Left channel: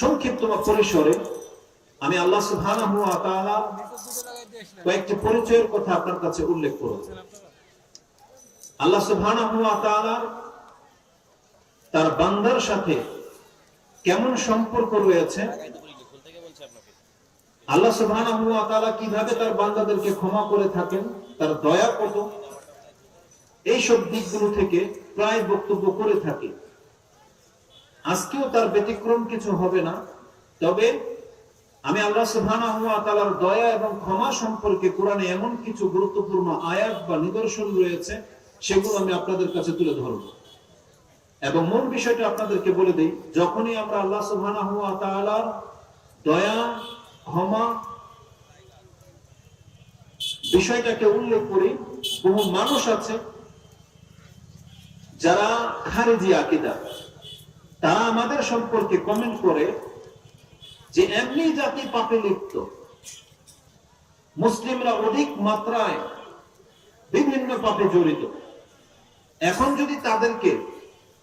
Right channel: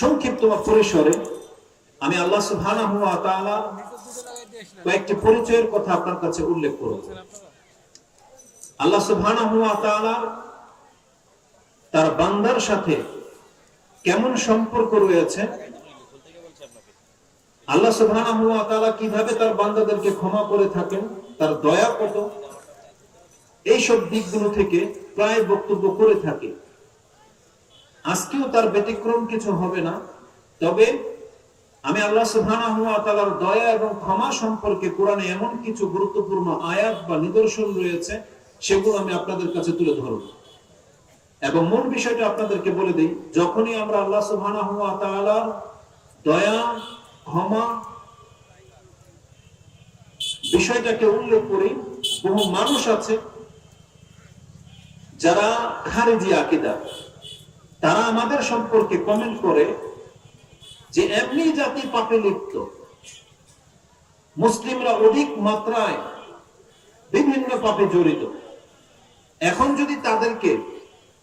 সংক্ষিপ্ত পরিসরে আমি আল্লাহ সুবহানাহু ওয়া তাআলা কয়েকটি পরিচয়ের কথা আপনার কাছে উল্লেখ করব। আল্লাহ সুবহানাহু ওয়া তাআলা তার বান্দার সাথে কেমন সম্পর্ক রয়েছে, আল্লাহ সুবহানাহু ওয়া তাআলা কিভাবে তার বান্দাদেরকে ক্ষমা করে থাকেন, তার দয়া কত, এইসব দিকগুলো থেকে প্রায় বক্তব্য করে থাকে। আজকেও তার ব্যতিক্রম কিছু হবে না। তবে আমি আল্লাহ সুবহানাহু ওয়া তাআলার দয়া এবং ক্ষমা সম্পর্কে কোরআনে এমন কিছু গুরুত্বপূর্ণ আয়াত বা নিদর্শন রয়েছে, সেগুলো আমি আপনাদের কাছে তুলে ধরব এবং মূল বিষয়টা আপনাদেরকে বলে দিই। যখনই আমরা আল্লাহ সুবহানাহু ওয়া তাআলার দয়া ক্ষমা বিষয়টাকে উল্লেখ করি, বহু মানুষ আছে যারা খারিজি আকীদা, তারা আমাদের সম্পর্কে কমেন্ট করে যে এমনি জাতি পাপে লিপ্ত, মুসলিমরা অধিক মাত্রায় বিভিন্ন পাপে জড়িত। এখন যদি তাদেরকে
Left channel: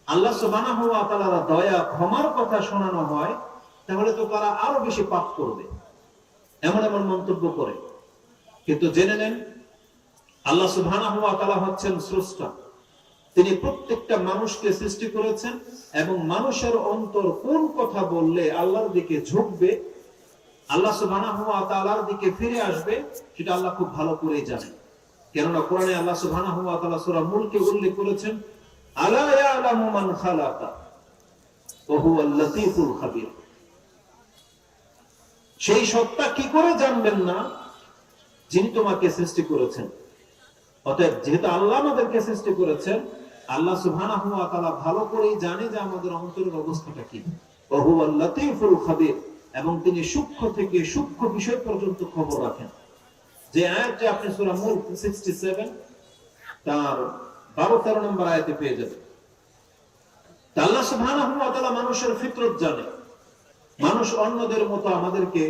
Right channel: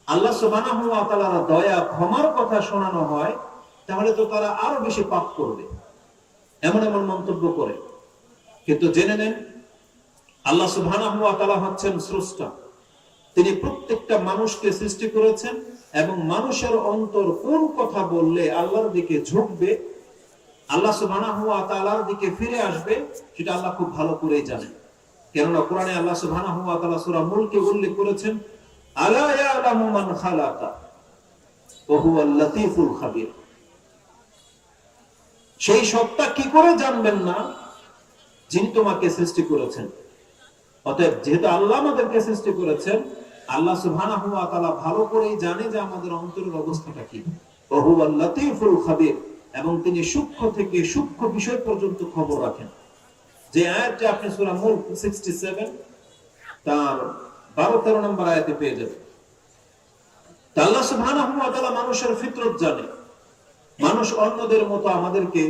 আল্লাহ সুবহানাহু ওয়া তাআলার দয়া ক্ষমার কথা শোনানো হয়, তাহলে তো তারা আরো বেশি পাপ করবে, এমন এমন মন্তব্য করে। কিন্তু জেনে নেন, আল্লাহ সুবহানাহু ওয়া তাআলা হচ্ছেন স্রষ্টা। তিনি প্রত্যেকটা মানুষকে সৃষ্টি করেছেন এবং মানুষের অন্তর কোন কথা বললে আল্লাহর দিকে ঝুঁকবে, আল্লাহ সুবহানাহু ওয়া তাআলার দিকে ফিরে আসবে, সেটা আল্লাহ খুব ভালো করেই জানেন। কেননা কোরআনে আল্লাহ সুবহানাহু ওয়া তাআলা সূরা মুলকে উল্লেখ করেছেন, আলা ইয়ালামু মান খালাকা ওয়া হুয়াল লাতীফুল খাবীর। সেই সত্তা কি করে জানবেন না যিনি তোমাকে সৃষ্টি করেছেন। অতএব যেহেতু আল্লাহ আমাদেরকে সৃষ্টি করেছেন, আল্লাহ সুবহানাহু ওয়া তাআলা ভালো করেই জানে যে আমাদের অন্তরের অবস্থাটা কি। ওয়া হুয়াল লাতীফুল খাবীর, এবং তিনি সূক্ষ্ম থেকে সূক্ষ্ম বিষয় পর্যন্ত খবর রাখেন। যে আয়াতটি আপনি সূরা মুলক 67 তার 12-13 নম্বর আয়াতে পেয়ে যাবেন। আল্লাহ সুবহানাহু ওয়া তাআলা মানুষের ফিতরত জানে। মানুষ অন্যদের মতো আমাদেরকে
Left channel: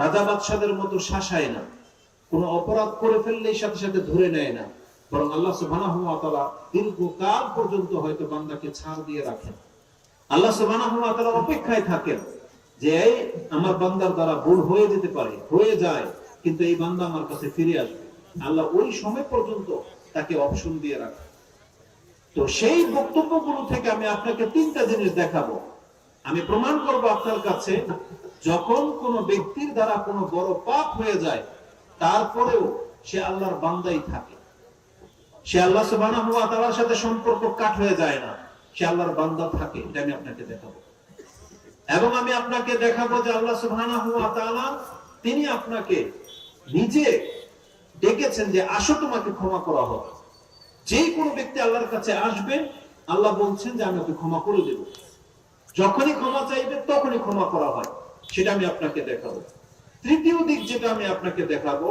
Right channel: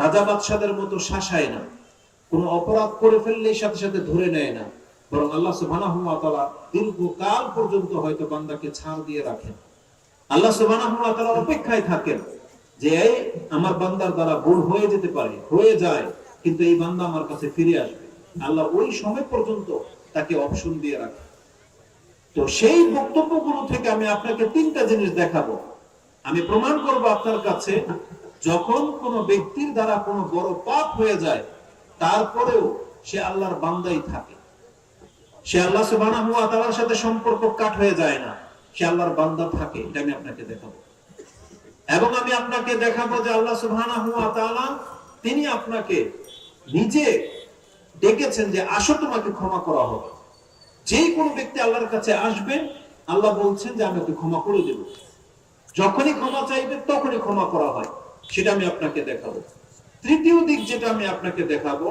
রাজা বাদশাদের মতো শাসায় না, কোনো অপরাধ করে ফেললেই সাথে সাথে ধরে নেয় না, বরং আল্লাহ সুবহানাহু ওয়া তাআলা দীর্ঘকাল পর্যন্ত হয়তো বান্দাকে ছাড় দিয়ে রাখেন। আল্লাহ সুবহানাহু ওয়া তাআলা অপেক্ষায় থাকেন যে আমার বান্দার দ্বারা ভুল হয়ে যেতে পারে, হয়ে যায়, কিন্তু এই বান্দা আমার কাছে ফিরে আসবে। আল্লাহ ওই সময় পর্যন্ত তাকে অপশন দিয়ে রাখেন। তো সেই বক্তব্যগুলো থেকে আমি আপনাকে তিনটা জিনিস দেখাবো। আমি প্রমাণ করব আপনার কাছে, যখন কোনো ব্যক্তির দ্বারা কোনো বড় পাপ হয়ে যায়, তারপরেও সে আল্লাহর বান্দাই থাকে, সে আল্লাহ সুবহানাহু ওয়া তাআলার সাথে সম্পর্ক কাট হয়ে যায় না, সে আল্লাহর বান্দা থাকে। এটা আমি আপনাকে দেখাবো এবং আমি আপনাকে দেখাবো যে আল্লাহ সুবহানাহু ওয়া তাআলা তিনি আপনাকে নিজে ডেকেছেন যে আসো তোমাকে ক্ষমা করা হবে। যে কোনো ব্যক্তি আল্লাহর কাছে আসবে, আল্লাহ বলছেন যে আমি ওকে ক্ষমা করে দেব। যখনই ক্ষমা চাইবে তখনই ক্ষমা করা হয়, সেটা আমি আপনাকে দেখাবো। তৃতীয় দিক যেটা আমি আপনাকে দেখাবো,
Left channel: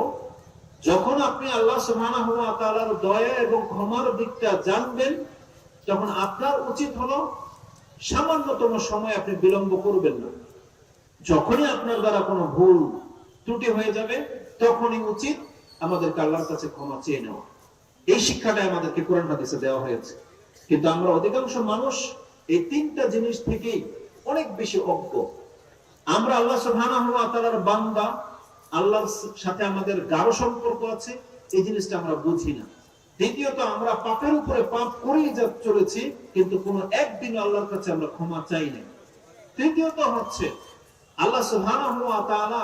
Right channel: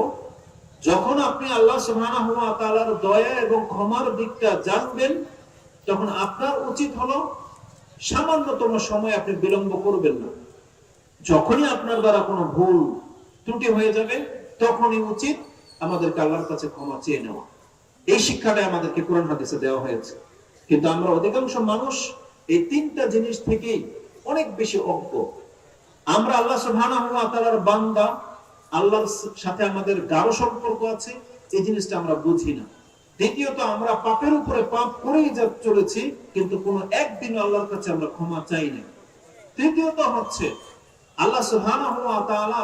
যখন আপনি আল্লাহ সুবহানাহু ওয়া তাআলার দয়া এবং ক্ষমার দিকটা জানবেন, তখন আপনার উচিত হলো সামান্যতম সময় আপনি বিলম্ব করবেন না। যখনই আপনার দ্বারা কোনো ভুল ত্রুটি হয়ে যাবে, তখনই উচিত আমাদেরকে আল্লাহর কাছে ক্ষমা চেয়ে নেওয়া। এই শিক্ষাটা আমাদেরকে কোরআন হাদিসে দেওয়া হয়েছে। কিন্তু আমরা অধিকাংশ মানুষ এই তিনটা জিনিস থেকেই অনেক বেশি অজ্ঞ। আমরা আল্লাহ সুবহানাহু ওয়া তাআলার বান্দা, আল্লাহর সাথে আমাদের গাঢ় সম্পর্ক আছে, এই জিনিসটা আমরা বুঝি না। দ্বিতীয়ত, আমরা পাপের উপরে পাপ করেই চলেছি, কিন্তু কোনো একদিন আল্লাহর কাছে আমরা ক্ষমা চাই না। তৃতীয়ত হচ্ছে, আল্লাহ সুবহানাহু ওয়া তাআলা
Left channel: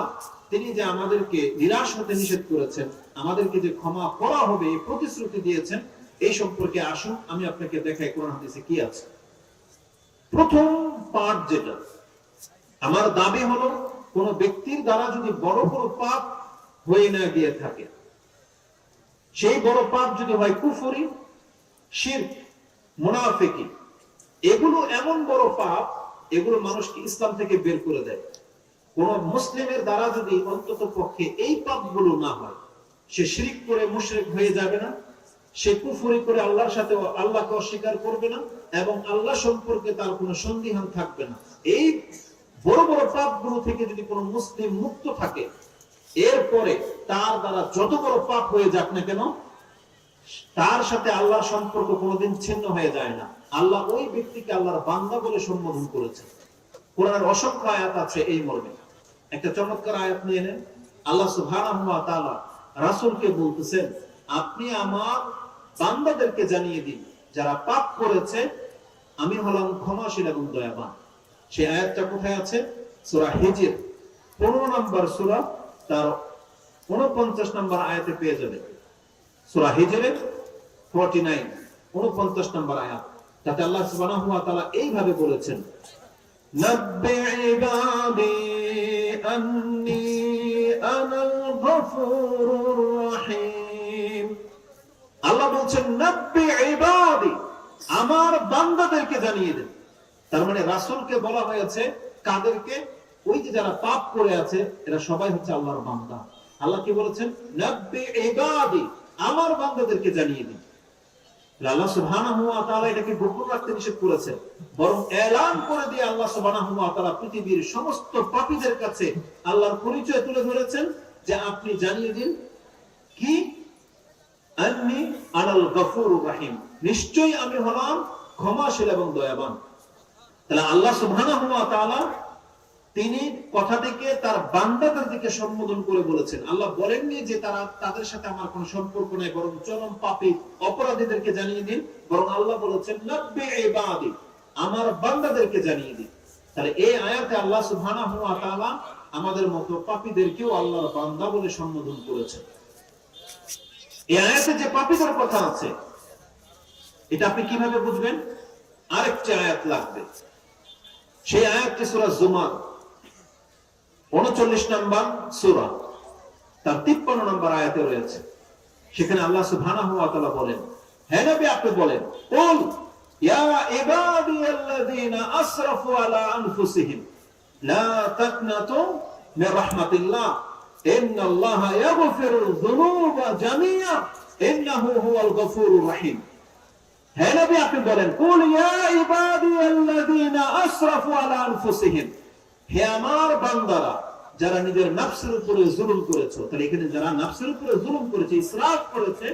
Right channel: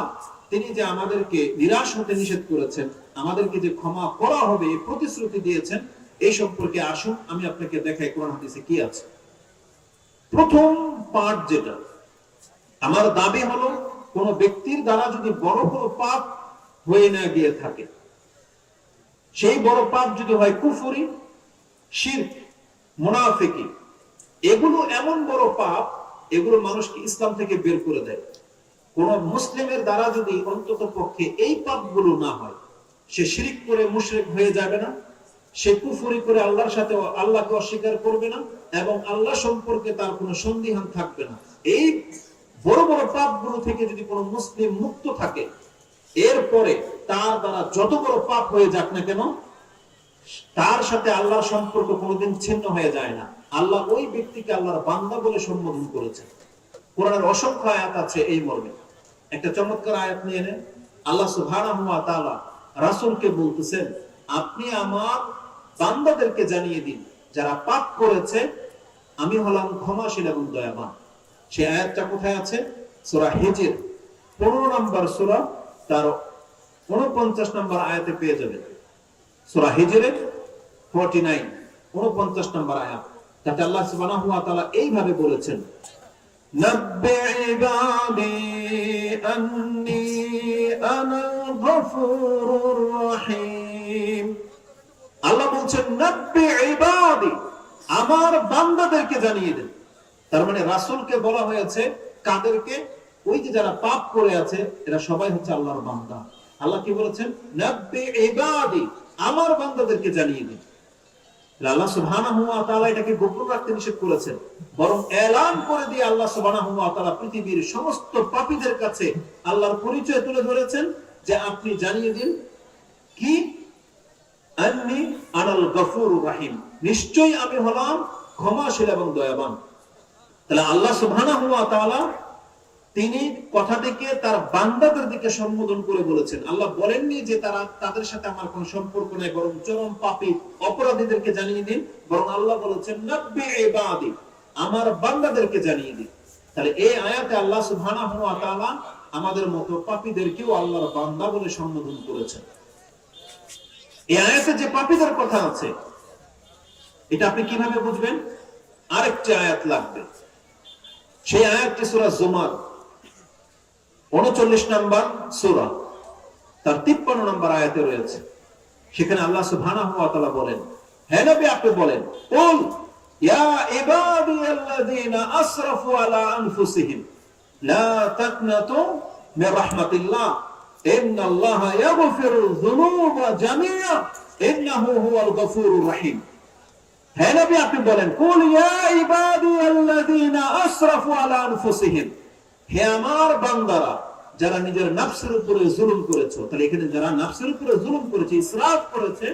তিনি যে আমাদেরকে নিরাশ হতে নিষেধ করেছেন, আমাদেরকে যে ক্ষমা করা হবে এই প্রতিশ্রুতি দিয়েছেন, এই সম্পর্কে আসুন আমি আপনাকে দেখাই কোরআন হাদিসে কি আছে। প্রথম পার্ট যেটা আমার দাবি হলো, কোন ব্যক্তির দ্বারা যদি বড় বড় পাপ হয়ে না গিয়ে থাকে, সেই বড় পাপ যদি হয় কুফরি, শিরক, মুনাফিকি, এগুলো এমন বড় পাপ, এগুলো মানুষকে ইসলাম থেকে বের করে দেয়। কোন মুসলিমের দ্বারা যদি অন্তত পক্ষে এই পাপগুলো না হয়, সে শিরক করে মুশরিক হয়ে যাবে না, সে কুফরি করে আল্লাহর সাথে আল্লাহকে অস্বীকার করবে না, এবং আল্লাহ সম্পর্কে তার কোনো সন্দেহ থাকবে না। এই বড় বড় পাপগুলো থেকে যদি কোনো মুসলিম মুক্ত থাকে, এরপরে তার দ্বারা যত বড় পাপ হয়ে যাক না কেন, তার সাথে আল্লাহর সম্পর্ক কোনোদিন ছিন্ন হয়ে যায় না। আল্লাহ ওই ব্যক্তিকে আল্লাহর বান্দা বলে সম্বোধন করেছেন। কোরআনের অসংখ্য আয়াত আছে এই মর্মে। একটা চমৎকার আয়াত নিয়ে নেন। আল্লাহ সুবহানাহু ওয়া তাআলা রাসূলকে বলতেছেন, আপনি আমার বান্দাদেরকে জানিয়ে দিন যারা পাপ করেছে আমি হলাম ক্ষমাশীল এবং দয়াবান। সেই আয়াতটা কোথায় আছে? সূরা হিজর 15 নম্বর সূরা তার 49 নম্বর আয়াতে পেয়ে যাবেন। সূরা হিজরের 49 49 নম্বর আয়াত। তাতে আল্লাহ সুবহানাহু ওয়া তাআলা এইভাবে বলেছেন, নাব্বি ইবাদি আন্নী আনাল গফুরুর রহিম। আল্লাহ বলছেন নাব্বি ইবাদি, আমার বান্দাদেরকে জানিয়ে দেন। তার মানে রাসূলকে বলা হয়েছে কাদেরকে? ওই যে যারা পাপ করে আছে এরা সবাই হচ্ছে আল্লাহর বান্দা। আল্লাহ কি বলেছেন? নাব্বি ইবাদি, আমার বান্দাদেরকে জানিয়ে দিন। আল্লাহ সুবহানাহু ওয়া তাআলা এটাকে গোপন রাখতে নিষেধ করেছেন, বরং এলান করে দিয়ে আল্লাহ সুবহানাহু ওয়া তাআলা পৃথিবীর সমস্ত পাপীদের কাছে আল্লাহর পরিচয় তুলে ধরেছেন যে আপনি জানিয়ে দিন কি? আন্নী আনাল গফুরুর রহিম, নিশ্চয়ই আমি হলাম ক্ষমাশীল এবং দয়াবান। তাহলে আল্লাহ সুবহানাহু ওয়া তাআলা তিনি কথাটিকে তার বান্দাদের দিকে সম্বোধন করে বলেছেন। আল্লাহ বলেননি যে তারা তাদের সাথে আমার কোনো সম্পর্ক নাই, বরং চরম পাপী অপরাধীদেরকে জানিয়ে দিন। বরং আল্লাহ বলেছেন নাব্বি ইবাদি, আমার বান্দাদেরকে জানিয়ে দিন। তাহলে এই আয়াতে আল্লাহ সুবহানাহু ওয়া তাআলা আমাদের মতো পাপীদেরকেও আল্লাহর বান্দা বলে সম্বোধন করেছেন। এই আয়াতে যে পাপীদের কথা আছে এটা আপনি কিভাবে বুঝবেন? আরেকটি আয়াত লাগবে। সেই আয়াতটি সূরা জুমার 39 নম্বর সূরা তার 53 নম্বর আয়াতে রয়েছে। সেখানে আল্লাহ সুবহানাহু ওয়া তাআলা বলেন, হে নবী আপনি বলেন, কুল ইয়া ইবাদিয়াল্লাযীনা আসরাফু আলা আনফুসিহিম লা তাকনাতু মির রাহমাতিল্লাহ ইন্নাল্লাহা ইয়াগফিরুয যুনুবা জামিআ ইন্নাহু হুয়াল গফুরুর রহিম। হে নবী আপনি বলেন, কুল ইয়া ইবাদিয়াল্লাযীনা আসরাফু আলা আনফুসিহিম, হে আমার বান্দারা যারা নিজের নফসের উপরে জুলুম করেছে। তাহলে এখানে যারা নফসের উপরে জুলুম করেছে, ইসরাফ করেছে,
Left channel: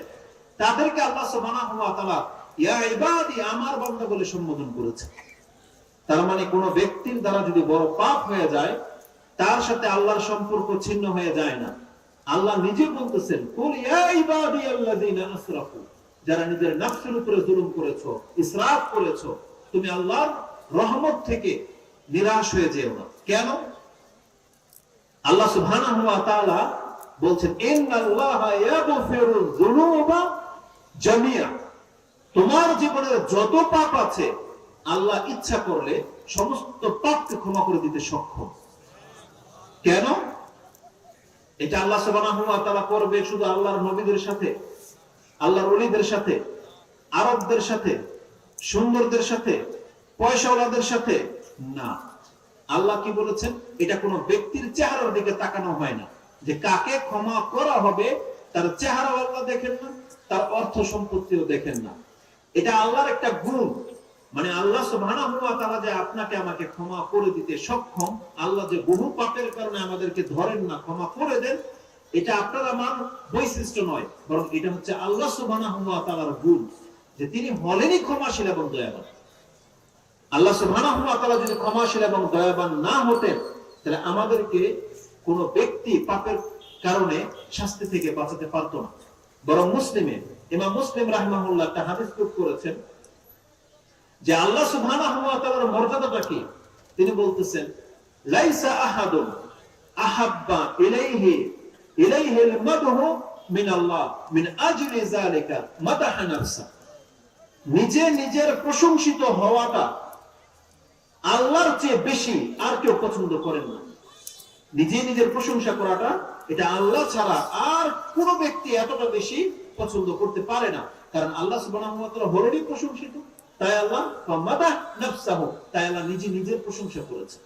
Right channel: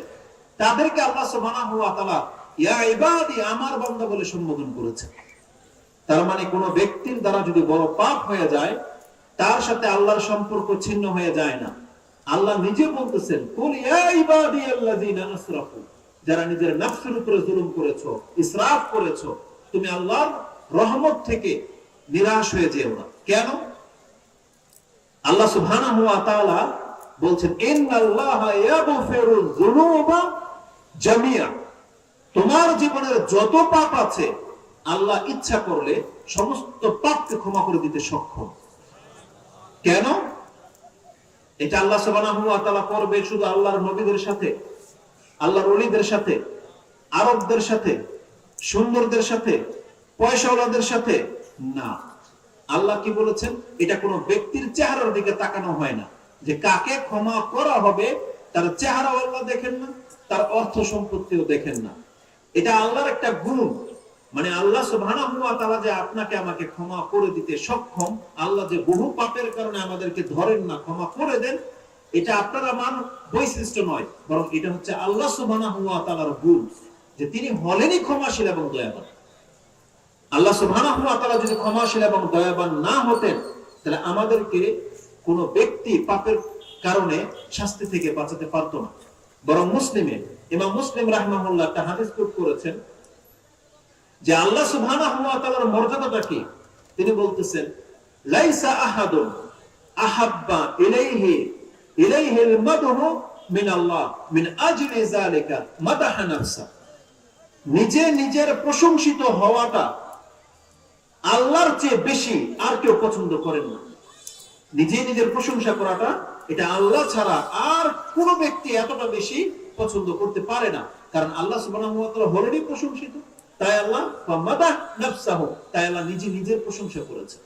তাদেরকে আল্লাহ সুবহানাহু ওয়া তাআলা ইয়া ইবাদি, আমার বান্দা বলে সম্বোধন করেছে। তার মানে কোন ব্যক্তির দ্বারা যদি বড় পাপ হয়ে যায় তার সাথে আল্লাহর সম্পর্ক ছিন্ন হয়ে যায় না। আল্লাহ নিজে বলতেছেন, কুল ইয়া ইবাদিয়াল্লাযীনা আসরাফু, যারা নিজের নফসের উপরে জুলুম করেছো, ইসরাফ করেছো, তুমি আল্লাহর রহমত থেকে নিরাশ হয়ে যেও না। কেন? আল্লাহ সুবহানাহু ওয়া তাআলা বলছেন, ইন্নাল্লাহা ইয়াগফিরুয যুনুবা জামিআ, তোমার জীবনের যত পাপ আছে আল্লাহ ইচ্ছা করলে সমস্ত পাপকে ক্ষমা করে দিতে সক্ষম। কেন? এটা আল্লাহ সুবহানাহু ওয়া তাআলা করবে শুধু আল্লাহর নবীদের সাথে, আল্লাহর ওলিদের সাথে, আরবদের সাথে, সুন্দরদের সাথে, পয়সাওয়ালাদের সাথে না। আল্লাহ কি বলেছেন? এটা কোনো ব্যক্তির চেহারার দিকে তাকানো হয় না যে কাকে ক্ষমা করা হবে তার চেহারা আল্লাহ দেখেন না, তার অর্থ সম্পত্তিও দেখেন না। এটা আল্লাহর একটা গুণ। মানে আল্লাহ সুবহানাহু ওয়া তাআলা যে আপনাকে আমাকে ক্ষমা করে দিতে সক্ষম, আল্লাহ যে বহু পাপের কারণে আমাদেরকে ধরেন না, ক্ষমা করে দেন, এটা আপনার আমার বৈশিষ্ট্য নয়, বরং এটা হচ্ছে আল্লাহ সুবহানাহু ওয়া তাআলার গুণ যে তিনি হলেনই ক্ষমাশীল এবং দয়াবান। আল্লাহ সুবহানাহু ওয়া তাআলা যদি ক্ষমাশীল এবং দয়াবান না হতেন তাহলে আমাদেরকে কোন ব্যক্তি পাপের কারণে শাস্তি থেকে বাঁচাতে পারত না। বরং মুসলিমে ইমাম মুসলিম রাহিমাহুল্লাহ একটা হাদিস কোট করেছেন যে আল্লাহ সুবহানাহু ওয়া তাআলার মর্যাদাটা কি? তিনি বলতেছেন, লাইসা আহাদুন আহাব্বা ইলাইহিল মাদহু মিন আল্লাহ মিন আজলি যালিকা মাদাহা নাফসা। নিজে নিজের প্রশংসিত হওয়াটা আল্লাহর চেয়ে বেশি আর কেউ পছন্দ করেন না। নিজে নিজের প্রশংসা করাটা এটা আল্লাহ ছাড়া আর কোন ব্যক্তি এতটা বেশি পছন্দ করতে পারে না। কারণ আল্লাহ সুবহানাহু ওয়া তাআলা হলেনই প্রশংসিত, তাই আল্লাহ মাদাহ নাফসাহু, তাই আল্লাহ নিজে নিজের প্রশংসা করেছেন।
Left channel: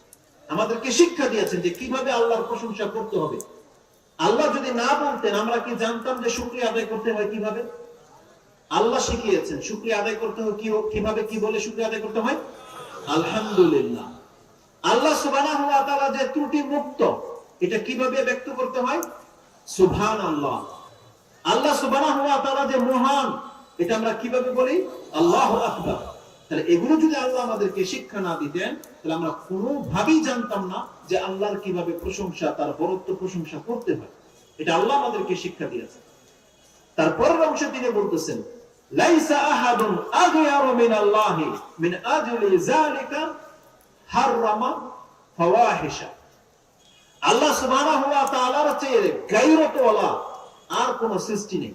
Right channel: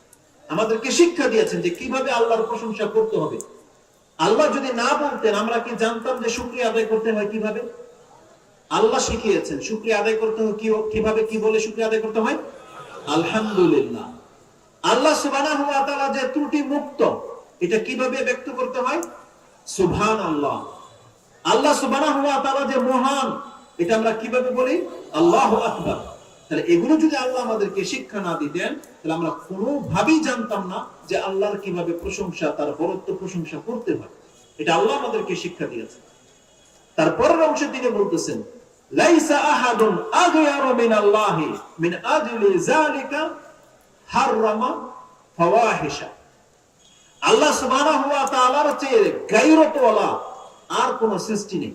আমাদেরকে শিক্ষা দিয়েছেন যে কিভাবে আল্লাহর প্রশংসা করতে হবে। আল্লাহ যদি না বলতেন আমরা কি জানতাম যে শুকরিয়া আদায় করতে হয় কিভাবে? আল্লাহ শিখিয়েছেন শুকরিয়া আদায় করতে হয় কিভাবে, কি বলে শুকরিয়া আদায় করতে হয়? আলহামদুলিল্লাহ। আল্লাহ সুবহানাহু ওয়া তাআলা যে ত্রুটি মুক্ত, এটা কিভাবে ব্যক্ত করতে হয়? সুবহানাল্লাহ। আল্লাহ সুবহানাহু ওয়া তাআলা যে মহান, এটা আমরা কিভাবে বলি? আল্লাহু আকবার। তাহলে এগুলো যদি আল্লাহ আমাদেরকে শিক্ষা না দিতেন, তাহলে আমরা কোনোভাবেই জানতাম না যে আল্লাহর কিভাবে প্রশংসা, তার বরত্ব প্রশংসা করতে হয়। এটা আল্লাহ আমাদেরকে শিক্ষা দিয়েছে। তারপরের অংশে তিনি বলতেছেন, লাইসা আহাদুন আগয়ারু মিনাল্লাহি মিন আজলি যালিকা হারামা ফাওয়াহিশা। আল্লাহ সুবহানাহু ওয়া তাআলার চেয়ে গায়রতওয়ালা আর কোন সৃষ্টি নেই।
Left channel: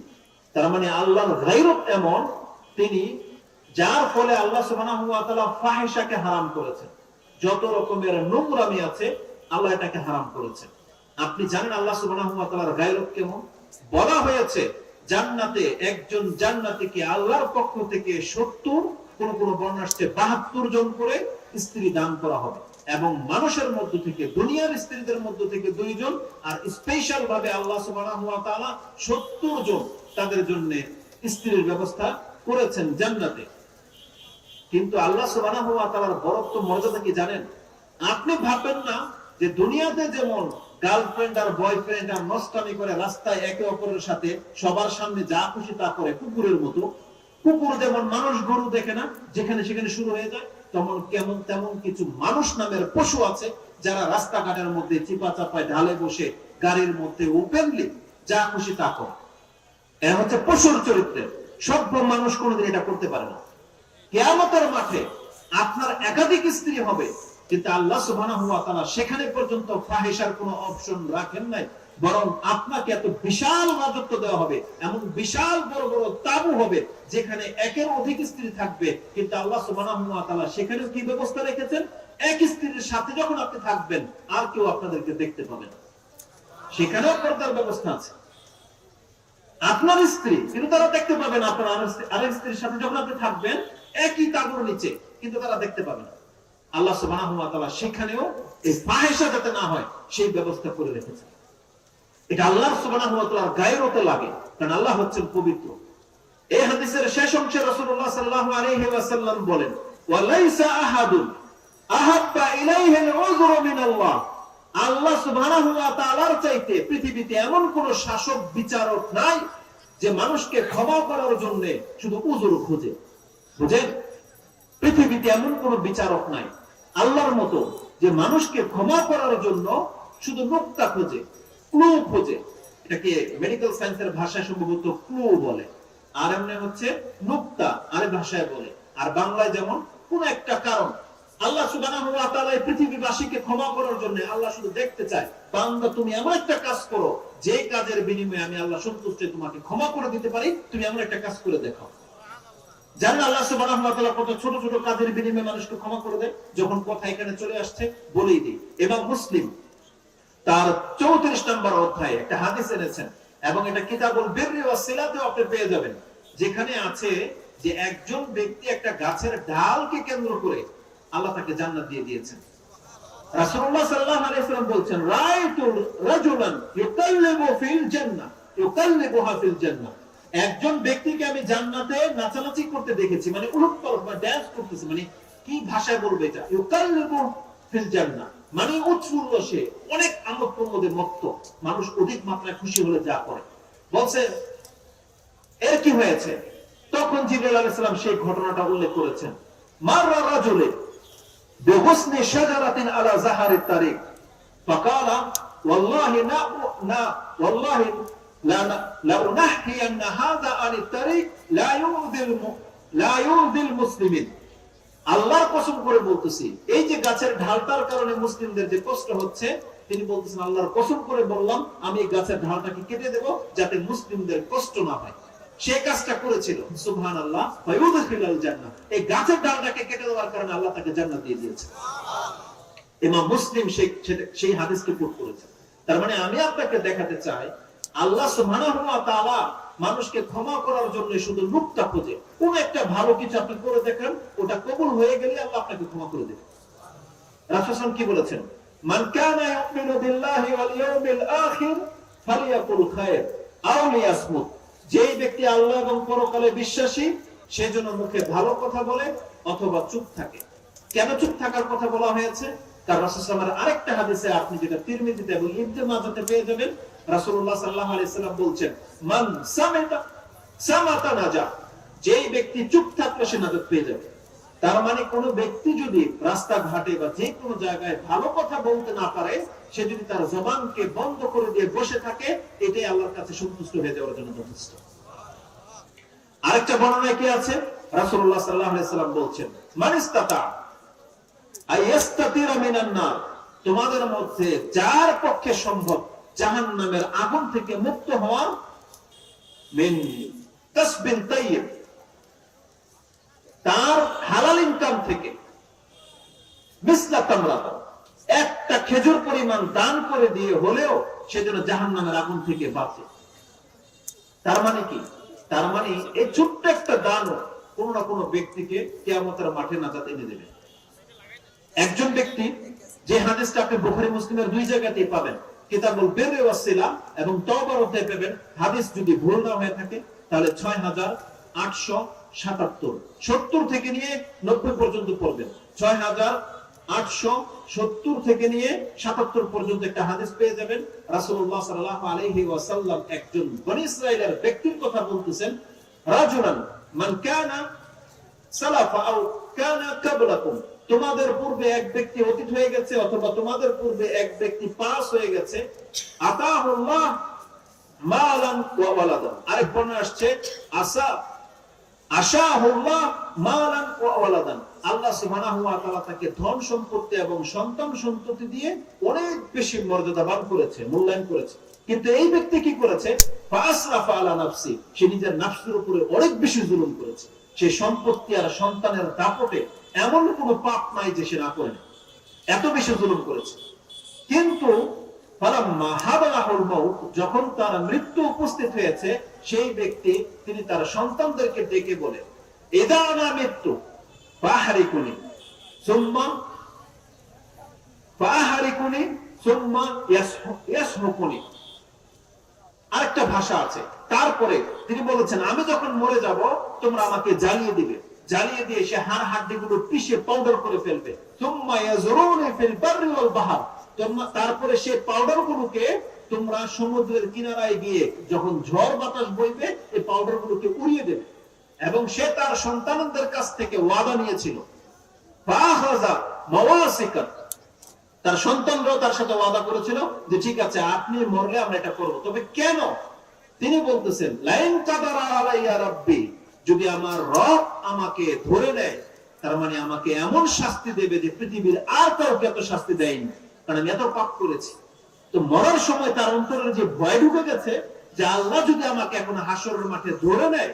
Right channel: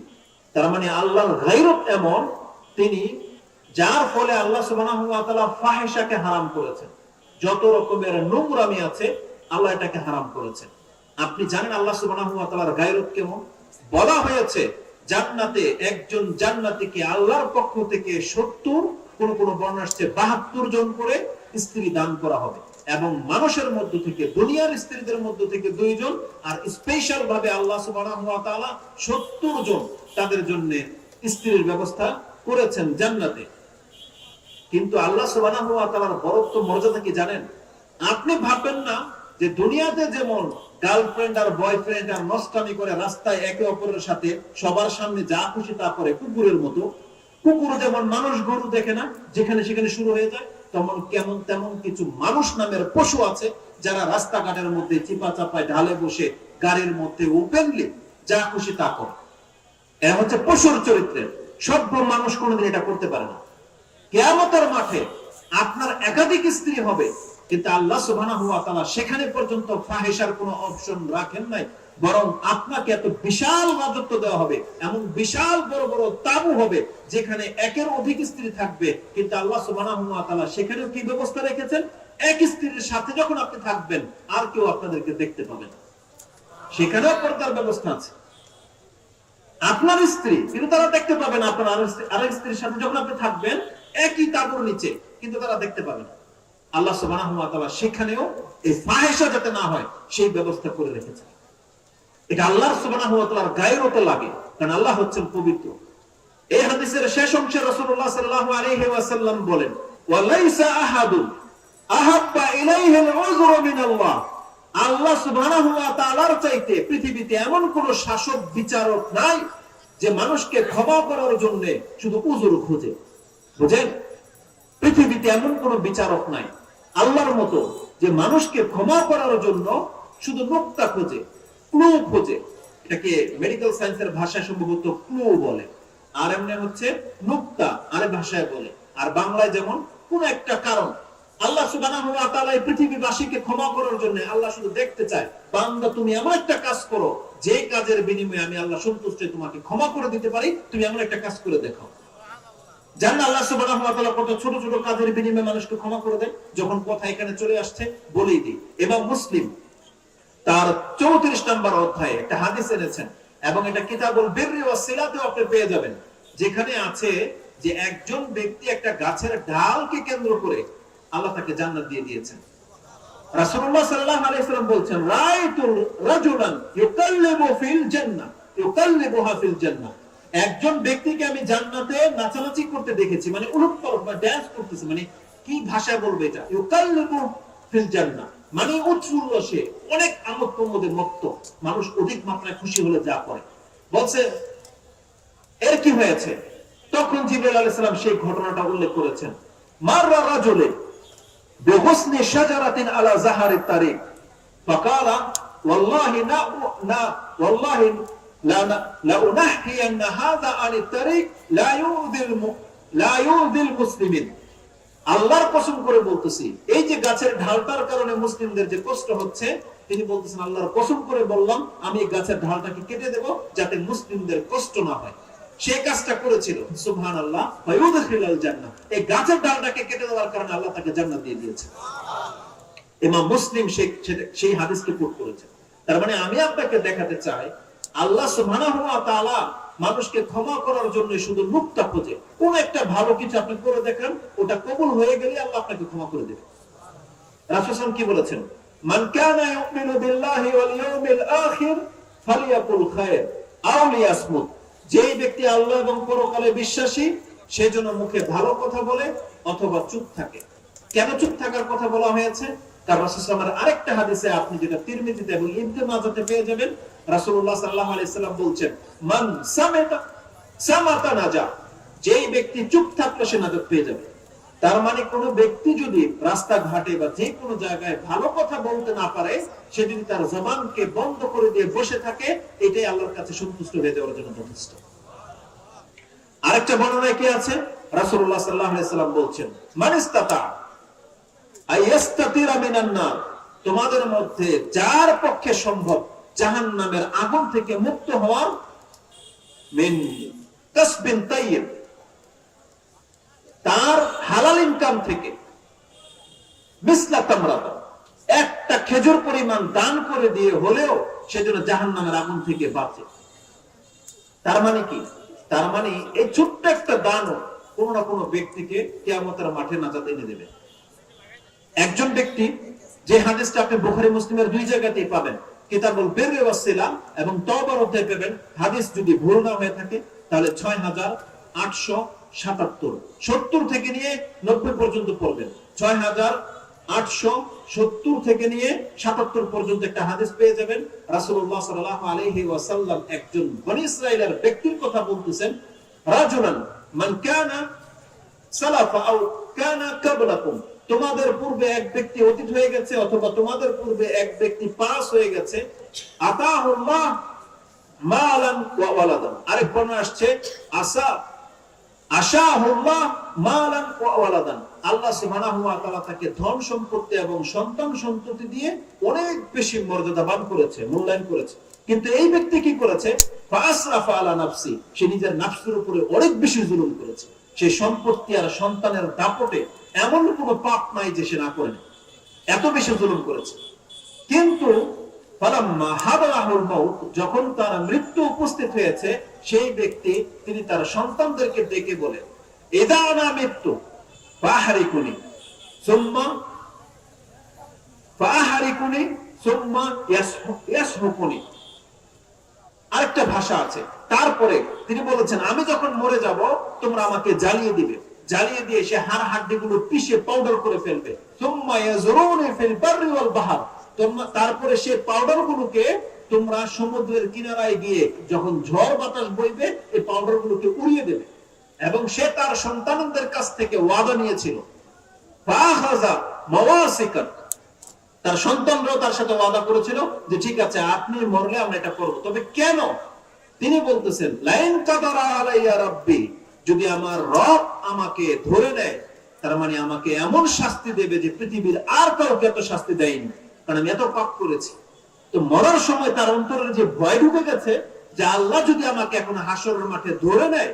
তার মানে আল্লাহর গায়রত এমন, তিনি যার ফলে আল্লাহ সুবহানাহু ওয়া তাআলা ফাহিশাকে হারাম করেছেন। যত রকমের নোংরামি আছে আল্লাহ এটাকে হারাম করেছেন। আপনি জানেন আল্লাহ সুবহানাহু ওয়া তাআলার গায়রত কেমন? বলা হয়েছে জান্নাতে একজন জান্নাতীকে আল্লাহর পক্ষ থেকে 70, কোন কোন বর্ণনা আসছে 72 জন করে স্ত্রী দান করা হবে, এবং মানুষের মধ্য থেকে, দুনিয়ার স্ত্রীদের মধ্য থেকে 2 জন, আর স্পেশাল ভাবে আল্লাহ সুবহানাহু ওয়া তাআলা 70 জন তাদের জন্য স্ত্রীর ব্যবস্থা করেছেন জান্নাতে। কিন্তু আল্লাহ সুবহানাহু ওয়া তাআলার বরত্ব মর্যাদা কি জানেন? আপনি ভাববেন না যে দুনিয়াতে যেমন গার্লফ্রেন্ড আর বয়ফ্রেন্ড আর নষ্টামি করে রাস্তায় একে অপরের সাথে সবার সামনে যা খুশি তা করে, কুকুরের মতো, কুকুর যেমন মানুষ গরু দেখে না, যেখানে সেখানে শুরু হয়ে যায়, তেমন কিছু মানুষ নামের পশু আছে যারা রাস্তাঘাটের মধ্যে চিপা চাপায় ঢালে বসে গাড়ির মধ্যে ওপেনলি যা খুশি তা করে। এরা হচ্ছে পশুর চরিত্রের। সভ্য মানুষ কোনোদিন এটা করতে পারে না। কিয়ামতের মাঠে আপনার একাধিক স্ত্রী হবে, কিন্তু আল্লাহ সুবহানাহু ওয়া তাআলা সেখানে পর্যন্ত ফাহিশার কোনো অপশন রাখেন নাই, বরং আপনাকে এত বিশাল রাজত্ব দেওয়া হবে, এমন বিশাল বড় বড় তাবু হবে যেখানে একের অধিক স্ত্রী থাকবে, কিন্তু আল্লাহ সুবহানাহু ওয়া তাআলা সেখানে কি ব্যবস্থা রেখেছেন? এক স্ত্রীর সাথে যখন আপনি থাকবেন আর কেউ আপনাদেরকে দেখতে পাবে না, সেখানেও পর্দার ব্যবস্থা আছে। আপনার স্ত্রী কিন্তু তারা দেখতে পাবে না, আপনার আরেক স্ত্রীর সাথে যখন আপনি থাকবেন একই তাবুর নিচে, কিন্তু তারা দেখতে পাবে না। আল্লাহ সুবহানাহু ওয়া তাআলা সেখানেও এই ফাহিশা যাতে না হয় সেই ব্যবস্থা করে রেখেছেন। এটা আল্লাহ সুবহানাহু ওয়া তাআলার গায়রতে লাগে, কারণ আল্লাহ হচ্ছেন পবিত্র। এই হাদিসের শেষ অংশে রাসূলুল্লাহ সাল্লাল্লাহু আলাইহি ওয়াসাল্লাম বলেন, ওয়া লাইসা আহাদুন আহাব্বা ইলাইহি আল-উযরু মিনাল্লাহ। আল্লাহ সুবহানাহু ওয়া তাআলার চাইতে পৃথিবীতে এমন কোন শাসক বিচারক নাই যে মানুষকে ক্ষমা করার জন্য শুধু উযর খোঁজে। বুঝেন? পৃথিবীতে এমন কোন বিচারক নাই আল্লাহর মতো যে মানুষকে ক্ষমা করার জন্য শুধু নুকতা খোঁজে, ক্লু খোঁজে। এটাকে মেডিকেল সায়েন্সের ভাষায় সম্ভবত ক্লু বলে, আর এমনি হচ্ছে নুকতা আরেক ভাষায় বলে, আর বাংলায় যেমন কোন একটা কারণ। আল্লাহ সুবহানাহু ওয়া তাআলা এই পৃথিবীবাসীকে ক্ষমা করার জন্য আল্লাহ শুধু দেখতে চায়, বান্দা তুমি এমন একটা কাজ করো যে কাজের বিনিময়ে আমি আল্লাহ সন্তুষ্ট তোমাকে ক্ষমা করে দিতে পারি, তুমি এমন একটা কাজ করে দেখাও। জানেন আল্লাহ সুবহানাহু ওয়া তাআলা কত ছোট ছোট কাজের বিনিময়ে মানুষকে ক্ষমা করে দেন? যখন কথা এখানে চলে আসছে বলেই দিই। ইমাম মুসলিম তার 34 নম্বর অধ্যায়ে একটা হাদিস এনেছেন, এবং এটা কিতাবুল বিররি ওয়াস সিলাতে আপনি পেয়ে যাবেন, যেখানে আছে যে একজন ব্যক্তি একটা গাছের ডালকে কেন্দ্র করে আল্লাহ তাকে জান্নাত দিয়ে দিয়েছেন। রাসূলুল্লাহ সাল্লাল্লাহু আলাইহি ওয়াসাল্লাম বলছেন, রাআইতু রাজুলান ইউকাল্লিবু ফিল জান্নাহ ইউকাল্লিবুহা ফিল জান্নাহ। একজন ব্যক্তিকে আমি জান্নাতে নাচানাচি করতে দেখেছি, মানে উলট-পালট বা ডান্স করতেছে, মানে কি ভাষায় বলবে এটা? ইউকাল্লিবু ফিল জান্নাহ মানে উচ্ছ্বাসে অনেক আমোদ প্রমোদের মত্ত, মানুষ অধিক মাত্রায় খুশি হলে যা করে। বলছে এর কি হয়েছে? তখন জিবরাইল আলাইহিস সালাম সেই ঘটনাটা উল্লেখ করেছেন। মাররা রাজুলে বিহুসনি শাজারাতিন আলা যাহারিত তারিক ফাকালা ওয়াল্লাহি ওয়াল্লাহি লা উনাহকিয়ান্না হাযা আনিত তারিক লা ইউযিল মুসলিমিন। আল্লাহর কসম করে বলতেছি, এই যে গাছের ঢালটার কারণে মুসলিমদের যে কষ্ট হচ্ছে, তিনি বলতেছেন আল্লাহর কসম করে বললাম আমি এই গাছের ঢালটাকে কেটে দেব যাতে মুসলিমদের কষ্ট না হয়। সে কাজটা করেছিল, সুবহানাল্লাহ, ওয়ায়ুদখিলুল জান্নাহ। এই গাছের ডালটাকে কেটে দেওয়ার কারণে আল্লাহ তাকে জান্নাত দিয়ে দিয়েছে। ইমাম মুসলিম সেই হাদিসকে কোট করেছেন। তার মানে আমি আপনাকে দেখাতে চাই আল্লাহ সুবহানাহু ওয়া তাআলা মানুষকে ক্ষমা করার জন্য শুধু মুক্তা খোঁজে। কোন একটা ভালো কিছু আপনি করে দেখেন, ওটা কবুল হয়ে গেলে আল্লাহ আপনাকে ক্ষমা করে দেবে। রাসূল সাল্লাল্লাহু আলাইহি ওয়াসাল্লাম কি বলেছেন? মান কানা ইউমিনু বিল্লাহি ওয়াল ইয়াউমিল আখির ফালিয়াকুল খায়র আও লিয়াসমুত। যেই ব্যক্তি আল্লাহ এবং পরকালে বিশ্বাসী, সেজন্য মুখে ভালো কথা বলে অথবা চুপ থাকে। কেন চুপ থাকার কথা বলা হয়েছে? তার রাসূল সাল্লাল্লাহু আলাইহি ওয়াসাল্লামের আরেকটা হাদিসে আপনি যেটা তিরমিজিতে এবং ইবনে মাজাহতে পেয়ে যাবেন, রাসূলুল্লাহ সাল্লাল্লাহু আলাইহি ওয়াসাল্লাম বলছেন, মান সামাতা নাজা। যেই ব্যক্তি চুপ থাকলে সে নাজাত পেয়ে যাবে। তার মানে কোনো ব্যক্তি যদি রাস্তাঘাটে বা যে কোনো জায়গায় ভালো কথা বলতে না পারে, সে যদি তার জবানকে বন্ধ করে দিয়ে বসে থাকে, এটাই আল্লাহর কাছে সন্তুষ্ট হয়ে যাওয়ার জন্য যথেষ্ট। আরেকটা বর্ণনায় কি আছে? রাসূলুল্লাহ সাল্লাল্লাহু আলাইহি সাল্লাম বলছেন, মান ইসতাতা আইয়াস্তাতিরা মিনান নার, তোমাদের মধ্যে যার পক্ষে সম্ভব জাহান্নামের আগুন থেকে মুক্ত হওয়ার, মিন কাসবিন তাইয়্যিব, তার হালাল ইনকাম থেকে, মিসলা তামরাতা, একটা খেজুর পরিমাণ দান করে দিয়ে হলেও সেজন্য জাহান্নামের আগুন থেকে বাঁচে। তার মানে কি? তার মানে এই ছোট্ট একটা দান কোন না কোনো ব্যক্তিকে কিয়ামতের মাঠে নাজাত এনে দেবে। একজন ব্যক্তি, যে হাদিসটা আপনি বুখারী মুসলিমের দুই জায়গাতেই পাবেন, কিতাবুল বিররি ওয়াস সিলা এবং তাওবার অধ্যায়ে পাবেন, হাদিস যদি ভুল না হয়ে থাকে তাহলে 6877, 70 থেকে নিয়ে 90 পর্যন্ত পড়বেন। 6870 থেকে নিয়ে 77 পর্যন্ত একটা হাদিস পেয়ে যাবেন। রাসূলুল্লাহ সাল্লাল্লাহু আলাইহি ওয়াসাল্লাম একজন বনী ইসরাঈলের ব্যক্তির কথা বলতেছেন, রাজুলান মান কানা সালাফা আও কানা ক্বাবলাকুম, তোমাদের পূর্বে এক ব্যক্তি অতীত হয়ে গেছে অথবা তোমাদের পূর্বে এক ব্যক্তি পাস হয়ে গেছে, আতাহুল্লাহ মালান ওয়া ওয়ালাদান। আরেক বর্ণনা আসছে আশাহুল্লাহ মালান ওয়া ওয়ালাদান, আল্লাহ সুবহানাহু ওয়া তাআলা তাকে ধন সম্পত্তি এবং সন্তান সন্ততি দিয়ে অনেক বেশি মর্যাদাবান করেছে, মূল্যায়ন করেছে। কিন্তু এই ব্যক্তি কি করেছে? ফাসরাফা আলা নাফসি, সে নিজের নফসের উপরে অনেক বেশি জুলুম করেছে। সে সম্পত্তি আর সন্তানের দাপটে এমন কোনো পাপ নাই যে সে না করে, এত বেশি জুলুম করেছে। কিন্তু ফালাম্মা হাদারাহুল মাউত, যখন তার মৃত্যু উপস্থিত হয়েছে, সেই ব্যক্তি তিনি তার সন্তানদেরকে ডেকে বলে, ইদা আনা মৃত্যু ফাহরিকুনি সুম্মা ফাহরিকুনি সুম্মা ইয়াসহুকুনি। আরেকটা ভাষা আছে, তারপরে তিনি বলেছেন, আমি যখন মরে যাব তোমরা আমাকে জ্বালিয়ে দিবে, জ্বালিয়ে দিয়ে সে হাড় হাড্ডিগুলো পিষে পাউডার করে ফেলবে। সুম্মা ইয়াজরুনি ফিল বাররি ওয়াল বাহর, তারপরে সে পাউডার গুলোকে তোমরা সমুদ্রের কিনারায় গিয়ে যখন ঝড় বাতাস বইবে এই পাউডার গুলোকে উড়িয়ে দেবে। এবং সে তার সন্তানদের কাছ থেকে ওয়াদা নিয়েছিল, ফাখাযা মাওয়াসিকা, তার সন্তানরাও তার সাথে ওয়াদা করেছিল যে ঠিক আছে আপনি মরলে আমরা এটা করব। তবে কেন? তিনি বলতেছেন, লাইন কাদারা আলাইয়া রাব্বি, যদি আমার রব আমাকে ধরে নেয়, তার মানে আমাকে এমন শাস্তি দেবে যে পৃথিবীর আর কাউকে এত শাস্তি দেয়নি, কারণ আমি এত পাপ করেছি। তো মরার সময় তার অন্তরে যে ভয় ঢুকে গেছে যে আল্লাহ যদি আমাকে এখন হাসরের মাঠে ধরে নেয়,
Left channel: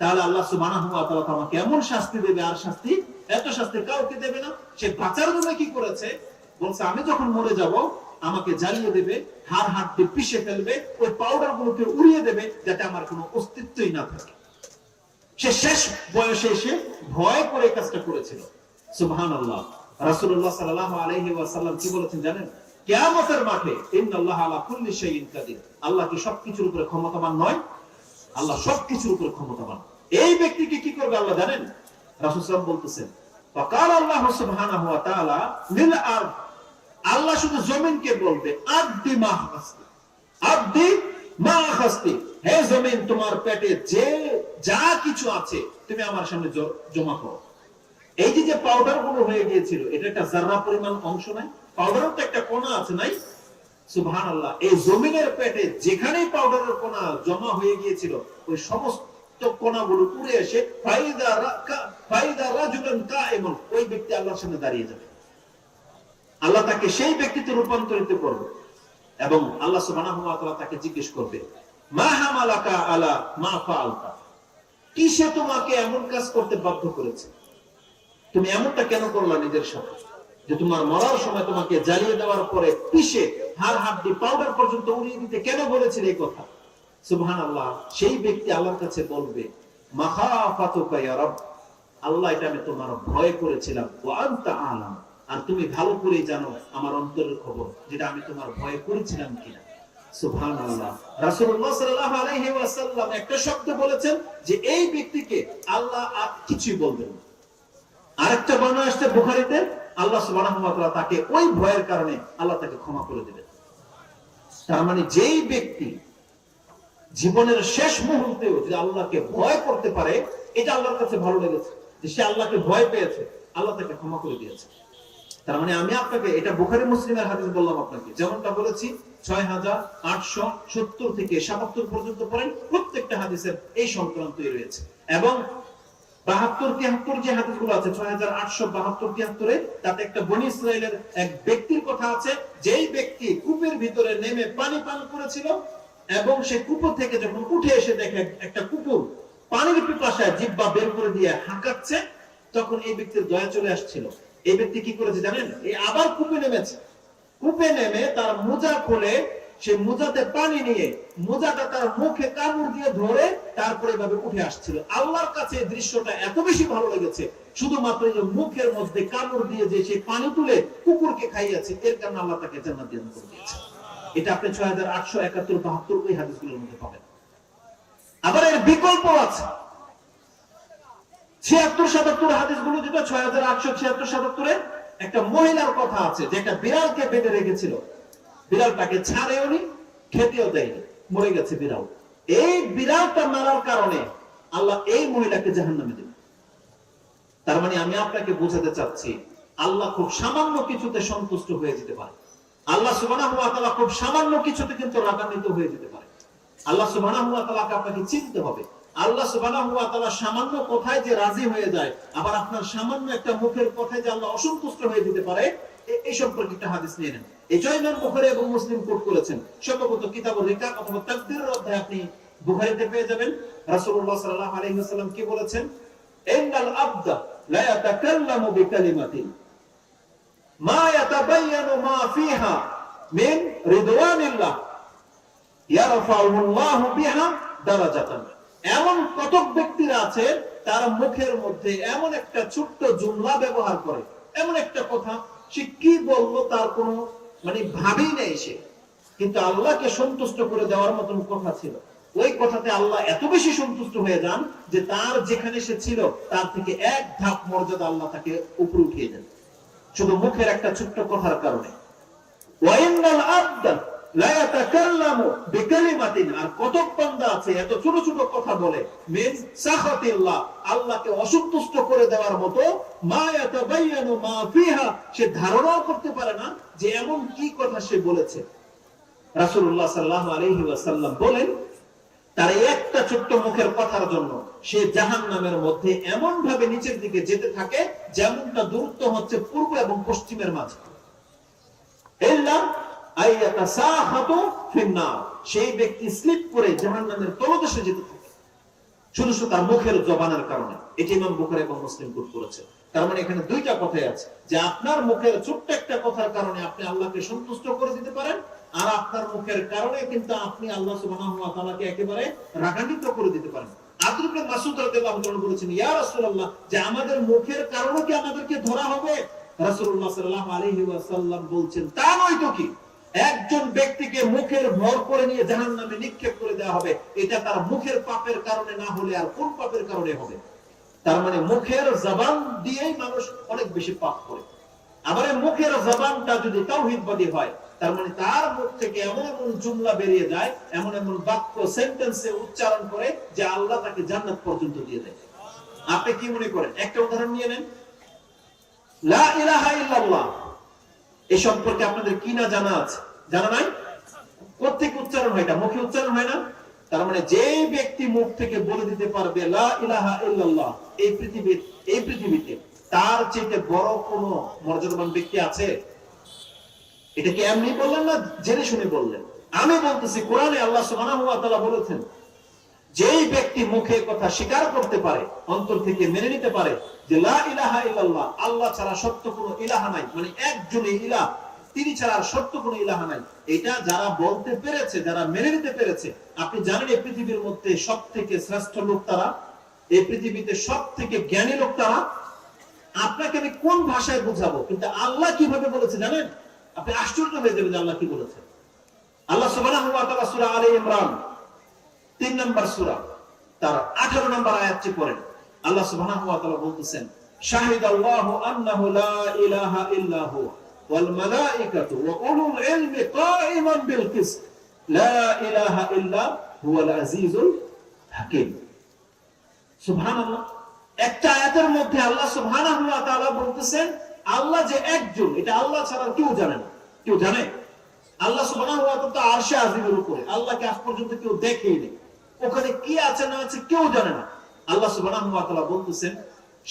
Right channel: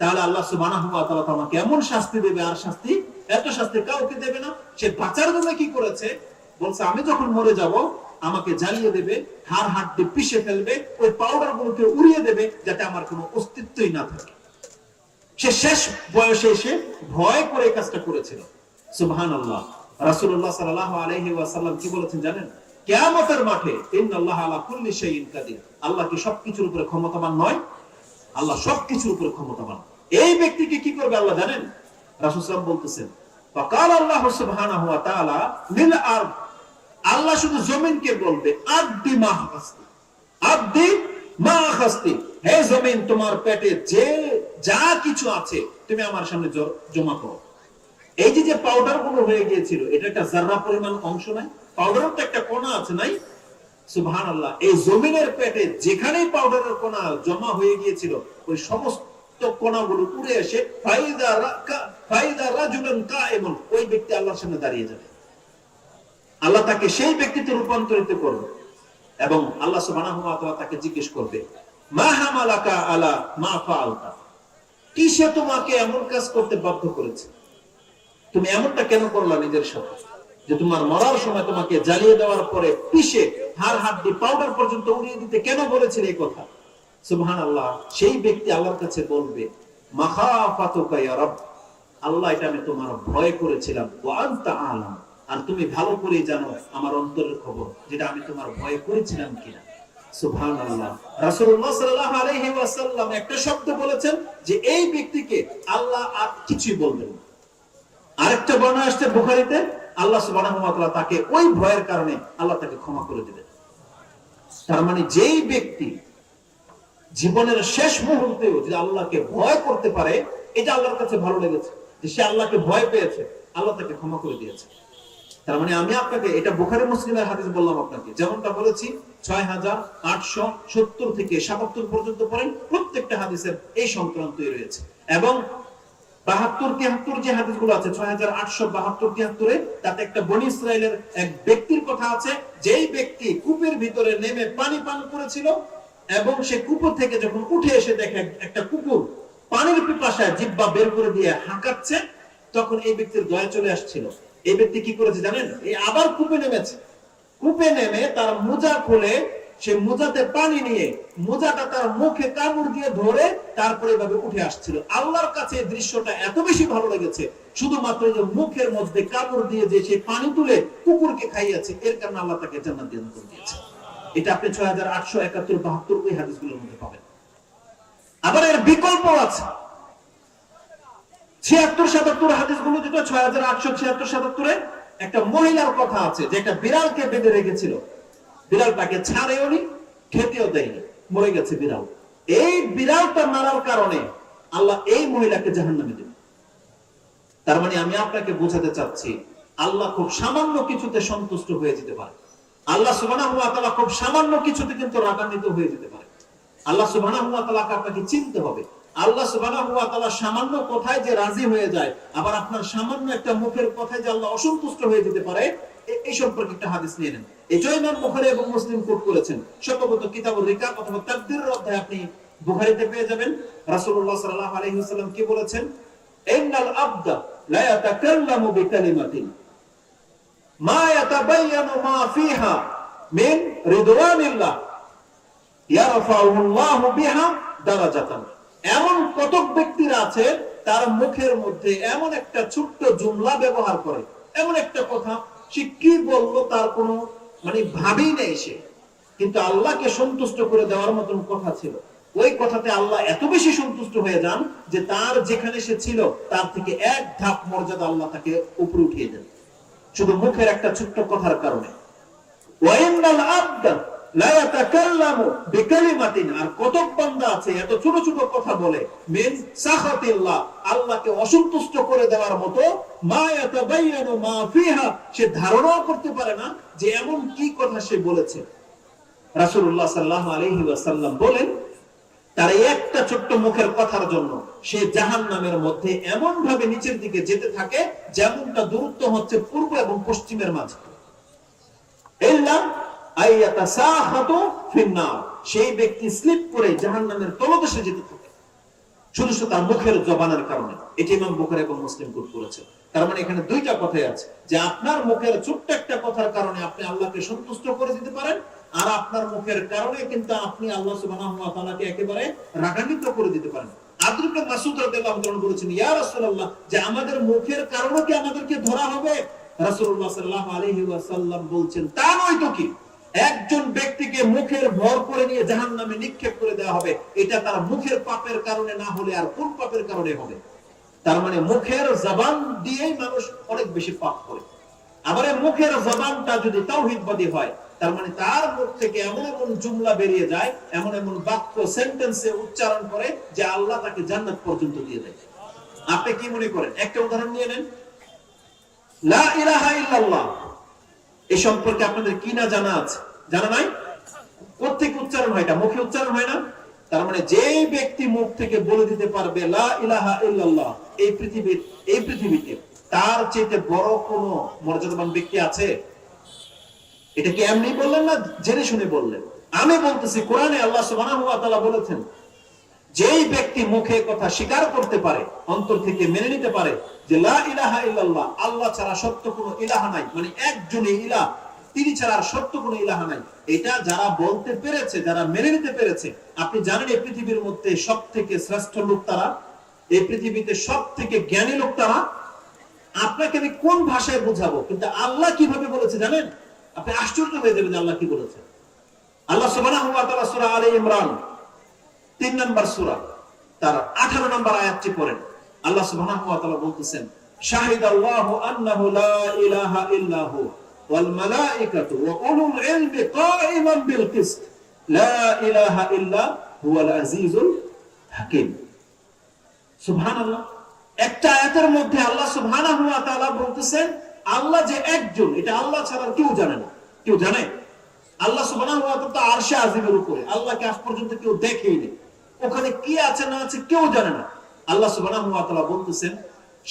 তাহলে আল্লাহ সুবহানাহু ওয়া তাআলা আমাকে এমন শাস্তি দেবে, আর শাস্তি, এত শাস্তি কাউকে দেবে না। সে বাঁচার জন্য কি করেছে? বলছে আমি যখন মরে যাব আমাকে জ্বালিয়ে দেবে, হাড় হাড্ডি পিষে ফেলবে, ওই পাউডার গুলোকে উড়িয়ে দেবে যাতে আমার কোনো অস্তিত্বই না থাকে। সে শেষ বয়সে এসে ভয় করে এই কাজটা করেছিল। সুবহানাল্লাহ। রাসূলুল্লাহ সাল্লাল্লাহু আলাইহি ওয়াসাল্লাম কি বলেছেন জানেন? কিয়ামতের মাঠে ইন্নাল্লাহা আলা কুল্লি শাইইন কাদির, আল্লাহ কি সবকিছুর উপরে ক্ষমতাবান নয়? আল্লাহ সবকিছুর উপরে ক্ষমতাবান। এই ব্যক্তিকে কি করবে আল্লাহ জানেন? রাসূল সাল্লাল্লাহু আলাইহি ওয়াসাল্লাম বলতেছেন, ফাকাল আল্লাহ সুবহানাহু ওয়া তাআলা লিল আরদ, আল্লাহ শুধু জমিনকে বলবে, আব্দি মা আখাস্তি, আব্দি মা আখাস্তি, হে জমিন তোমার পেটে যে যা কিছু আছে তুমি আমার সামনে জমা করো। এই যে পাউডার গুলো হয়ে গিয়েছিল, এটা একটা জাররা পরিমাণ অংশ নাই, পাউডারের তো একটা কণা আছে নাই? সুবহানাল্লাহ। এই জমিনের পেটে যেখানেই পাউডারের কণা জমা হয়ে গিয়েছিল, ওই সমস্ত কণাগুলো উড়ে এসে ফাইদা রাজুলান কায়েমুন, ওই ব্যক্তি আল্লাহর সামনে দাঁড়িয়ে যাবে। আল্লাহ তাকে সেই ব্যক্তিতে রূপান্তরিত করবে এবং আল্লাহ সুবহানাহু ওয়া তাআলা তাকে জিজ্ঞেস করবে, মা হামালাকা আলা মা ফাআলতা, কিসে তোমাকে এমন কাজ করতে বাধ্য করেছে? তুমি এমনটা কেন করলা নিজের সাথে, যে তোমার মরার সময় তোমাকে জ্বালিয়ে দেওয়ার পরে পিষে হাড় হাড্ডি পাউডার পর্যন্ত উড়িয়ে দিতে কেন বলেছিলে এই কথা? সুবহানাল্লাহ। সেই ব্যক্তি আল্লাহর কাছে বলবে, মাখাফাতুকা ইয়া রাব, আল্লাহ এটা আমি তোমার ভয় করেছিলাম, ওয়া আনতা আলাম, আর তুমি ভালো করে জানো আমার অন্তরের খবর, যেটা আমি তোমার ভয় করেছিলাম কিনা। সুবহানাল্লাহ। রাসূলুল্লাহ সাল্লাল্লাহু আলাইহি ওয়াসাল্লাম একটা শব্দ বলেছেন যে এই ব্যক্তিকে আল্লাহ আর কিছুই বলবেন না। আরেকটা বর্ণনা আসছে বুখারীতে, আল্লাহ সুবহানাহু ওয়া তাআলা তাকে ওই ভয়ের কারণে আল্লাহ তাকে ক্ষমা করে দিবেন। তার মানে যেই ব্যক্তি জীবনের শেষ মুহূর্তেও যদি আল্লাহকে ভয় করতে পারে, এটা আল্লাহর কাছে ভালো লেগেছে। যে সে আল্লাহকে ভয় পেয়েছে, আল্লাহ তাকে ক্ষমা করে দিয়েছে। তার মানে আমি আপনাকে, এটা বুখারী মুসলিমের হাদিস বললাম আপনাকে, যেমনটা বলেছি 6870 থেকে 77 পর্যন্ত পড়েন, প্রত্যেকটা হাদিসের এই সংক্রান্তই রয়েছে। এবং 72-73 যে হাদিসগুলো আছে 6872-73, তাতে একটা বনী ইসরাইলের এক ব্যক্তির কথা আছে, যেই ব্যক্তি কূপের ভিতরে নেমে পানি পান করেছিল এবং সে কুকুর থেকে যখন উঠে এসে দেখে একটা কুকুর পানির পিপাসায় জিহ্বা বের করে দিয়ে হাঁকাচ্ছে, তখন এই ব্যক্তির দয়া চলে আসছিল। এই ব্যক্তি কি করেছে জানেন? এই আবার কূপে নেমেছে, কূপে নেমে তার মোজা খুলে সে মোজাতে পানি নিয়ে মোজাটা তার মুখে কামড় দিয়ে ধরে তারপরে এভাবে উঠে আসছিল। আল্লাহর কাছে এই দৃশ্যটা এত বেশি ভালো লেগেছে, শুধুমাত্র যে মুখের মধ্যে কামড় দিয়ে যে সে পানি তুলে কুকুরকে খাইয়েছে, এর কারণে আল্লাহ তাকে জান্নাত দান করে দিয়েছে। এটা আপনি 6871-72 ওই হাদিসগুলোর মধ্যে পাবেন। আবার এর বিকল্প আছে 76-77 হাদিসগুলো, যেটা 6876-77-এ একটা মহিলার কথা আছে যে একটা বিড়ালকে বেঁধে রেখেছিল, বিড়ালটাকে ছাড়েওনি, খেতেও দেয়নি, মরে গেছে বিড়াল। এই বিড়ালটা মারার কারণে আল্লাহ এই মহিলাকে জাহান্নামে দেবে। তার মানে আমি আপনাকে বোঝাতে চাচ্ছি, আল্লাহ খুব সামান্য কিছুতে সন্তুষ্ট হয়ে যেতে পারে। আল্লাহ সুবহানাহু ওয়া তাআলা খুব সামান্য কিছুতে কিন্তু রাগান্বিত হয়ে যেতে পারে। আল্লাহ সুবহানাহু ওয়া তাআলাকে আপনাকে চিনতে হবে। আল্লাহ সুবহানাহু ওয়া তাআলা সামান্য কথায় যে রাজি হয়ে যায়, আবার আপনার সামান্য একটা মুখের কথায় যে আল্লাহ অসন্তুষ্ট হয়ে যেতে পারে, এই সম্পর্কে একটা হাদিস নিয়ে নেন। এটাই ইমাম বুখারী এবং মুসলিম কোট করেছেন। সম্ভবত কিতাবুর রিকাব অথবা তাকদীরের অধ্যায়ে আপনি বুখারীতে পেয়ে যাবেন। রাসূলুল্লাহ সাল্লাল্লাহু আলাইহি ওয়াসাল্লাম কি বলেছেন? ইন্নাল আবদা লা ইয়াতাকাল্লামু বিকালিমাতিন মা ইয়াতাবায়ানু মা ফিহা মিন রিদওয়ানিল্লাহ ইয়ারফাউল্লাহু বিহা দারাজাতান। এমন কতক ব্যক্তিরা আছে তার মুখের মধ্যে এমন একটা ছোট্ট জুমলা ব্যবহার করে, এমন একটা কথা সে কি বললো তার কোনো ভাবেই নেই সে, কিন্তু আল্লাহকে সন্তুষ্ট করে দেওয়ার মতন কথা ছিল। ওই কথাতে আল্লাহ এত বেশি সন্তুষ্ট হয়ে যান যে তার যেখানে সে ছিল তার থেকে এক ধাপ মর্যাদা আল্লাহ তাকে উপরে উঠিয়ে দেন, শুধু মুখের একটা ছোট্ট কথার কারণে। ওয়াইন্নাল আবদা লা ইয়াতাকাল্লামু বিকালিমাতিন, আর কতক বান্দা আছে এত ছোট ছোট কথা বলে, মিন সাখাতিল্লাহ, আল্লাহকে অসন্তুষ্ট করে দেওয়ার মতো, মা ইয়াতাবায়ানু মা ফিহা, সে ধারণাও করতে পারে না যে এমন কি কথা সে বলেছে। রাসূলুল্লাহ সাল্লাল্লাহু আলাইহি ওয়াসাল্লাম বলেন, তার একটা ছোট্ট মুখের কথার জন্য সে জাহান্নামের মধ্যে এমন ভাবে নিচের দিকে যেতে থাকে যেমনটা দূরত্ব হচ্ছে পূর্ব এবং পশ্চিমের মাঝে। ইল্লা আইয়াতাসাহাতু ফিন্নার, সেই ব্যক্তি স্লিপ করে জাহান্নামের তলদেশে যেতে থাকে, শুধু তার মুখের জবানের কারণে। এটি ইমাম বুখারী এবং মুসলিম কোট করেছে। তার মানে এখানে দুইটা কথাই আছে, যে আপনার মুখের ছোট্ট একটা কথার কারণে আপনি আল্লাহকে সন্তুষ্ট করে দিতে পারেন, আর আপনার মুখের কারণে কিন্তু আপনি আল্লাহ সুবহানাহু ওয়া তাআলাকে একেবারে রাগান্বিত করে দিতে পারেন। আব্দুল ইবনে মাসউদ রাদিয়াল্লাহু আনহু বলেছেন, ইয়া রাসূলুল্লাহ, যে আমাদের মুখের কারণে কি আমাদেরকে ধরা হবে? রাসূলুল্লাহ সাল্লাল্লাহু আলাইহি ওয়াসাল্লাম বলছেন, তা নয় তো কি, একজন ব্যক্তিকে মুখের ভর করে নিয়ে জাহান্নামে নিক্ষেপ করে দেওয়া হবে, এটা তার মুখের পাপের কারণে না হলে আর কোন পাপের কারণে হবে? তার মানে মুখের জবান দিয়েই মানুষ অনেক বেশি পাপ করে। আবার মুখের জবানটা যদি তাওহীদবাদী হয়, তার মানে তার মুখ থেকে এমন এমন জুমলা বেরিয়ে যায়, এমন এমন বাক্য সেন্টেন্সে উচ্চারণ করে যে আল্লাহ তাকে জান্নাত পর্যন্ত দিয়ে দেয়। আপনি কি মনে করেন? একটা উদাহরণ নিয়ে নেন, লা ইলাহা ইল্লাল্লাহ, এই সম্পর্কে আপনাদের কি না জানা আছে? জানা নাই? প্রত্যেক উচ্চারণ হয়, এটা মুখে উচ্চারণ হয় না? তার মানে যে ব্যক্তি মুখ থেকে বলে দিতে পারবে লা ইলাহা ইল্লাল্লাহ, এই পৃথিবীতে তার চেয়ে বড় কোন মর্যাদাবান ব্যক্তি আছে? এটা কি এমনি বললেন না জেনে শুনে বললেন? আমি বলতেছি, কোরআনে আল্লাহ সুবহানাহু ওয়া তাআলা বলেছেন, যেই ব্যক্তি মুখে কথা স্বীকার করতে পারে, অন্তর থেকে মেনে নিতে পারে যে লা ইলাহা ইল্লাল্লাহ, আল্লাহ ছাড়া সত্য কোনো ইলাহা নাই, মানে একজনই ইলাহ, তিনি ছাড়া আর সত্য কোনো ইলাহা নাই, এটা যারা বলতে পেরেছে, যারা মেনে নিতে পেরেছে, আপনি জানেন এই পৃথিবীর মধ্যে সব থেকে শ্রেষ্ঠ লোক তারা, এই পৃথিবীতে সব থেকে জ্ঞানী লোক তারা। আপনাকে আমি কোন ভাষায় বোঝাবো, কিন্তু আল্লাহ কিভাবে বলেছে জানেন? আপনি আশ্চর্য হয়ে যাবেন যে আল্লাহ কি বলেছে। আল্লাহ সুবহানাহু ওয়া তাআলা সূরা আলে ইমরান 3 নম্বর সূরা, তার 18 নম্বর আয়াতটি পড়েন। আল্লাহ সুবহানাহু ওয়া তাআলা বলতেছেন, শাহিদাল্লাহু আন্নাহু লা ইলাহা ইল্লা হু ওয়াল মালাইকাতু ওয়া উলুল ইলমি কাইমান বিল কিসত লা ইলাহা ইল্লা হুয়াল আজিজুল হাকীম। সুবহানাল্লাহ, একটা আয়াতের মধ্যে আল্লাহ সুবহানাহু ওয়া তাআলা বলতেছেন আল্লাহ যে একজন, এটা আল্লাহ ছাড়া কেউ জানে না। কেউ জানে? আল্লাহ সুবহানাহু ওয়া তাআলা তো আরশে আজিমের উপরে, আল্লাহকে আজ পর্যন্ত কেউ দেখেই নেই, ওখানে কি আছে না আছে কেউ জানে না। আল্লাহ সুবহানাহু ওয়া তাআলা বলতেছেন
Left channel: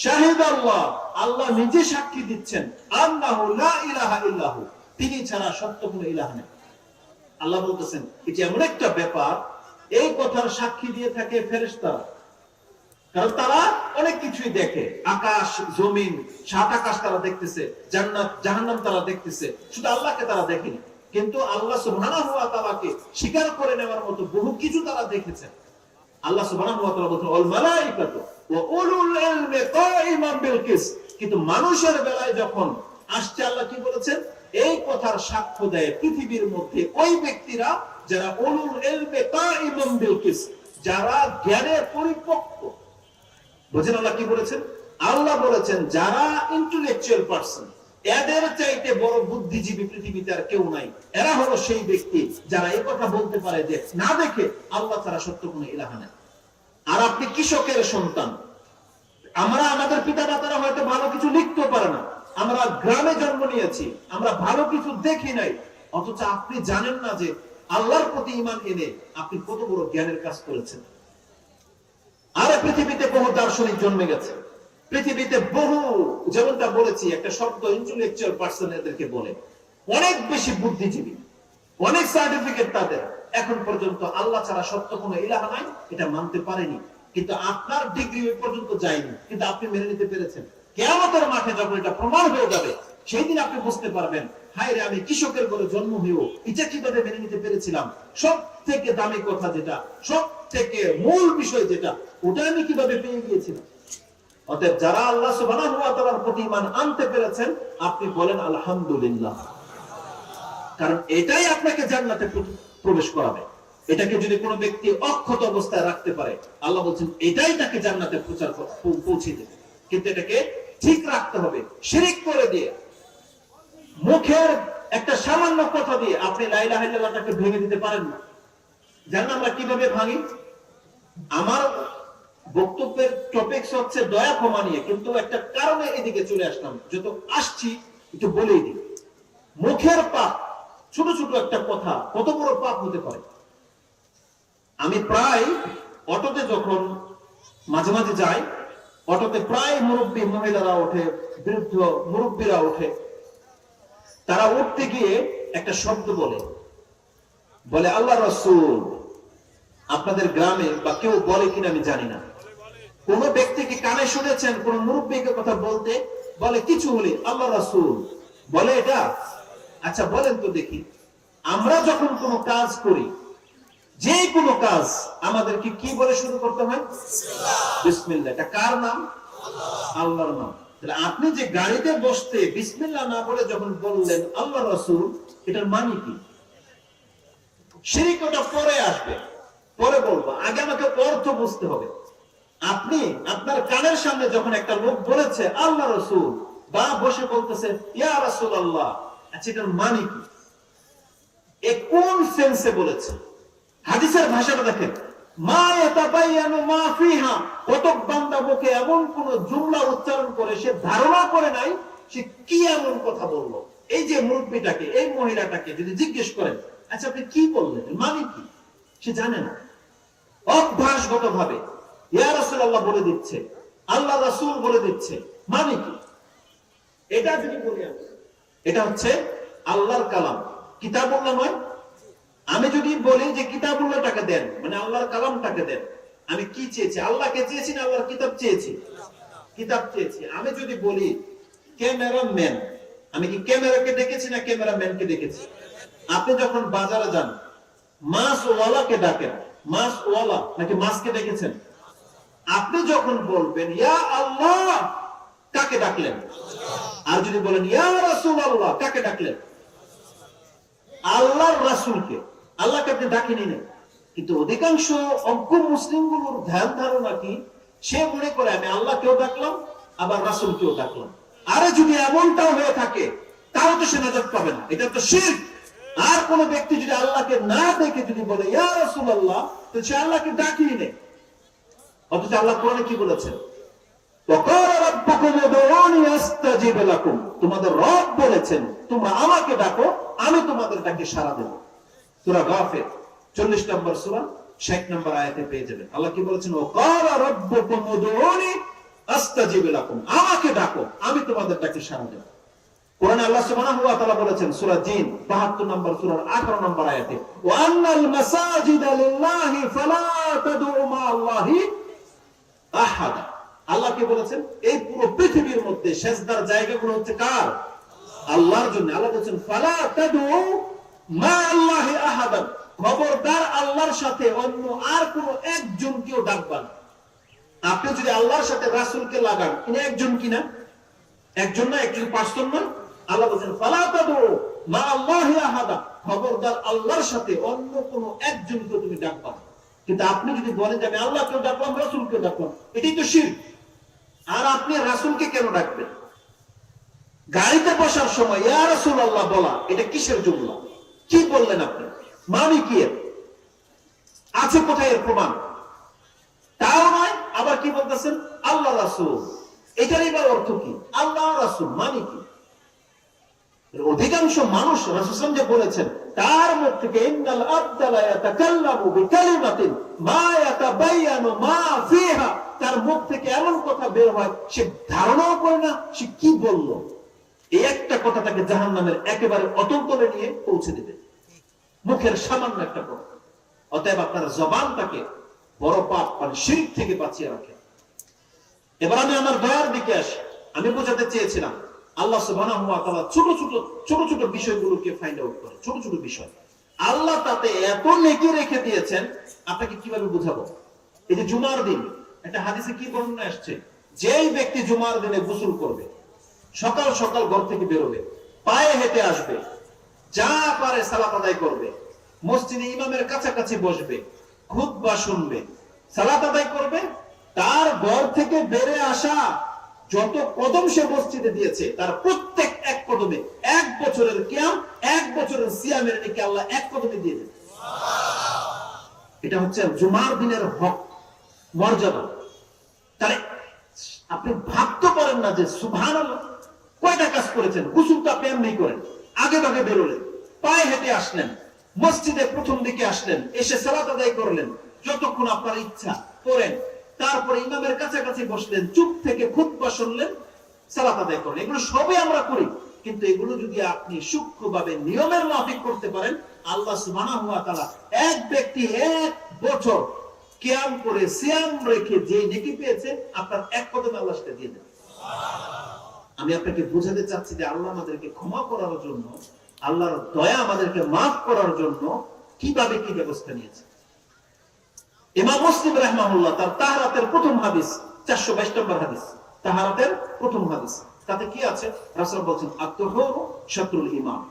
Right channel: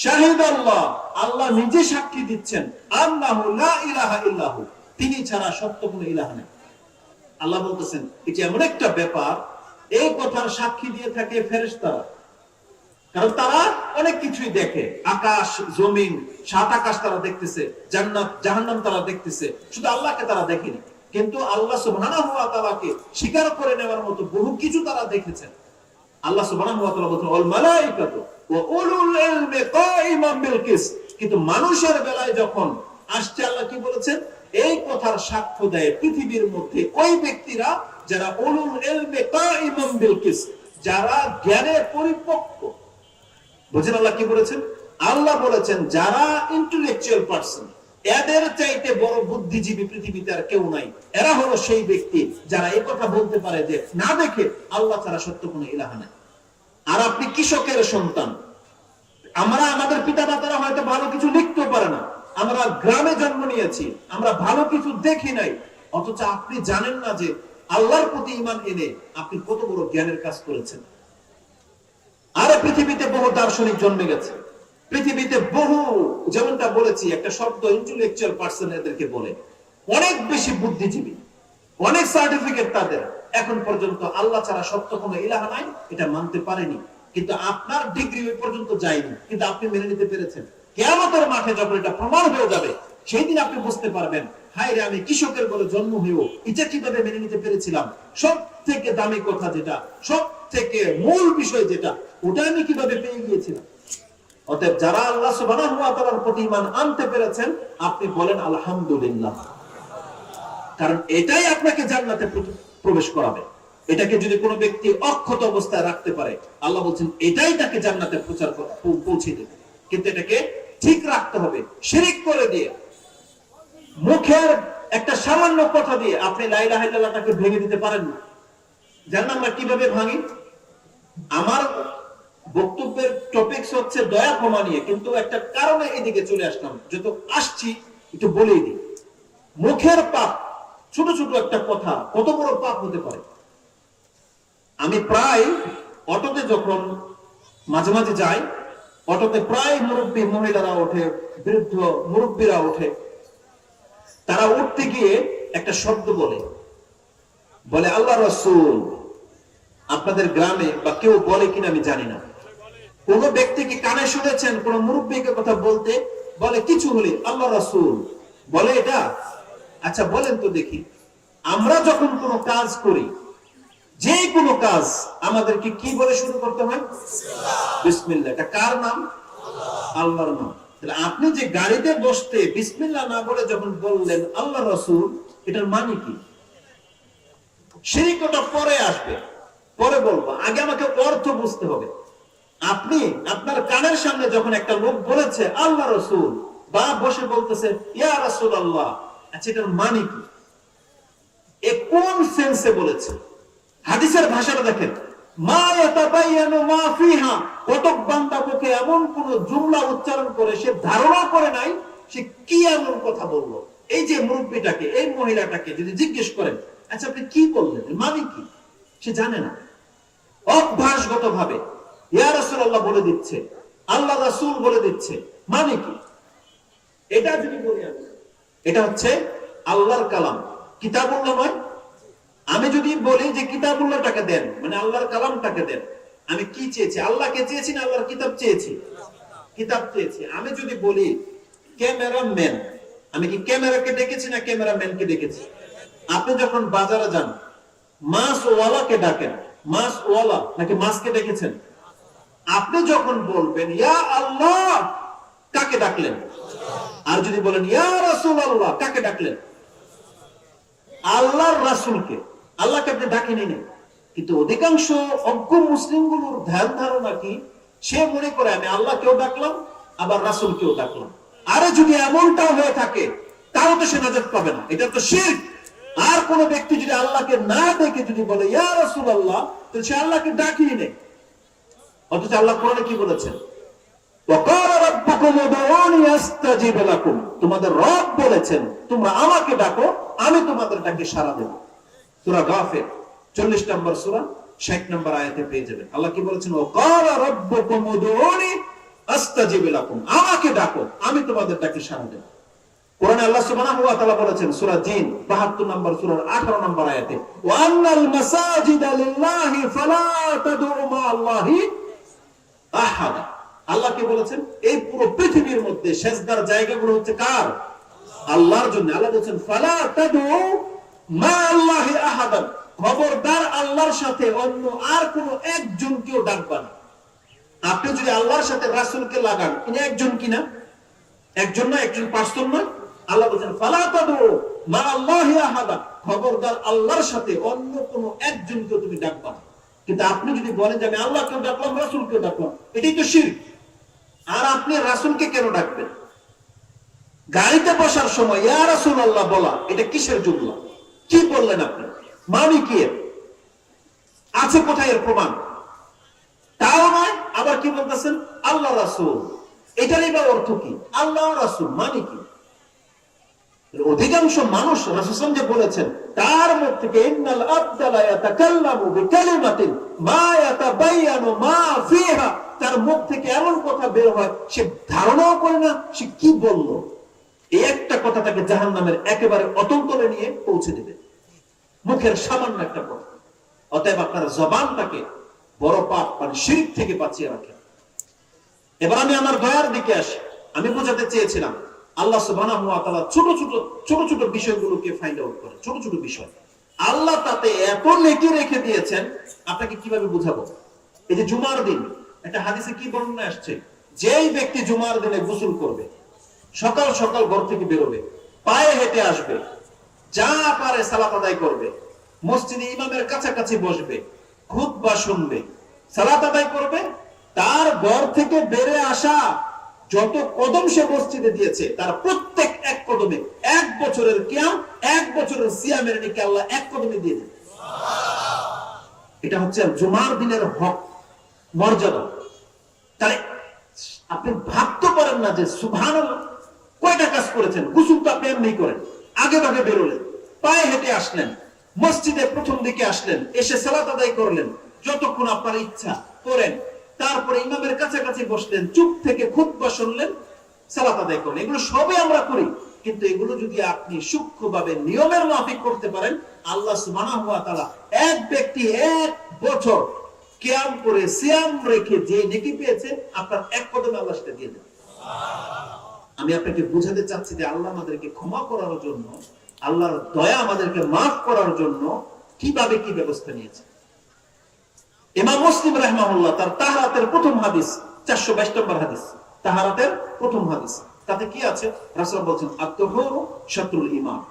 শাহিদ আল্লাহ, আল্লাহ নিজে সাক্ষী দিচ্ছেন আন্নাহু লা ইলাহা ইল্লাহু, তিনি ছাড়া সত্য কোনো ইলাহ নেই। আল্লাহ বলতেছেন এটা এমন একটা ব্যাপার, এই কথার সাক্ষী দিয়ে থাকে ফেরেশতারা, কারণ তারা অনেক কিছুই দেখে, আকাশ জমিন সাত আকাশ তারা দেখতেছে, জান্নাত জাহান্নাম তারা দেখতেছে, শুধু আল্লাহকে তারা দেখেনি। কিন্তু আল্লাহ সুবহানাহু ওয়া তাআলাকে স্বীকার করে নেওয়ার মতো বহু কিছু তারা দেখেছেন। আল্লাহ সুবহানাহু ওয়া তাআলা বলেন ওয়াল মালাইকাতু ওয়া উলুল ইলমি কাইমান বিল কিসত, কিন্তু মানুষের বেলায় যখন আসছে আল্লাহ কি বলেছেন, এই কথার সাক্ষ্য দেয় পৃথিবীর মধ্যে ওই ব্যক্তিরা যারা উলুল ইলমি কাইমান বিল কিসত, যারা জ্ঞানে পরিপক্ক। বুঝেন আল্লাহ কি বলেছেন? আল্লাহ বলেছেন যারা ইন্টেলেকচুয়াল পারসন, এদের চাইতে বড় বুদ্ধিজীবী পৃথিবীতে আর কেউ নাই। এরা হলো সেই ব্যক্তি যারা এই কথা বলতে পারে যে না দেখে আল্লাহ ছাড়া সত্য কোনো ইলাহ নাই। আর আপনি কৃষকের সন্তান, আমরা আমাদের পিতা মাতারা হয়তো ভালো কিছু লিখতে পারে না, আমরা গ্রামে জন্ম নিয়েছি, আমরা ভালো কিছু দেখি নাই, অথচ আপনি জানেন না যে আল্লাহর প্রতি ঈমান এনে আপনি কত বড় জ্ঞানের কাজ করেছেন। আর পৃথিবীতে বহু দার্শনিক জন্মে গেছে, পৃথিবীতে বহু, যেমনটা বলেছি একটা শব্দ ইন্টেলেকচুয়াল পারসন এদেরকে বলে, অনেক বেশি বুদ্ধিজীবী, অনেক সার্টিফিকেট তাদের, এখন পর্যন্ত আল্লাহ ছাড়া সত্য কোনো ইলাহ নাই এটা মানতে পারেনি। কিন্তু আপনার ডিগ্রি ওই পর্যন্ত যায়নি, কিন্তু আপনি মেনে নিতে পেরেছেন। কিয়ামতের মাঠে যখন এটা প্রমাণ হয়ে যাবে, সেই দিন আপনি বুঝতে পারবেন হায় রে, আমি কৃষকের ঘরে জন্ম হয়েও এটা কিভাবে মেনে নিতে পেরেছিলাম। সব থেকে দামি কথা যেটা, সব থেকে মূল বিষয় যেটা, ওটা আমি কিভাবে পেয়ে গিয়েছিলাম। অতএব যারা আল্লাহ সুবহানাহু ওয়া তাআলার প্রতি ঈমান আনতে পেরেছেন, আপনি বলেন আলহামদুলিল্লাহ, কারণ এটাই আপনাকে জান্নাতে প্রবেশ করাবে। এটাকে যদি কোনো ব্যক্তি অক্ষত অবস্থায় রাখতে পারে, আল্লাহ বলছেন এটাই তাকে জান্নাতে পৌঁছে দেবে। কিন্তু এটাকে ঠিক রাখতে হবে। শিরিক করে দিয়ে, মুখের একটা সামান্য কথা দিয়ে আপনি লা ইলাহা ইল্লাল্লাহটাকে ভেঙে দিতে পারেন না। জানেন আমরা কিভাবে ভাঙি? আমার বক্তব্যের টপিকস হচ্ছে দয়া ক্ষমা নিয়ে, কিন্তু একটা কারণে এদিকে চলে আসলাম, যত আসছি একটু বলেই দিই। মুখের পাপ, ছোট ছোট একটা কথা কত বড় পাপ হতে পারে। আমি প্রায় অটোতে যখন মাঝে মাঝে যাই, অটোতে প্রায় মুরব্বী মহিলারা ওঠে, বৃদ্ধ মুরব্বীরা ওঠে। তারা উঠতে গিয়ে একটা শব্দ বলে, বলে আল্লাহ রাসূল। আপনাদের গ্রামে বা কেউ বলে কিনা আমি জানি না, কোন ব্যক্তি কি কানে শুনেছেন কোন মুরব্বীকে কথা বলতে? বলে কিছু হলে আল্লাহ রাসূল বলে এটা? আচ্ছা বলেন তো দেখি, আমরা যখন কোনো কাজ করি, যে কোনো কাজ, আমাদেরকে কি বলে শুরু করতে হয়? বিসমিল্লাহ। এটা কার নাম? আল্লাহর নাম। তাহলে আপনি যে গাড়িতে বসতে বিসমিল্লাহ না বলে যখন বললেন আল্লাহ রাসূল, এটার মানে কি? শিরকটা পরে আসবে, পরে বলবো, আগে আমাকে অর্থ বুঝতে হবে। আপনি আপনার কানের সামনে যখন একটা লোক বলেছে আল্লাহ রাসূল, বা বসে বলতেছে ইয়া রাসূলুল্লাহ, আচ্ছা এটার মানে কি? এ কোন সেন্সে বলেছে? হাদিসের ভাষাটা দেখেন, মা ইয়াতাবায়ানু মা ফিহা, কতক বান্দা মুখে এমন কোন জুমলা উচ্চারণ করে সে ধারণা করে নাই সে কি এমন কথা বললো। এই যে মুরব্বিটাকে, এই মহিলাটাকে যদি জিজ্ঞেস করেন আচ্ছা আপনি কি বললেন, মানে কি, সে জানে না। অভ্যাসগত ভাবে ইয়া রাসূলুল্লাহ বলে দিচ্ছে, আল্লাহ রাসূল বলে দিচ্ছে, মানে কি? এটা যদি বলি আমি, এটা হচ্ছে আল্লাহর কালাম, কিতাবুল্লাহ নয়। আমি যদি বলি যে কিতাবুল্লাহটাকে দেন, মানে আল্লাহর কালামটাকে দেন, আমি কি চেয়েছি? আল্লাহকে চেয়েছি না আল্লাহর কিতাব চেয়েছি? কিতাব চেয়েছি। আমি যদি বলি ক্যামেরাম্যান, আমি কি ক্যামেরাকে ডেকেছি না ক্যামেরাম্যানকে ডেকেছি? আপনি যখন বাজারে যান, মাছ ওয়ালাকে ডাকেন, মাছ ওয়ালা নাকি মাছকে ডেকেছেন? আপনি যখন বলবেন ইয়া আল্লাহ, কাকে ডাকলেন? আর যদি বলেন ইয়া রাসূলুল্লাহ, কাকে ডাকলেন? আল্লাহর রাসূলকে। আল্লাহকে আপনি ডাকেনই না। কিন্তু অধিকাংশ অজ্ঞ মুসলিমগুলোর ধ্যান ধারণা কি, সে মনে করে আমি আল্লাহকেও ডাকলাম আবার রাসূলকেও ডাকলাম। আরে যদি এমনটাও হয়ে থাকে তাহলে তো সে নাজাত পাবে না, এটা তো শিরক। আর কোন ব্যক্তি যদি আল্লাহকে না ডেকে যদি বলে ইয়া রাসূলুল্লাহ, তো সে আল্লাহকে ডাকিয়ে নেই। অথচ আল্লাহ কোরআনে কি বলেছেন? ওয়াকালা রাব্বুকুম উদউনি আস্তাজিব লাকুম, তোমাদের রব বলেছেন তোমরা আমাকে ডাকো, আমি তোমাদের ডাকে সাড়া দেব। সূরা গাফির 40 নম্বর সূরা 60 নম্বর আয়াতে পেয়ে যাবেন। আল্লাহ কি বলেছেন? ওয়াকালা রাব্বুকুম উদউনি আস্তাজিব লাকুম, আমাকে ডাকো, আমি তোমাদের ডাকে সাড়া দেব। কোরআনে আল্লাহ সুবহানাহু ওয়া তাআলা বলেছেন সূরা জিন 72 নম্বর সূরার 18 নম্বর আয়াতে, ওয়া আন্নাল মাসাজিদা লিল্লাহি ফালা তাদউ মা আল্লাহি আহাদ। আল্লাহ কি বলেছেন? এই পুরো পৃথিবীর মধ্যে সিজদার জায়গাগুলো হচ্ছে কার? আল্লাহর জন্য। আল্লাহ বলেছেন ফালা তাদউ মা আল্লাহি আহাদ, খবরদার আল্লাহর সাথে অন্য আর কোনো একজনকেও ডাকবা না। আপনি যদি আল্লাহর সাথে রাসূলকে লাগান, ইনি একজন কিনা? একজন না, একজন পাঁচজন নয়। আল্লাহ বলেন ফালা তাদউ মা আল্লাহি আহাদা, খবরদার আল্লাহর সাথে অন্য কোনো একজনকে তুমি ডাকবা না। কিন্তু আপনি যদি বলেন যে আমি আল্লাহকে ডাকলাম, রাসূলকে ডাকলাম, এটাই তো শিরক। আর আপনি রাসূলকে কেন ডাকবেন? গাড়িতে বসার সময় ইয়া রাসূলুল্লাহ বলা, এটা কিসের জুমলা? কি বললেন আপনি? মানে কি? আছে কোথায় এর প্রমাণ? তাও নয়, আবার কি বলতেছেন? আল্লাহ রাসূল, এটারই বা অর্থ কি? আল্লাহ রাসূল মানে কি? অধিকাংশ মানুষ রাসূল যে বলেছেন তার মুখ থেকে ইন্নাল আবদা লা ইয়াতাকাল্লামু বিকালিমাতিন মা ইয়াতাবায়ানু মা ফিহা, তার মুখ থেকে এমন কথা বের হয় সে ধারণাও করে না সে কি বলল। এই একটা কথা তাকে জাহান্নামের একেবারে অতন্তরে নিয়ে পৌঁছে দেবে, মুখের সামান্য একটা কথা। অতএব আপনার জবানটাকে বড় পাপ মানে শিরক থেকে বাঁচিয়ে রাখেন। এবার আমি আমার দয়ার দিকে আসি। আমি বোঝাতে চেয়েছিলাম আল্লাহ সুবহানাহু ওয়া তাআলা ছোট ছোট বিষয়গুলোকে ফাইন্ড আউট করে, ছোট ছোট বিষয় আল্লাহ তাতে এত নেকি রেখে দিয়েছেন, আপনাকে কিভাবে বুঝাবো? এই যে জুমার দিন একটা হাদিসে কি বর্ণনা আসছে, যেই ব্যক্তি জুমার দিনে গোসল করবে, সকাল সকাল ঘর থেকে বেরোবে, পায়ে হেঁটে আসবে, যা পারে সালাত আদায় করবে, মসজিদে ইমামের কাছাকাছি বসবে, খুতবা শুনবে, সালাত আদায় করবে, তার ঘর থেকে বেরে আসা যত কদম সে মসজিদে দিয়েছে তার প্রত্যেক এক কদমে 1 বছরের কিয়াম, 1 বছরের সিয়ামের নেকি আল্লাহ 1 কদমে দিয়ে দেন। এটা হচ্ছে জুমার দিনের হক, মর্যাদা। তাই আপনি ভাবতে পারেন না যে সুবহানাল্লাহ কয়টা কাজ করেছেন। গোসল তো আপনি এমনি করেন, আগে ভাগে বেরোলেন, পায়ে হেঁটে আসলেন, মসজিদে প্রথম দিকে আসলেন, এসে সালাত আদায় করলেন, যতক্ষণ আপনার ইচ্ছা করেন, তারপরে ইমামের কাছাকাছি বসলেন, চুপ থেকে খুতবা শুনলেন, সালাত আদায় করলেন। এগুলো সবই আমরা করি, কিন্তু এগুলো যদি আপনি সূক্ষ্মভাবে নিয়মের মাফিক করতে পারেন, আল্লাহ সুবহানাহু ওয়া তাআলা এক ব্যক্তি 1 বছর কিয়াম করে সিয়াম রেখে যে নেকি পেয়েছে আপনার 1 কদমে আল্লাহ সেটা দিয়ে দেন। আমি আপনাকে বোঝাতে চাচ্ছি যে আল্লাহ আমাদেরকে ক্ষমা করার জন্য, আল্লাহর দয়া আমাদেরকে মাফ করার জন্য কিভাবে কি ব্যবস্থা নিয়েছে। ইমাম মুসলিম রাহিমাহুল্লাহ তার তাহারাতের প্রথম হাদিস 422 নম্বর হাদিস, তাহারাতের প্রথম হাদিস, তাতে কি আছে? রাসূল বলেন আত-তাহুরু শাতরুল ঈমান,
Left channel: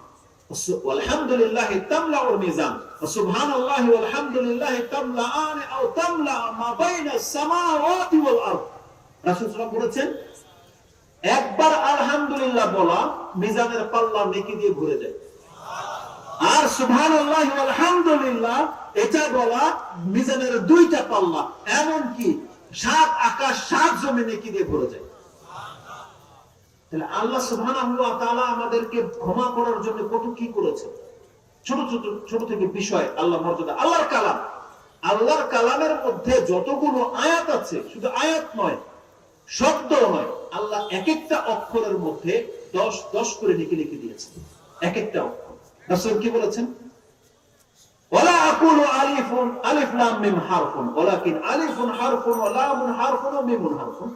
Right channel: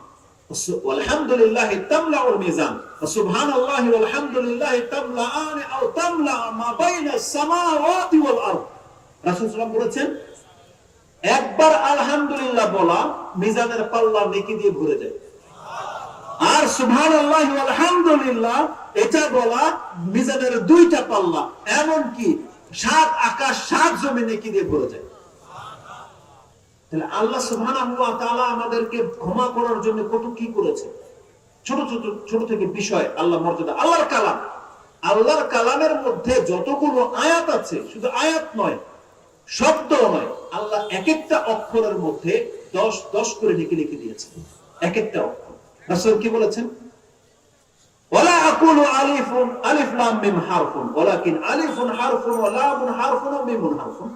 আলহামদুলিল্লাহি তামলাউল মিজান, সুবহানাল্লাহি ওয়াল হামদুলিল্লাহি তামলাআন আও তামলা মা বাইনাস সামাওয়াতি ওয়াল আরদ। রাসূল সাল্লাল্লাহু আলাইহি বলেছেন একবার আলহামদুলিল্লাহ বলা মিজানের পাল্লা নেকি দিয়ে ভরে যায়, আর সুবহানাল্লাহি ওয়াল হামদুলিল্লাহ এটা বলা মিজানের 2টা পাল্লা, এমনকি 7 আকাশ 7 জমিন নেকি দিয়ে ভরে যায়। তাহলে আল্লাহ সুবহানাহু ওয়া তাআলা আমাদেরকে ক্ষমা করার জন্য কত কি করেছে। ছোট থেকে বিষয় আল্লাহ মর্যাদা। আল্লাহর কালামের মধ্যে যতগুলো আয়াত আছে, শুধু আয়াত নয়, শব্দ নয়, আল্লাহ এক একটা অক্ষরের মধ্যে 10 করে নেকি লিখে দিয়েছেন, এক একটা অক্ষর। রাসূল কি বলেছেন? ওয়ালা আকুলু আলিফ লাম মিম হারফুন ওয়ালাকিন আলিফুন হারফুন ওয়া লামুন হারফুন ওয়া মিমুন হারফুন।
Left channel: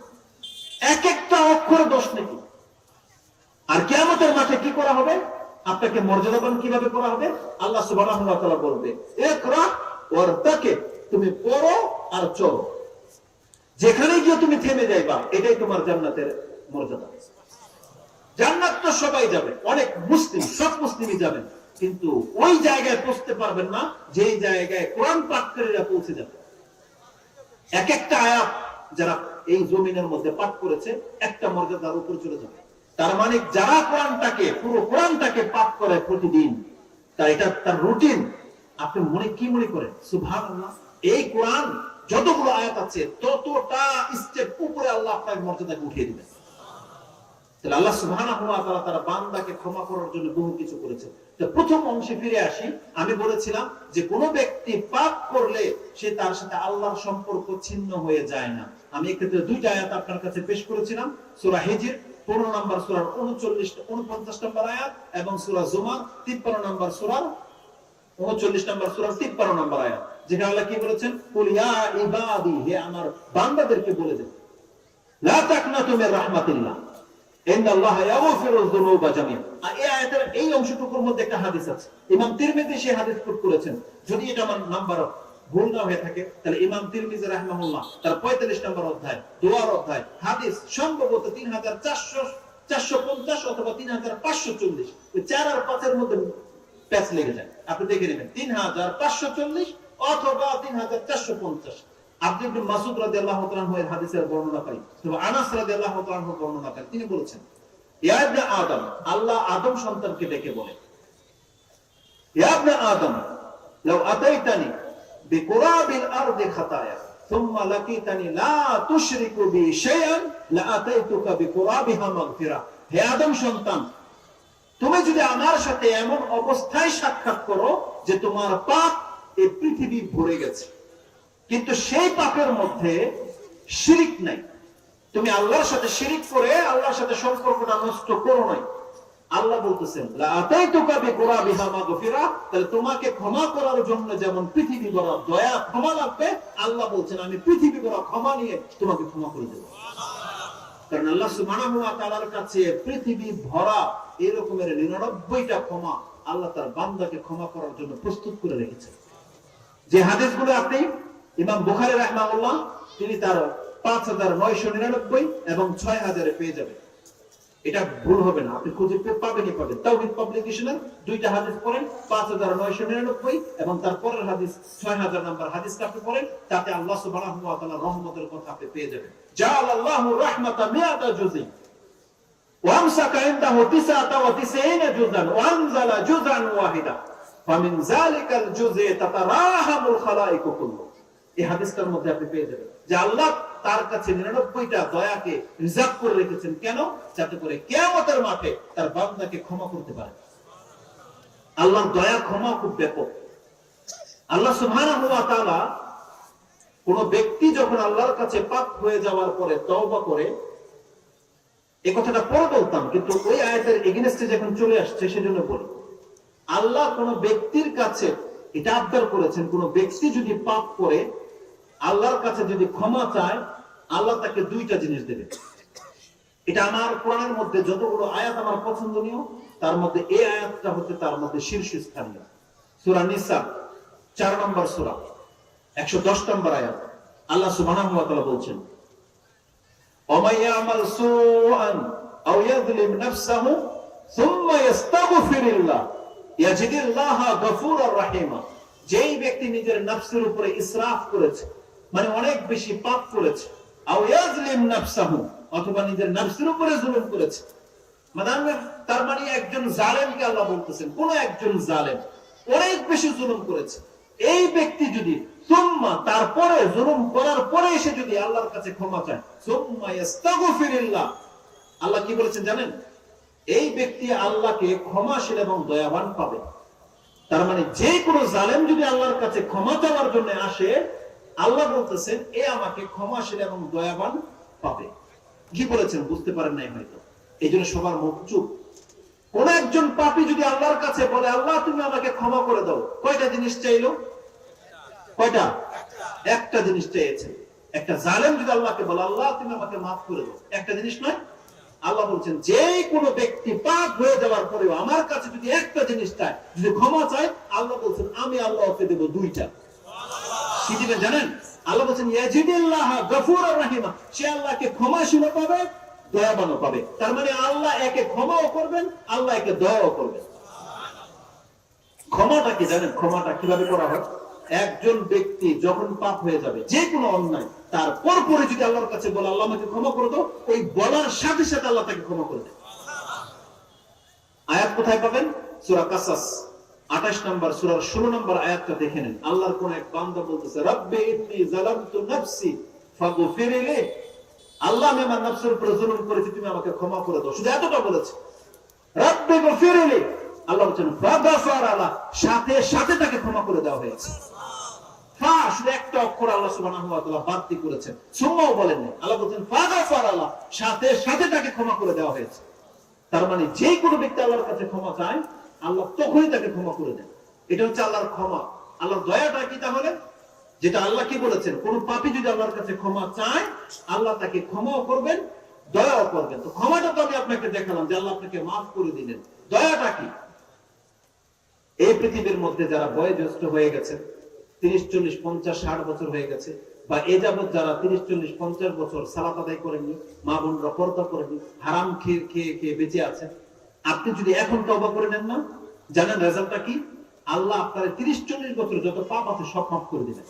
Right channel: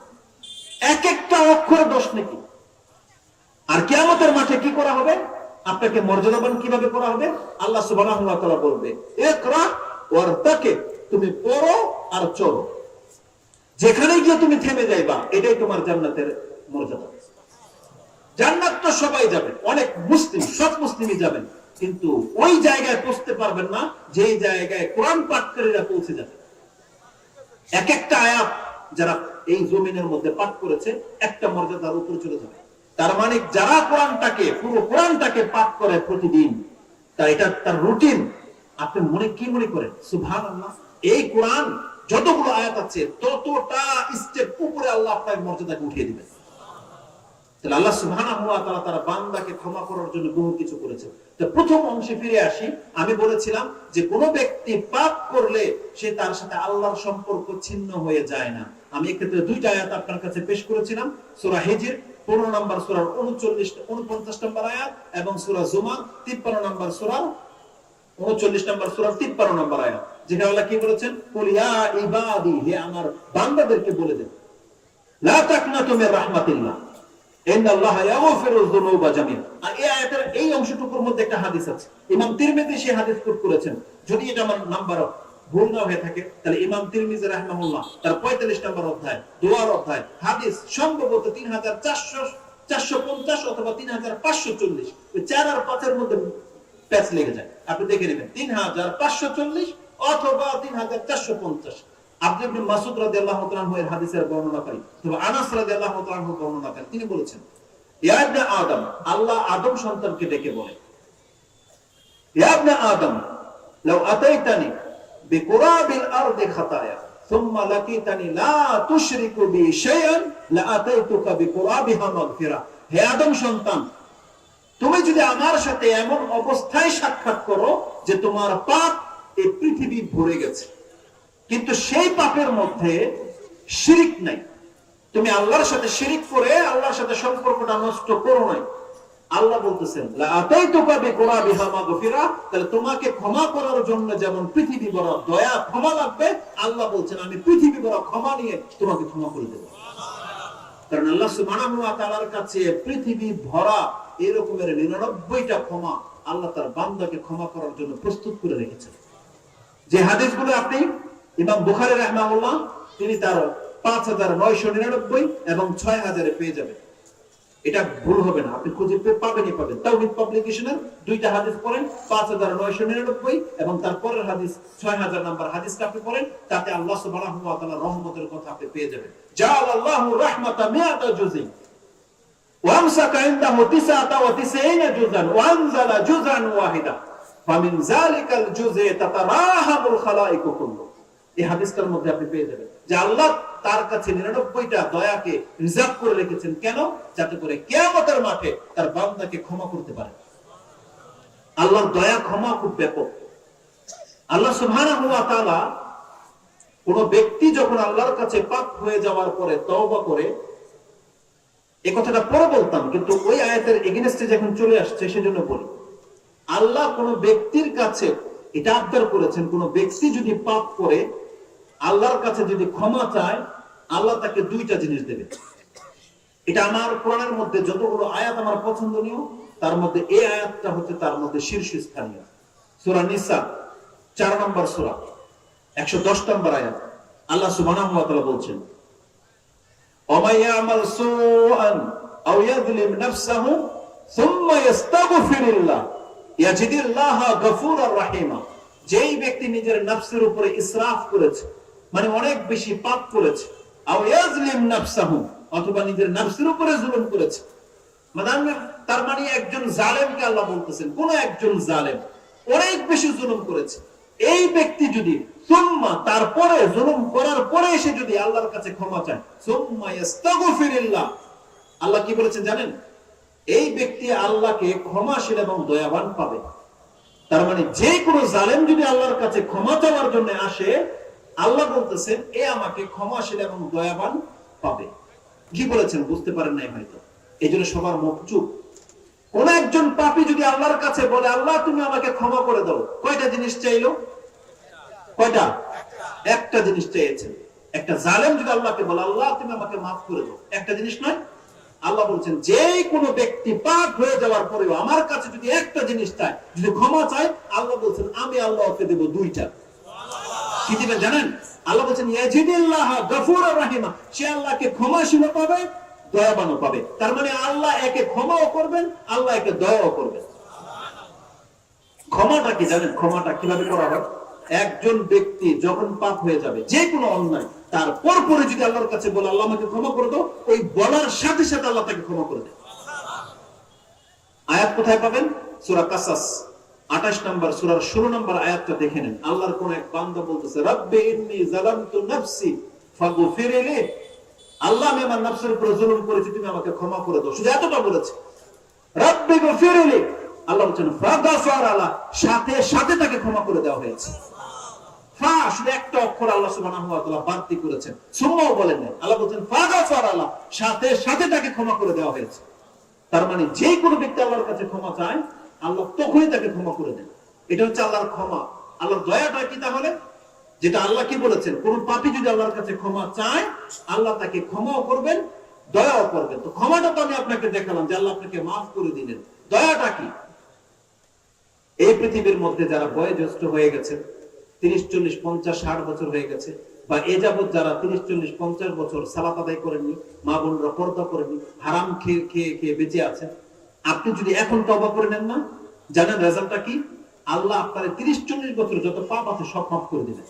এক একটা অক্ষর 10 নাকি। আর কিয়ামতের মাঠে কি করা হবে? আপনাকে মর্যাদাবান কিভাবে করা হবে? আল্লাহ সুবহানাহু ওয়া তাআলা বলবে ইকরা ওয়ারতাকি, তুমি পড়ো আর চলো, যেখানে গিয়ে তুমি থেমে যাইবা এটাই তোমার জান্নাতের মর্যাদা। জান্নাত তো সবাই যাবে, অনেক মুসলিম, সব মুসলিমই যাবেন, কিন্তু ওই জায়গায় পৌঁছতে পারবেন না যে জায়গায় কোরআন পাঠকারীরা পৌঁছে যাবে। এক একটা আয়াত যারা এই জমিনের মধ্যে পাঠ করেছে একটা মর্যাদার উপর চলে যাবে। তার মানে যারা কোরআনটাকে, পুরো কোরআনটাকে পাঠ করে প্রতিদিন, এটা তার রুটিন। আপনি কি মনে করেন? সুবহানাল্লাহ, এই কোরআন যতগুলো আয়াত আছে ততটা স্টেপ উপরে আল্লাহ আপনার মর্যাদাকে উঠিয়ে দিবেন। তাহলে আল্লাহ সুবহানাহু ওয়া তাআলা তার বান্দাকে ক্ষমা করার জন্য বহু কিছু করেছেন। তো প্রথম অংশে ফিরে আসি, আমি বলেছিলাম যে কোন ব্যক্তি পাপ করলে সে তার সাথে আল্লাহর সম্পর্ক ছিন্ন হয়ে যায় না। আমি এক্ষেত্রে দুইটা আয়াত আপনার কাছে পেশ করেছিলাম, সূরা হিজর 15 নম্বর সূরার 49 নম্বর আয়াত এবং সূরা জুমার 53 নম্বর সূরার 39 নম্বর সূরার 53 নম্বর আয়াত, যেখানে আল্লাহ কি বলেছেন, কুল ইয়া ইবাদি, হে আমার বান্দাদেরকে বলে দেন, লা তাকনাতু মির রাহমাতিল্লাহ ইন্নাল্লাহা ইয়াগফিরুয যুনুবা জামিআ। এই আয়াতের এই অংশটুকুর মধ্যে একটা হাদিস আছে, ইমাম তিরমিজি সেই হাদিস কোট করেছেন। যদি এটা আমার নাম্বার ভুল না হয়ে থাকে তাহলে ইমাম তিরমিজি রাহিমাহুল্লাহ তার 45 নম্বর অধ্যায়, দোয়ার অধ্যায়, হাদিস সম্ভবত 3450 অথবা 3540, ওই 4 আর 5 এর মধ্যে প্যাচ লেগে যায়, আপনি দেখে নেবেন 3540 অথবা 3450। আব্দুল ইবনে মাসউদ রাদিয়াল্লাহু তাআলা এর হাদিসের বর্ণনাকারী তবে আনাস রাদিয়াল্লাহু তাআলা বর্ণনাকারী, তিনি বলেছেন, ইয়া ইবনে আদম, আল্লাহ আদম সন্তানকে ডেকে বলে, ইয়া ইবনে আদম লাউ আতাইতানি বিকুরাবিল আরদি খাতায়া সুম্মা লাকিতানি লা তুশরিকু বি শাইআন লা আতাইতুকা বিকুরাবিহা মাগফিরা। হে আদম সন্তান, তুমি যদি আমার সাথে এমন অবস্থায় সাক্ষাৎ করো যে তোমার পাপ এই পৃথিবী ভরে গেছে, কিন্তু সেই পাপের মধ্যে শিরিক নাই, তুমি আল্লাহর সাথে শিরিক করে আল্লাহর সাথে সম্পর্কটা নষ্ট করো নাই, আল্লাহ বলতেছেন লা আতাইতুকা বিকুরাবিহা মাগফিরা, তাহলে তোমাকে ক্ষমা করার জন্য যেমন পৃথিবী ভরা দয়া ক্ষমা লাগবে, আল্লাহ বলছেন আমি পৃথিবী ভরা ক্ষমা নিয়ে তোমাকে ক্ষমা করে দেব। কারণ আল্লাহ সুবহানাহু ওয়া তাআলার কাছে পৃথিবী ভরা এরকমের 99টা ক্ষমা আল্লাহ তার বান্দাকে ক্ষমা করার জন্য প্রস্তুত করে রেখেছেন। যে হাদিসগুলো আপনি ইমাম বুখারী রাহিমাহুল্লাহ তিনি তার 5999 এবং 6000 পেয়ে যাবেন, এটা ভুল হবে না, আপনি খুঁজে পাবেনই পাবেন। তাওহীদ পাবলিকেশনের দুইটা হাদিস পড়েন, 5999 এবং তারপরের হাদিস 6000 নম্বর হাদিসটা আপনি পড়েন, তাতে আল্লাহ সুবহানাহু ওয়া তাআলার রহমতের কথা আপনি পেয়ে যাবেন। জাআলাল্লাহু রাহমাতা মিআতা জুজি ওয়া আমসাকা ইনদাহু 99 জুজান ওয়া আনজালা জুজান ওয়াহিদা ফামিন যালিকাল জুজি তাতারাহামুল খালাইকু কুল্লু। এই হাদিসটার মধ্যে আপনি পেয়ে যাবেন যে আল্লাহ তার কাছে 99টা দয়াকে রিজার্ভ করে রেখেছেন, কেন? যাতে করে কিয়ামতের মাঠে তার বান্দাকে ক্ষমা করতে পারে। আল্লাহর দয়া ক্ষমা খুব ব্যাপক। আল্লাহ সুবহানাহু ওয়া তাআলা কোন ব্যক্তি যখন আল্লাহর কাছে পাপ হয়ে যাওয়ার পরে তওবা করে, এই কথাটা পরে বলতাম কিন্তু ওই আয়াতের এগেইনস্টে যখন চলে আসছে সেজন্য বলি, আল্লাহ কোন ব্যক্তির কাছে এটা আবদার করেছেন, কোন ব্যক্তি যদি পাপ করে আল্লাহর কাছে যদি ক্ষমা চায়, আল্লাহ তাকে দুইটা জিনিস দেবে। এটা আমার কোরআনের মধ্যে যতগুলো আয়াত আমার পছন্দনীয়, তার মধ্যে এই আয়াতটা হচ্ছে তার মধ্যে শীর্ষস্থানীয়। সূরা নিসা 4 নম্বর সূরা 110 নম্বর আয়াত, আল্লাহ সুবহানাহু ওয়া তাআলা বলছেন, ওয়া ইয়ামাল সুআন আও ইয়াযলিম নাফসাহু সুম্মা ইস্তাগফিরুল্লাহ ইয়াজিদুল্লাহা গফুরার রাহিমা। যেই ব্যক্তি নিজের নফসের উপরে ইসরাফ করেছে, মানে অনেক বেশি পাপ করেছে, আও ইয়াজলিম নাফসাহু, অথবা নিজের নফসের উপরে জুলুম করেছে, মানে তার মানে একজন জালেমকে আল্লাহ বলতেছেন, কোন একজন জালেম অনেক বেশি জুলুম করেছে, এই ব্যক্তি যদি সুম্মা তারপরে জুলুম করার পরে এসে যদি আল্লাহর কাছে ক্ষমা চায়, সুম্মা ইস্তাগফিরুল্লাহ, আল্লাহ কি বলেছেন জানেন? এই ব্যক্তি আল্লাহকে ক্ষমাশীল এবং দয়াবান পাবে। তার মানে যে কোনো জালেম যদি আল্লাহর কাছে ক্ষমা চাওয়ার জন্য আসে, আল্লাহ বলতেছেন এ আমাকে ক্ষমাশীল এবং দয়াবান পাবে। কি বলেছেন বুঝতে পারেন নাই হয়তো, এই জন্য সবার মুখ চুপ। কোন একজন পাপী যদি আল্লাহর কাছে বলে আল্লাহ তুমি আমাকে ক্ষমা করে দাও, কয়টা জিনিস চাইলো? কয়টা? একটা জিনিস চেয়েছেন। একটা জালেম যদি আল্লাহকে বলে আল্লাহ তুমি আমাকে মাফ করে দাও, একটা জিনিস নয়। আল্লাহ বলছেন যে কোনো ব্যক্তি পাপ হয়ে যাওয়ার পরেও আমার কাছে যদি একটা জিনিস চায়, যদি ক্ষমা চায়, আল্লাহ বলছেন আমি আল্লাহ ওকে দেব দুইটা। কি দিবে জানেন? আল্লাহ বলছেন ইয়াজিদুল্লাহা গফুরার রাহিমা, সে আল্লাহকে ক্ষমাশীল পাবে, দয়াবানও পাবে। তার মানে আল্লাহ একে ক্ষমাও করবেন, আল্লাহ একে দয়াও করবেন। ক্ষমাটা কি জানেন? ক্ষমাটা কিভাবে করা হয়? একজন ব্যক্তি যখন পাপ হয়ে যাবে, যে কোনো অন্যায়, তারপর পরে যদি আল্লাহর কাছে বলে আল্লাহ আমাকে ক্ষমা করে দাও, ওই বলার সাথে সাথে আল্লাহ তাকে ক্ষমা করে দেয়। আয়াত কোথায় পাবেন? সূরা কাসাস 28 নম্বর সূরার 16 নম্বর আয়াতটা দেখে নেন। আল্লাহর কোন এক বান্দা বলতেছে, রব্বি ইন্নী যালামতু নাফসি ফাগফিরলি, আল্লাহ আমি আমার নফসের উপর জুলুম করেছি, তুমি আমাকে ক্ষমা করে দাও। শুধু এতটা বলেছে, রব্বি গফিরলি, আল্লাহ বলেন ফাগফারা লা, সাথে সাথে তাকে ক্ষমা করে দেওয়া হয়েছে। ফা শুধু একটা অক্ষর আল্লাহ সুবহানাহু ওয়া তাআলা বাড়তি করেছেন, সুম্মাও বলেন না। আল্লাহ বলেন ফাগফারা লা, সাথে সাথে তাকে ক্ষমা করে দেওয়া হয়েছে। তার মানে যে কোনো ব্যক্তি আল্লাহর কাছে ক্ষমা চায়, আল্লাহ তখনই তাকে ক্ষমা করে দেন। এটা হচ্ছে আল্লাহর ক্ষমা। আল্লাহর দয়াটা কি তাহলে? যেটা আল্লাহ কি বলেছেন, কোন পাপী যদি আল্লাহর কাছে ক্ষমা চায়, আল্লাহ তাকে ক্ষমাও করবেন, দয়াও করবেন। তো ক্ষমাটা তো আমি আপনাকে দেখালাম যে আল্লাহ আপনাকে মাফ করে দিলেন। দয়াটা কি? এই পৃথিবীর মধ্যে যারা বয়োজ্যেষ্ঠ হয়ে গেছে, 30, 40, 50, 60 বছর হয়ে গেছে, বা এ যাবৎ যারা 30, 40, 50 বছর সালাত আদায় করেননি, মা বোনরা পর্দা করেননি, হারাম খেয়ে খেয়ে খেয়ে বেঁচে আছেন, আপনি যদি এখন তওবা করে নেন না, জানেন রেজাল্টটা কি? আল্লাহ আপনার 30, 40 বছর যত পাপ আছে সব মাফ করে দিবেন।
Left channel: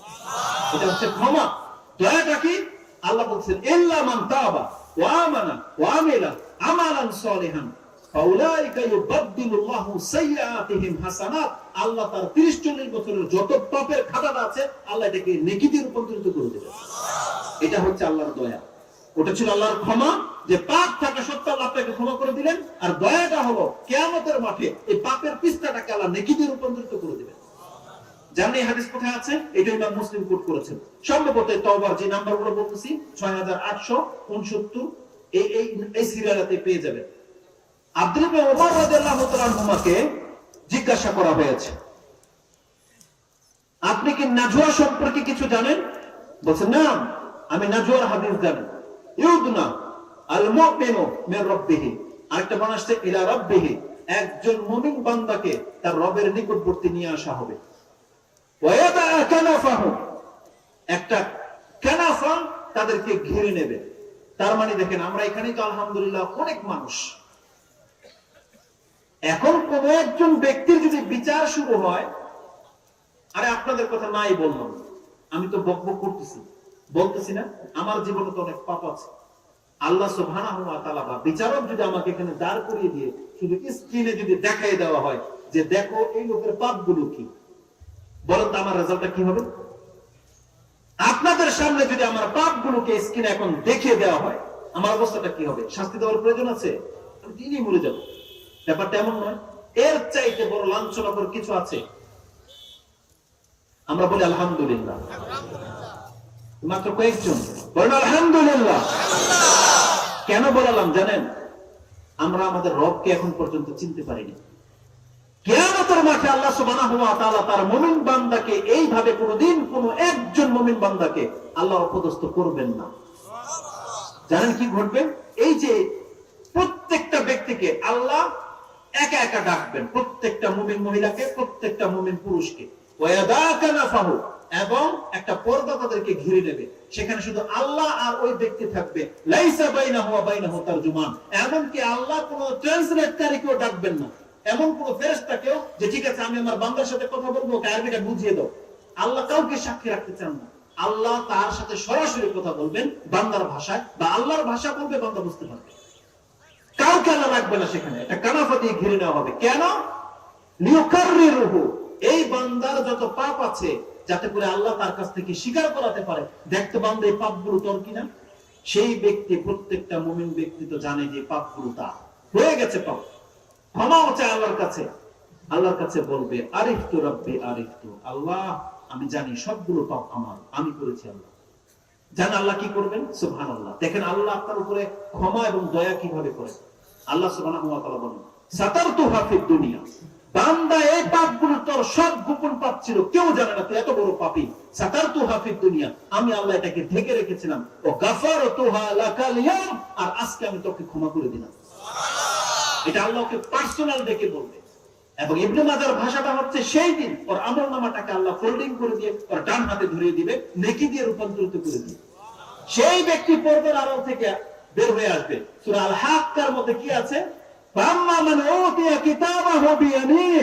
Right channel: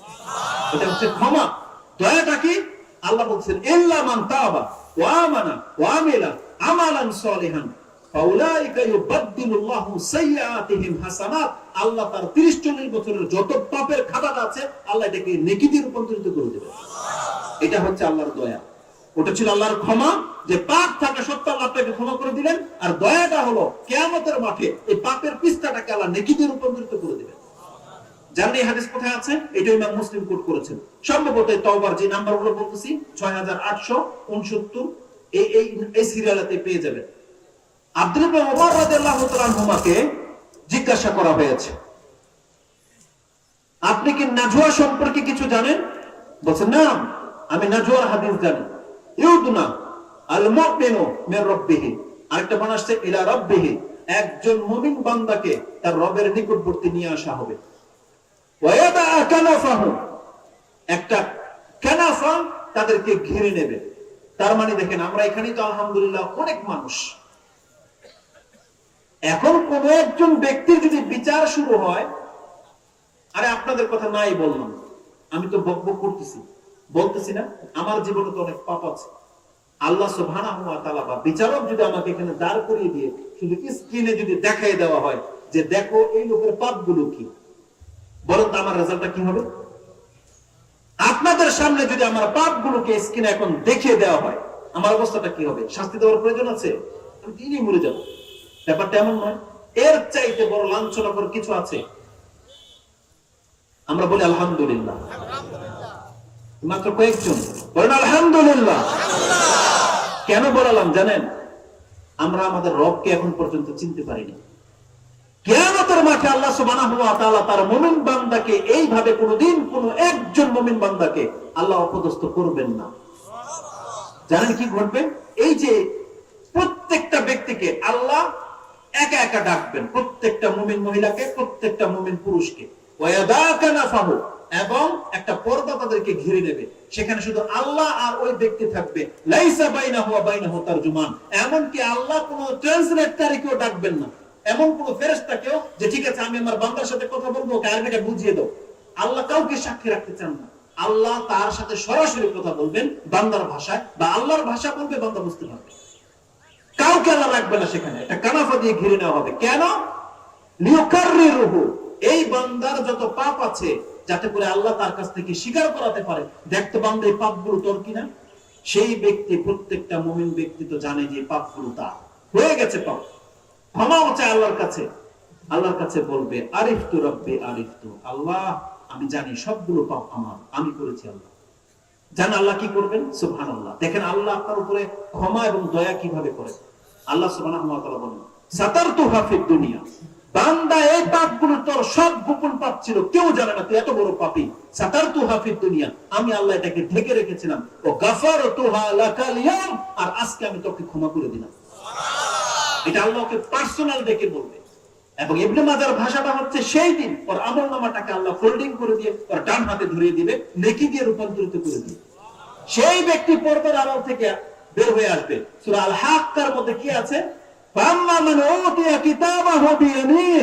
এটা হচ্ছে ক্ষমা। দয়াটা কি? আল্লাহ বলছেন ইল্লা মান তাবা ওয়া আমানা ওয়া আমিলা আমালান সলিহান ফাউলাইকা ইউবাদদিলুল্লাহু সাইয়্যাতিহিম হাসানাত। আল্লাহ তার 30, 40 বছরের যত পাপের খাতাটা আছে আল্লাহ এটাকে নেকিতে রূপান্তরিত করে দেবেন। এটা হচ্ছে আল্লাহর দয়া। ওটা ছিল আল্লাহর ক্ষমা, যে পাপ থাকা সত্ত্বেও আল্লাহ তাকে ক্ষমা করে দিলেন। আর দয়াটা হলো কিয়ামতের মাঠে এই পাপের পিস্তাটাকে আল্লাহ নেকিতে রূপান্তরিত করে দিবেন। জানেন এই হাদিস কোথায় আছে? এটা ইমাম মুসলিম কোট করেছেন। সম্ভবত তওবার যে নাম্বারগুলো বলতেছি 6869 এই সিরিয়ালেতে পেয়ে যাবেন। আব্দুল্লাহ ইবনে ওমর রাদিয়াল্লাহু তাআলা আনহুমাকে জিজ্ঞাসা করা হয়েছে, আপনি কি নাজওয়া সম্পর্কে কিছু জানেন? বলেন না, আমি নাজওয়ার হাদিস জানি। ইউদনা আল মুমিনু মির রাব্বিহি, আরেকটা বর্ণনা আসছে ইলা রাব্বিহি, একজন মুমিন বান্দাকে তার রবের নিকটবর্তী নিয়ে আসা হবে। ওয়ায়াদা কানাফাহু, একটা কানাফা তাদেরকে ঘিরে নেবে। তার মানে দেখেন, আমরা এখানেই তো আলহামদুলিল্লাহ অনেক মানুষ। এখন কোন একজন ব্যক্তির যদি বিচার শুরু হয়, আরে আপনাদের কথা নাই বললাম, আমি তো বকবক করতেছি, বলতেছি না আমার জীবনে তো অনেক পাপ আছে। আল্লাহ সুবহানাহু ওয়া তাআলা বা বিচারক যদি আমাকে এখানে দাঁড় করিয়ে দিয়ে শুধু স্ক্রিনে যদি দেখাই দেওয়া হয় যে দেখো এই লোকের পাপগুলো কি, বলেন তো আমার রেজাল্টটা কি হবে? আপনাদের সামনে যদি আমার পাপগুলোকে স্ক্রিনে এখন দেখিয়ে দেওয়া হয়, আমার অবস্থাটা কি হবে? শাস্তি দেওয়ার প্রয়োজন আছে? আমি দিনই মরে যাব। ব্যাপারটা এমন নয়। এর চাইতে বড় লাঞ্ছনাকর কিছু আছে? আমরা বলি আলহামদুলিল্লাহ, মাত্র কয়েকজন বলেন আলহামদুলিল্লাহ। কেন বললাম জানেন? আমরা আমাদের রবকে এখন পর্যন্ত চিনতে পারিনি। কিয়ামতের মাঠে আল্লাহ সুবহানাহু ওয়া তাআলা তার মুমিন বান্দাকে এইভাবে কোনদিন কোন একজন মুমিন বান্দাকে আল্লাহ অপদস্থ করবেন না। জানেন কি ঘটবে? এই যে প্রত্যেকটা ব্যক্তিকে আল্লাহ একা একা ডাকবেন, প্রত্যেকটা মুমিন মহিলাকে, প্রত্যেকটা মুমিন পুরুষকে, ওয়ায়াদা কানাফাহু, এবং একটা পর্দা তাদেরকে ঘিরে নেবে। সেখানে শুধু আল্লাহ আর ওই ব্যক্তি থাকবে। লাইসা বাইনাহু ওয়া বাইনাহু তারজুমান, এমনকি আল্লাহ কোনো ট্রান্সলেটরকেও ডাকবেন না। এমন কোন ফেরেশতাকেও যে ঠিক আছে আমি আমার বান্দার সাথে কথা বলবো, আরবিটা বুঝিয়ে দাও, আল্লাহ কাউকে সাক্ষী রাখতে চান না। আল্লাহ তার সাথে সরাসরি কথা বলবেন বান্দার ভাষায়, বা আল্লাহর ভাষা বলবে, বান্দা বুঝতে পারবে। কাউকে আল্লাহ রাখবে না সেখানে, একটা কানাফা দিয়ে ঘিরে নেওয়া হবে। কেন? লিয়ুকাররিরুহু, এই বান্দার যত পাপ আছে যাতে করে আল্লাহ তার কাছ থেকে স্বীকার করাতে পারে, দেখতে বান্দা এই পাপগুলো তোর কিনা। সেই ব্যক্তি, প্রত্যেকটা মুমিন ব্যক্তি তো জানে যে পাপগুলো তার হয়ে গেছে, পাপ ক্ষমা হচ্ছে আল্লাহর কাছে। আল্লাহর কাছে বলবে আরিফতু রাব্বি আরিফতু, আল্লাহ আমি জানি সবগুলো পাপ আমার, আমি করেছি। আল্লাহ জান আল্লাহ কি করবেন? সুবহানাল্লাহ। দেখেন আল্লাহ আপনার উপরে ক্ষমা এবং দয়া কিভাবে করে। আল্লাহ সুবহানাহু ওয়া তাআলা বলেন সাতারতুহা ফিদ দুনিয়া, বান্দা এই পাপগুলো তোর সব গোপন পাপ ছিল, কেউ জানে না তুই এত বড় পাপী। সাতারতুহা ফিদ দুনিয়া, আমি আল্লাহ এটাকে ঢেকে রেখেছিলাম। ও গাফারতুহা লাকাল ইয়াম, আর আজকে আমি তোকে ক্ষমা করে দিলাম। এটা আল্লাহকে পার্সোনাল ডেকে বলবে। এবং ইবনে মাজার ভাষাটা হচ্ছে সেই দিন ওর আমলনামাটাকে আল্লাহ ফোল্ডিং করে দিয়ে ওর ডান হাতে ধরিয়ে দিবে, নেকি দিয়ে রূপান্তরিত করে দিবে। সেই ব্যক্তি পর্দার আড়াল থেকে বের হয়ে আসবে। সূরা আল হাক্কার মধ্যে কি আছে? ফাম্মা মান উতিয়া কিতাবাহু বিয়ামিনিহি,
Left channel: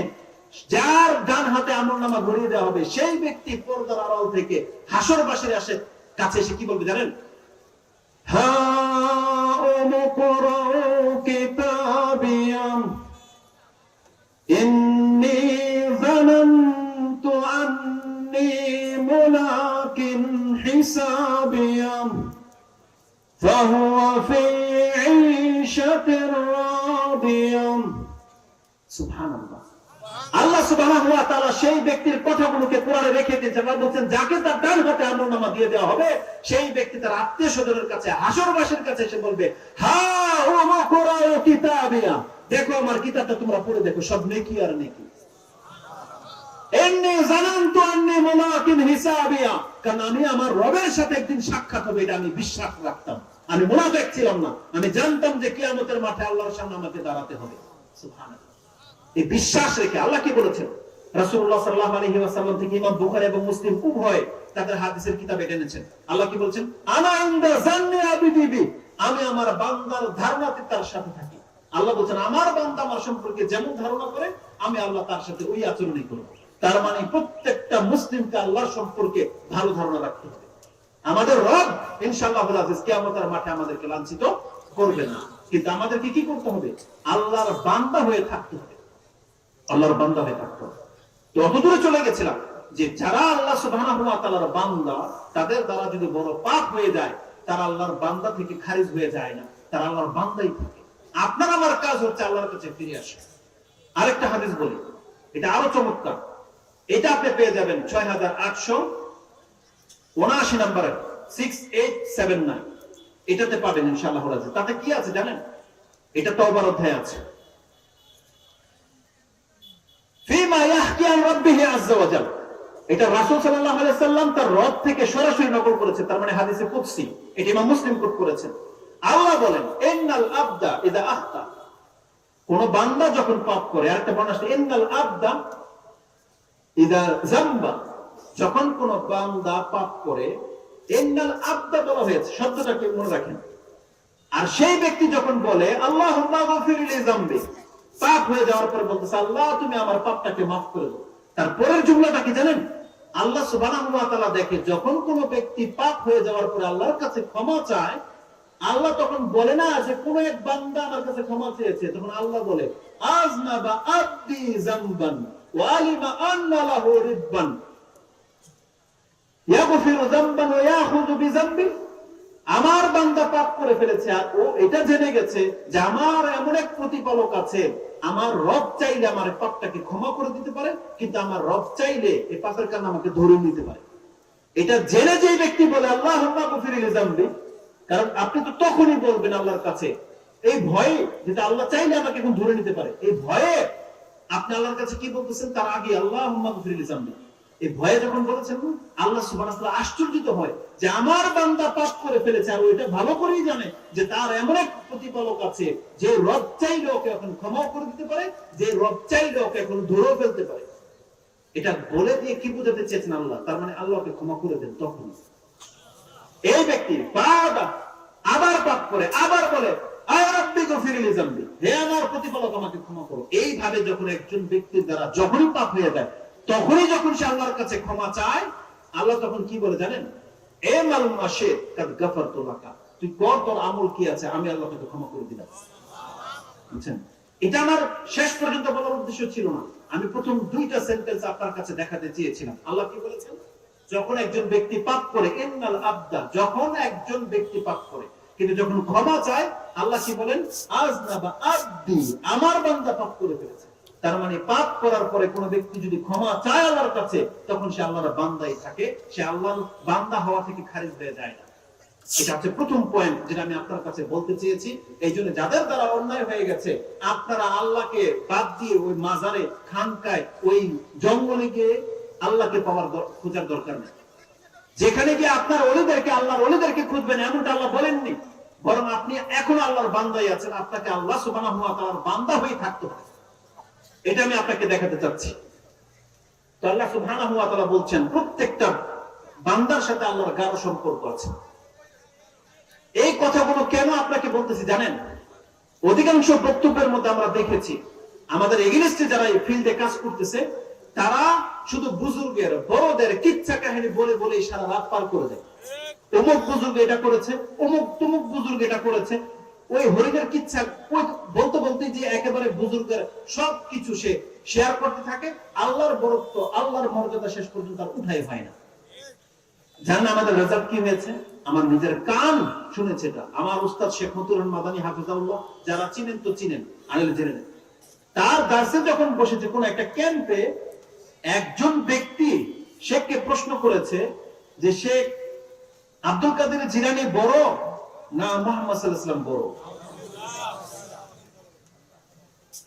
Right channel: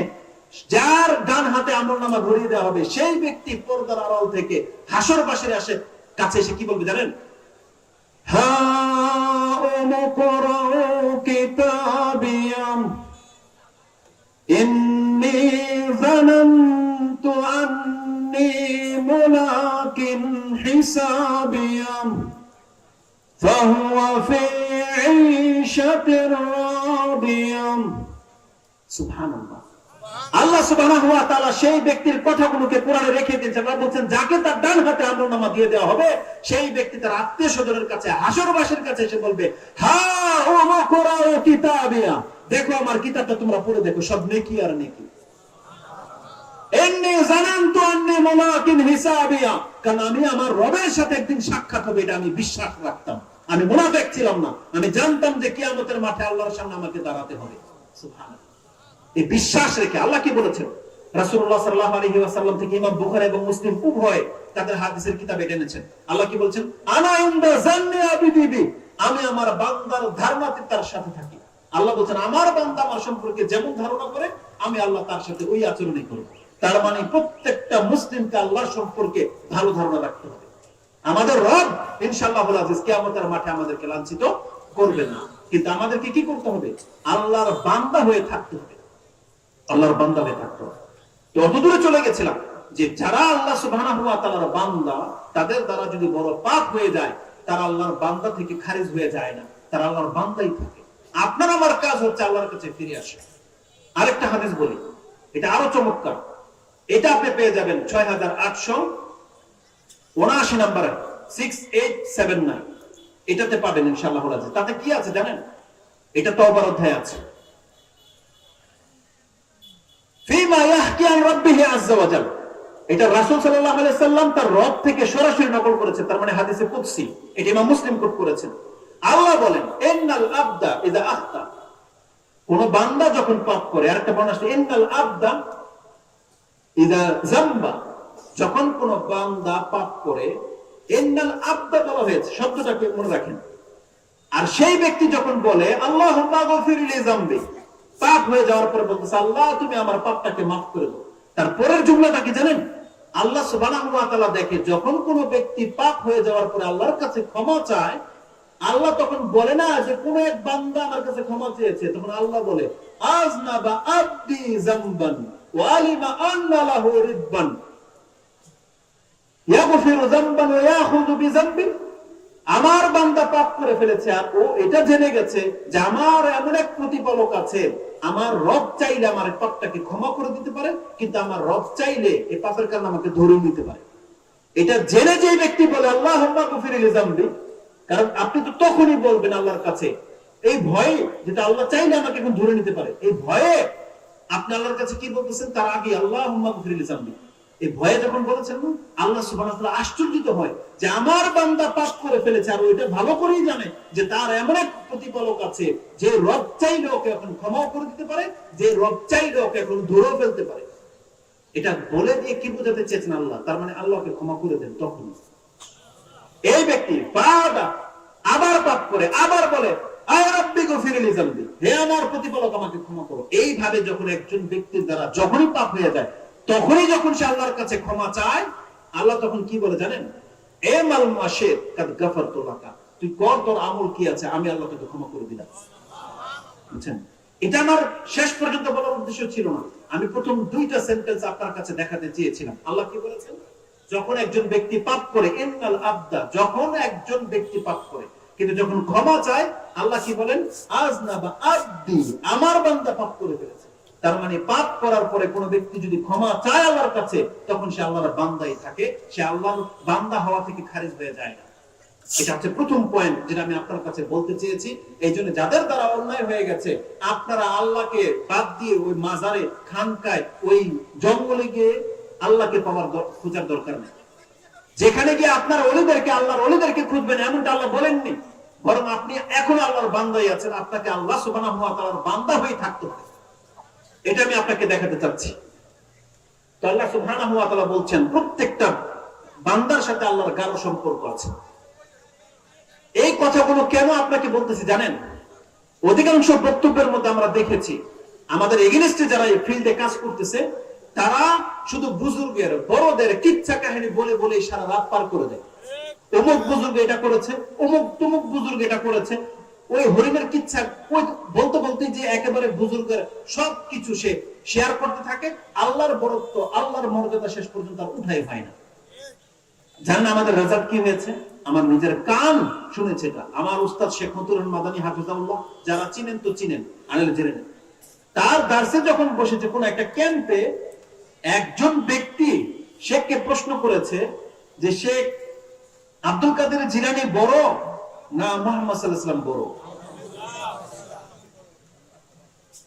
যার ডান হাতে আমলনামা ধরিয়ে দেওয়া হবে, সেই ব্যক্তি পর্দার আড়াল থেকে হাসরবাসীর কাছে এসে কি বলবে জানেন? হা উমকুরাউ কিতাবিয়াম ইন্নী আন্নী মুলাকিন হিসাবিয়া ফাহুয়া ফি ঈশাতির রাদিয়া। সুবহানাল্লাহ। আল্লাহ সুবহানাহু ওয়া তাআলা সেই ব্যক্তির কথাগুলোকে কোরআনে রেখে দিয়েছেন। আল্লাহ বলছেন যাকে তার ডান হাতে আমলনামা দিয়ে দেওয়া হবে সেই ব্যক্তি তার আত্মীয়-স্বজনের কাছে হাসরবাসীর কাছে এসে বলবে, হা উমকুরা কিতাবিয়া, দেখো আমার কিতাবটা তোমরা পড়ে দেখো, সব নেকি আর নেকি। ইন্নী জানানতু আন্নী মুলাকিন হিসাবিয়া, কারণ আমি আমার রবের সাথে একদিন সাক্ষাৎ হবে এটা আমি বিশ্বাস রাখতাম। আমি মুনাফিক ছিলাম না, আমি জানতাম যে কিয়ামতের মাঠে আল্লাহর সামনে আমাকে দাঁড়াতে হবে। সুবহানাল্লাহ। এই বিশ্বাস রেখে আল্লাহ কি বলেছেন, রাসূলুল্লাহ সাল্লাল্লাহু আলাইহি ওয়াসাল্লাম থেকে ইমাম বুখারী এবং মুসলিম উভয় তাদের হাদিসের কিতাবে এনেছেন। আল্লাহ কি বলছেন, আনা ইনদা জান্নি আবিদি বি, আমি আমার বান্দার ধারণাতে তার সাথে থাকি। আল্লাহ বলেন আমার বান্দা আমার সম্পর্কে যেমন ধারণা করে আমি আল্লাহ তার সাথে ওই আচরণই করব। তার মানে প্রত্যেকটা মুসলিমকে আল্লাহ সম্পর্কে ভালো ধারণা রাখতে হবে। আমাদের রব ইনশাআল্লাহুল আজিজ কিয়ামতের মাঠে আমাদেরকে লাঞ্ছিত করবেন না, কিন্তু আমাদেরকে কি করতে হবে, আল্লাহর বান্দা হয়ে থাকতে হবে। আল্লাহর বান্দা হয়ে থাকতে হবে। এতদূরে চলে গেছিলাম যে যারা আল্লাহ সুবহানাহু ওয়া তাআলার বান্দা তাদের দ্বারা যদি বড় পাপ হয়ে যায় তারা আল্লাহর বান্দা থেকে খারিজ হয়ে যায় না, তারা আল্লাহর বান্দাই থাকে। আপনার আমার কাজ হচ্ছে আল্লাহর কাছে ফিরে আসা। আরেকটা হাদিস বলি, এটা আরো চমৎকার। এটা আপনি পেয়ে যাবেন 6879 নম্বরে 6879, এটাতে পাবেন ইনশাআল্লাহ। তাতে কি আছে জানেন, এটা তওবার অধ্যায় আছে। ফিমা ইয়াহকি আন রাব্বিহি আযজা ওয়া জাল, এটা রাসূল সাল্লাল্লাহু আলাইহি সাল্লাম তার রব থেকে সরাসরি নকল করেছেন, তার মানে হাদিসে কুদসি। এটা ইমাম মুসলিম কোট করেছেন। আল্লাহ বলেন, ইন্নাল আবদা ইযা আখতা, কোন বান্দা যখন পাপ করে, আরেকটা বর্ণনা আছে ইন্নাল আবদা ইযা যামবা, যখন কোন বান্দা পাপ করে, ইন্নাল আবদা বলা হয়েছে, শব্দটাকে মনে রাখেন। আর সেই ব্যক্তি যখন বলে আল্লাহুম্মা গফির লি যামবি, পাপ হয়ে যাওয়ার পরে বলতেছে আল্লাহ তুমি আমার পাপটাকে মাফ করে দাও, তারপরের জুমলাটা কি জানেন, আল্লাহ সুবহানাহু ওয়া তাআলা দেখে যখন কোন ব্যক্তি পাপ হয়ে যাওয়ার পরে আল্লাহর কাছে ক্ষমা চায়, আল্লাহ তখন বলে না যে কোন এক বান্দা আমার কাছে ক্ষমা চেয়েছে, তখন আল্লাহ বলে আযনাবা আবদি যামবান ওয়া আলিমা আন্না লাহু রিদবান ইয়াগফিরু যামবান ওয়া ইয়াখুযু বিযামবি, আমার বান্দা পাপ করে ফেলেছে আর ও এটা জেনে গেছে যে আমার এমন এক প্রতিপালক আছে, আমার রব চাইলে আমার পাপটাকে ক্ষমা করে দিতে পারে, কিন্তু আমার রব চাইলে এই পাপের কারণে আমাকে ধরে নিতে পারে। এটা জেনে যে ব্যক্তি বলে আল্লাহুম্মা গফির লি যামবি, কারণ আপনি তো তখনই বলবেন আল্লাহর কাছে এই ভয়ে, যেটা আল্লাহ চাইলে আমাকে এখন ধরে নিতে পারে, এই ভয়ে আপনি আল্লাহর কাছে কি বলতেছেন, তার আগে আল্লাহুম্মা গফির লি যামবি, এই ভয়ে যখন বলেছেন আল্লাহ সুবহানাহু ওয়া তাআলা আশ্চর্যিত হয় যে আমার বান্দা পাপ করে ফেলেছে, আর ওইটা ভালো করেই জানে যে তার এমন এক প্রতিপালক আছে যে রব চাইলে ওকে এখন ক্ষমা করে দিতে পারে, যে রব চাইলে ওকে এখন ধরে ফেলতে পারে। এটা বলে দিয়ে কি বোঝাতে চেয়েছেন আল্লাহ, তার মানে আল্লাহকে ক্ষমা করে দেন। তখন এই ব্যক্তি আবার পাপ করে, আবার বলে আয় রাব্বি গফির লি যামবি, হে আমার প্রতিপালক আমাকে ক্ষমা করো। এইভাবে যখন একজন ব্যক্তির দ্বারা যখনই পাপ হয়ে যায়, তখনই যখন সে আল্লাহর কাছে ক্ষমা চায়, আল্লাহ তখন কি বলে জানেন, এ মাল মাশিদ কাদ গাফারতু লাকা, তুই কর, তোর আমল কি আছে, আমি আল্লাহ তোকে ক্ষমা করে দিলাম। বুঝছেন, এটা আমার শেষ পর্যন্ত বলার উদ্দেশ্য ছিল না, আমি প্রথম দুইটা সেন্টেন্স আপনার কাছে দেখাতে চেয়েছিলাম। আল্লাহ কি বলেছেন, যখন একজন ব্যক্তি পাপ করে, ইন্নাল আবদা, যখন একজন ব্যক্তি পাপ করে কিন্তু যখন ক্ষমা চায়, আল্লাহ কি বলেন, আযনাবা আবদি, আমার বান্দা পাপ করে ফেলেছে। তার মানে পাপ করার পরে কোন ব্যক্তি যদি ক্ষমা চায় আল্লাহর কাছে, তখন সে আল্লাহর বান্দাই থাকে, সে আল্লাহর বান্দা হওয়া থেকে খারিজ হয়ে যায় না। এটা হচ্ছে প্রথম পয়েন্ট যেটা আমি আপনার কাছে বলতে চেয়েছি। এই জন্য যাদের দ্বারা অন্যায় হয়ে গেছে, আপনারা আল্লাহকে বাদ দিয়ে ওই মাজারে, খানকায়, ওই জঙ্গলে গিয়ে আল্লাহকে পাওয়ার খোঁজার দরকার নেই। যেখানে গিয়ে আপনার ওলিদেরকে, আল্লাহর ওলিদেরকে খুঁজবেন এমনটা আল্লাহ বলেননি, বরং আপনি এখন আল্লাহর বান্দাই আছেন, আপনাকে আল্লাহ সুবহানাহু ওয়া তাআলার বান্দা হয়ে থাকতে হবে। এটা আমি আপনাকে দেখাতে চাচ্ছি। তো আল্লাহ সুবহানাহু ওয়া তাআলা বলছেন প্রত্যেকটা বান্দার সাথে আল্লাহর গাঢ় সম্পর্ক আছে। এই কথাগুলো কেন আপনাকে বলতেছি জানেন, অধিকাংশ বক্তব্যের মধ্যে আমরা দেখেছি আমাদের এগেইনস্টে যারা এই ফিল্ডে কাজ করতেছে, তারা শুধু বুজুর্গের, বড়দের কিচ্ছা কাহিনী বলে বলে সারা রাত পার করে দেয়। অমুক বুজুর্গ এটা করেছে, অমুক তমুক বুজুর্গ এটা করেছে, ওই হরিণের কিচ্ছা ওই বলতে বলতে যে একেবারে বুজুর্গের সবকিছু সে শেয়ার করতে থাকে, আল্লাহর বরত্ব আল্লাহর মর্যাদা শেষ পর্যন্ত আর উঠাই হয় না। জানেন আমাদের রেজাল্ট কি হয়েছে? আমার নিজের কান শুনেছে এটা, আমার উস্তাদ শেখ মতুর মাদানী হাফিজাহুল্লাহ, যারা চিনেন তো চিনেন, আনেন জেনে নেন। তার দার্সে যখন বসেছে কোন একটা ক্যাম্পে, একজন ব্যক্তি শেখকে প্রশ্ন করেছে যে শেখ আব্দুল কাদের জিলানী বড় না মুহাম্মদ সাল্লাল্লাহু আলাইহি ওয়াসাল্লাম বড়?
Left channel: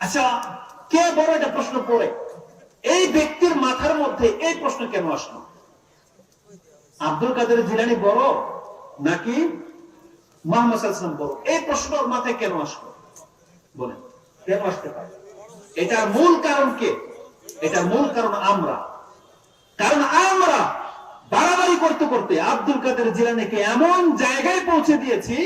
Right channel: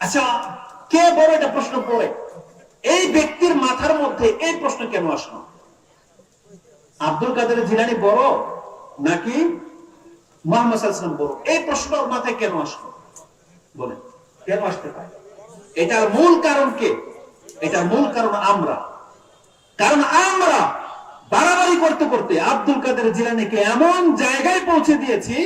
আচ্ছা, কে বড় এটা প্রশ্ন করে এই ব্যক্তির মাথার মধ্যে এই প্রশ্ন কেন আসলো? আব্দুল কাদের জিলানী বড় নাকি মুহাম্মদ সাল্লাল্লাহু আলাইহি ওয়াসাল্লাম বড়? এই প্রশ্ন ওর মাথায় কেন আসলো বলেন? কেন আসতে পারে? এটার মূল কারণ কে? এটার মূল কারণ আমরা। কারণ আমরা বাড়াবাড়ি করতে করতে আব্দুল কাদের জিলানীকে এমন জায়গায় পৌঁছে দিয়েছি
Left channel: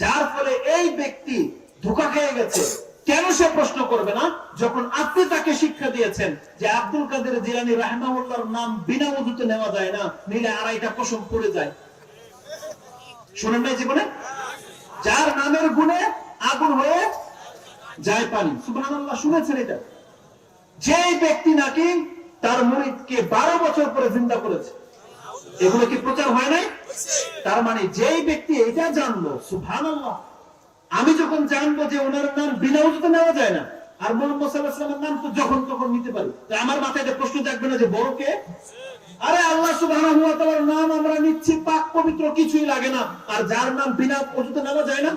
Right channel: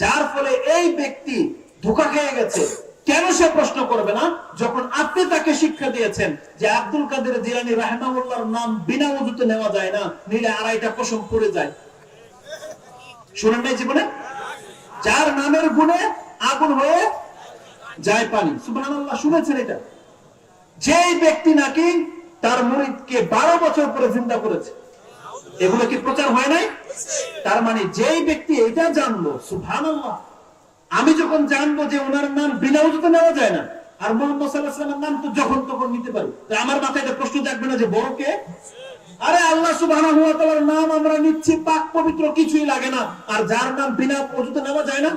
যার ফলে এই ব্যক্তি ধোঁকা খেয়ে গেছে। কেন সে প্রশ্ন করবে না যখন আপনি তাকে শিক্ষা দিয়েছেন যে আব্দুল কাদের জিলানী রাহিমাহুল্লাহর নাম বিনা ওযুতে নেওয়া যায় না, নিলে আড়াইটা কসম পড়ে যায়। শুনেন নাই জীবনে? যার নামের গুণে আগুন হয়ে যায় পানি, সুবহানাল্লাহ, শুনেছেন এটা? যেই ব্যক্তি নাকি তার মুরিদকে 12 বছর পরে জিন্দা করেছে, এগুলো কি প্রচার হয় নাই? তার মানে যেই ব্যক্তি এটা জানলো, সুবহানাল্লাহ, আমি যখন জানবো যে ওনার নাম বিনা ওযুতে নেওয়া যায় না, আর মুহাম্মদ সাল্লাল্লাহু আলাইহি ওয়াসাল্লামের নাম তো যখন তখন নিতে পারি, তা আমার মাথায় এটা প্রশ্ন জাগবে না যে বড় কে? আরে আল্লাহ সুবহানাহু ওয়া তাআলার নাম আমরা নিচ্ছি, পাক পবিত্র, কিছুই লাগে না, আর যার নাম বিনা ওযুতে নেওয়া যায় না,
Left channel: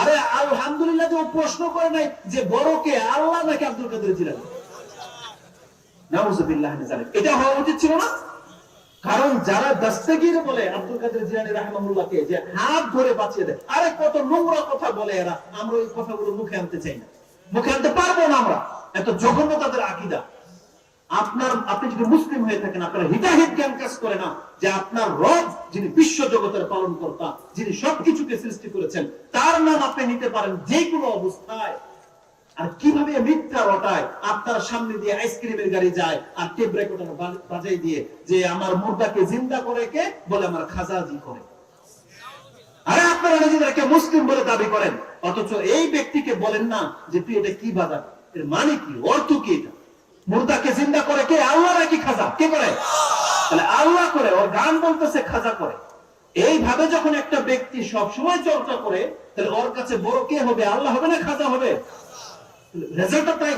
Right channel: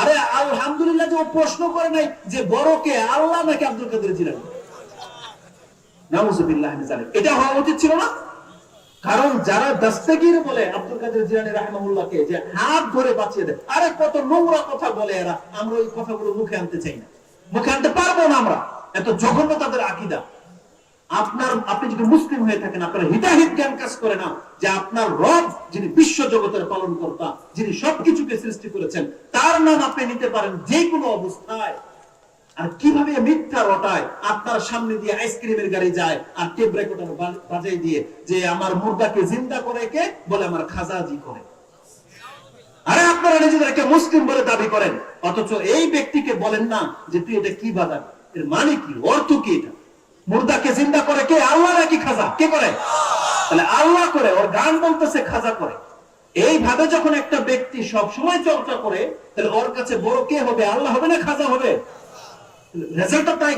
আরে আলহামদুলিল্লাহ যে ও প্রশ্ন করে নাই যে বড় কে, আল্লাহ নাকি আব্দুল কাদের জিলানী। নাউযুবিল্লাহ মিন যালিক। এটা হওয়া উচিত ছিল না। কারণ যারা দস্তগীর বলে আব্দুল কাদের জিলানী রাহিমাহুল্লাহকে যে হাত ধরে বাঁচিয়ে দেয়, আরে কত নোংরা কথা বলে এরা, আমরা ওই কথাগুলো মুখে আনতে চাই না, মুখে আনতে পারবো না আমরা, এত জঘন্য তাদের আকীদা। আপনি যদি মুসলিম হয়ে থাকেন, আপনার হিতাহিত জ্ঞান কাজ করে না যে আপনার রব যিনি বিশ্ব জগতের পালন কর্তা, যিনি সবকিছুকে সৃষ্টি করেছেন, তার নাম আপনি নিতে পারেন যে কোনো অবস্থায়। আর কিভাবে মিথ্যা রটায়, আপনার সামনে দিয়ে আইসক্রিমের গাড়ি যায় আর টেপ রেকর্ডার বাজাই দিয়ে যে আমার মুর্দাকে জিন্দা করে কে বলে আমার খাজাজি করে। আরে আপনারা নিজেদেরকে মুসলিম বলে দাবি করেন, অথচ এই ব্যক্তিকে বলেন না যে তুই এটা কি বাজার, এর মানে কি, অর্থ কি? এটা মুর্দাকে জিন্দা করে কে? আল্লাহ নাকি খাজা? কে করে? তাহলে আল্লাহ করে, ওর গান বলতেছে খাজা করে। এইভাবে যখন একটা ব্যক্তি সব সময় চর্চা করে, তাহলে ওর কাছে বড় কে হবে? আল্লাহ হবে না খাজা হবে? রেজাল্টটা তাই।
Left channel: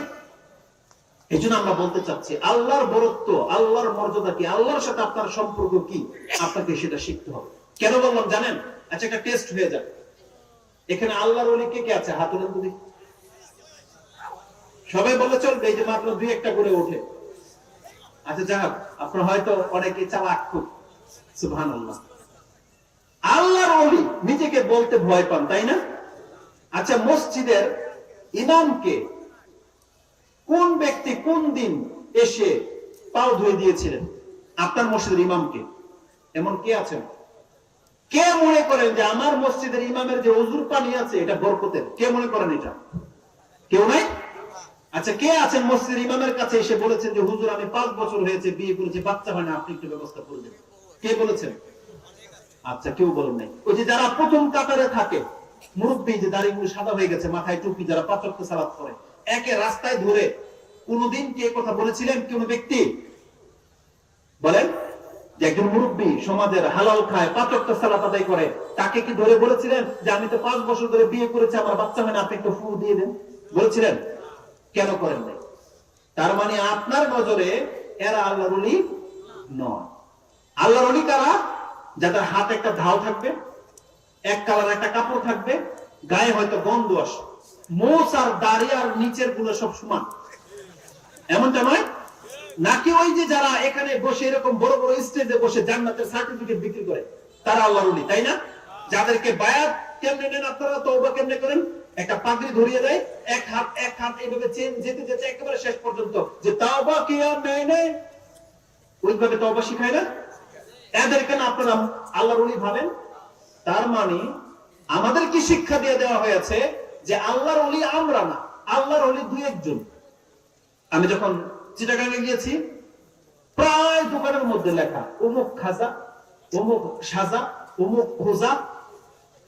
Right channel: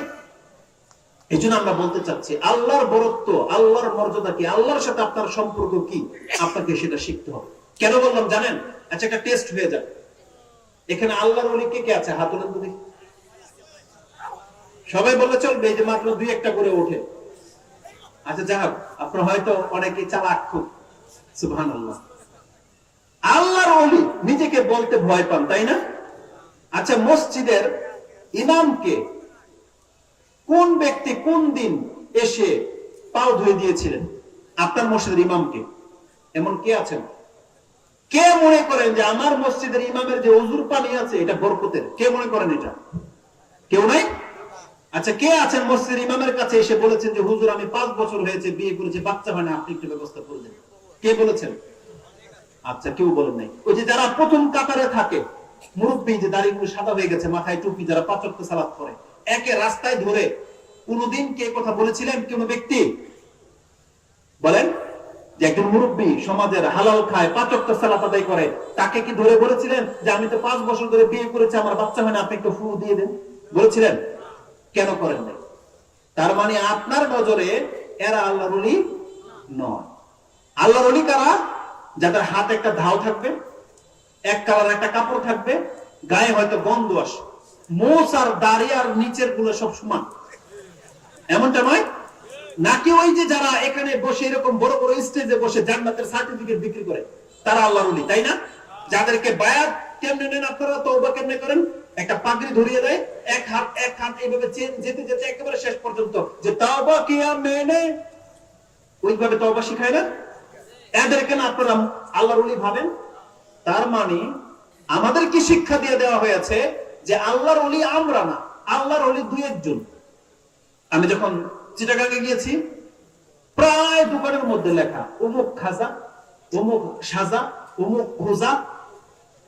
এই জন্য আমরা বলতে চাচ্ছি আল্লাহর বরত্ব, আল্লাহর মর্যাদা কি, আল্লাহর সাথে আপনার সম্পর্ক কি, আপনাকে সেটা শিখতে হবে। কেন বললাম জানেন? আচ্ছা, একটা টেস্ট হয়ে যায়। এখানে আল্লাহর ওলি কে কে আছে? হাত তোলেন তো দেখি। সবাই বলে চলবে যে মাত্র 2-1টা করে ওঠে। আচ্ছা যাক, আপনারা হয়তো অনেকেই চালাক খুব, সুবহানাল্লাহ। আল্লাহর ওলি নিজেকে বলতে ভয় পান, তাই না? আচ্ছা, মসজিদের ইমামকে কোন ব্যক্তি কোন দিন এসে পাও ধুয়ে দিয়েছিলেন? আপনার মসজিদের ইমামকে। এমন কে আছেন? কে মনে করেন যে আমার মসজিদের ইমামের যে ওযুর পানি আছে এটা বরকতের? কে মনে করেন এটা? কেউ নাই। আচ্ছা, কে আছেন মসজিদের ইমামের কাছে এসে বলেছেন যে হুজুর আমি 5 বছর হয়েছে বিয়ে করেছি, বাচ্চা হয় না, আপনি একটু ব্যবস্থা করে দেন? কে বলেছেন? আচ্ছা, কেউ বলেন নাই। ওই যে যারা প্রথম কাতারে থাকে, মুরব্বী, যে দাড়িগুলো সাদা হয়ে গেছে, মাথায় টুপি, যারা 5 ওয়াক্ত সালাত করে, একে রাস্তায় ধরে কোনদিন কে কথা বলেছিলেন? কোন ব্যক্তি বলেন যে একজন মুরব্বী সমাজের হালাল খায়, 5 ওয়াক্ত সালাত আদায় করে, তাকে কি ধরে বলেছিলেন যে আমি তো 5 বছর ধরে বিয়ে করেছি, আমার বাচ্চা হয় না, আপনি একটু ফু দিয়ে দেন? বলেছিলেন? কেন করেন নাই? তার মানে আপনার নজরে এরা আল্লাহর ওলি নয়। আল্লাহর ওলি কারা? যাদের হাতে একটা ঢাল থাকবে, এক কালার একটা কাপড় থাকবে, গায়ে হয়তো গন্ধ আসে, মোচ আর দাড়ি আর নিচের গুলো সব সমান, এমনটা নয়? নাকি ওই যে যারা এখানে বসে এরকম বড় বড় স্টেজে বসে জান্নাতের সার্টিফিকেট বিক্রি করে, তারা আল্লাহর ওলি, তাই না? যাদেরকে বায়াত কেমনে নেন আপনারা, তওবা কেমনে করেন? একটা পাগড়ি ধরিয়ে দেয়, এক হাত এইভাবে যেতে যেতে একেবারে শেষ পর্যন্ত যে তওবা কিয়া মেনে, ওইভাবে তওবা শিখায় না? এদেরকে না আপনারা আল্লাহর ওলি ভাবেন? তার মানে আমাদের কি শিক্ষা দিয়ে দেওয়া হয়েছে যে আল্লাহর ওলি আমরা না, আল্লাহর ওলি 2-1 জন। আমি যখন চিটাগাঙ্গে গিয়েছি, প্রায় দোকানের মধ্যে লেখা অমুক খাজা, অমুক সাজা, অমুক খোজা,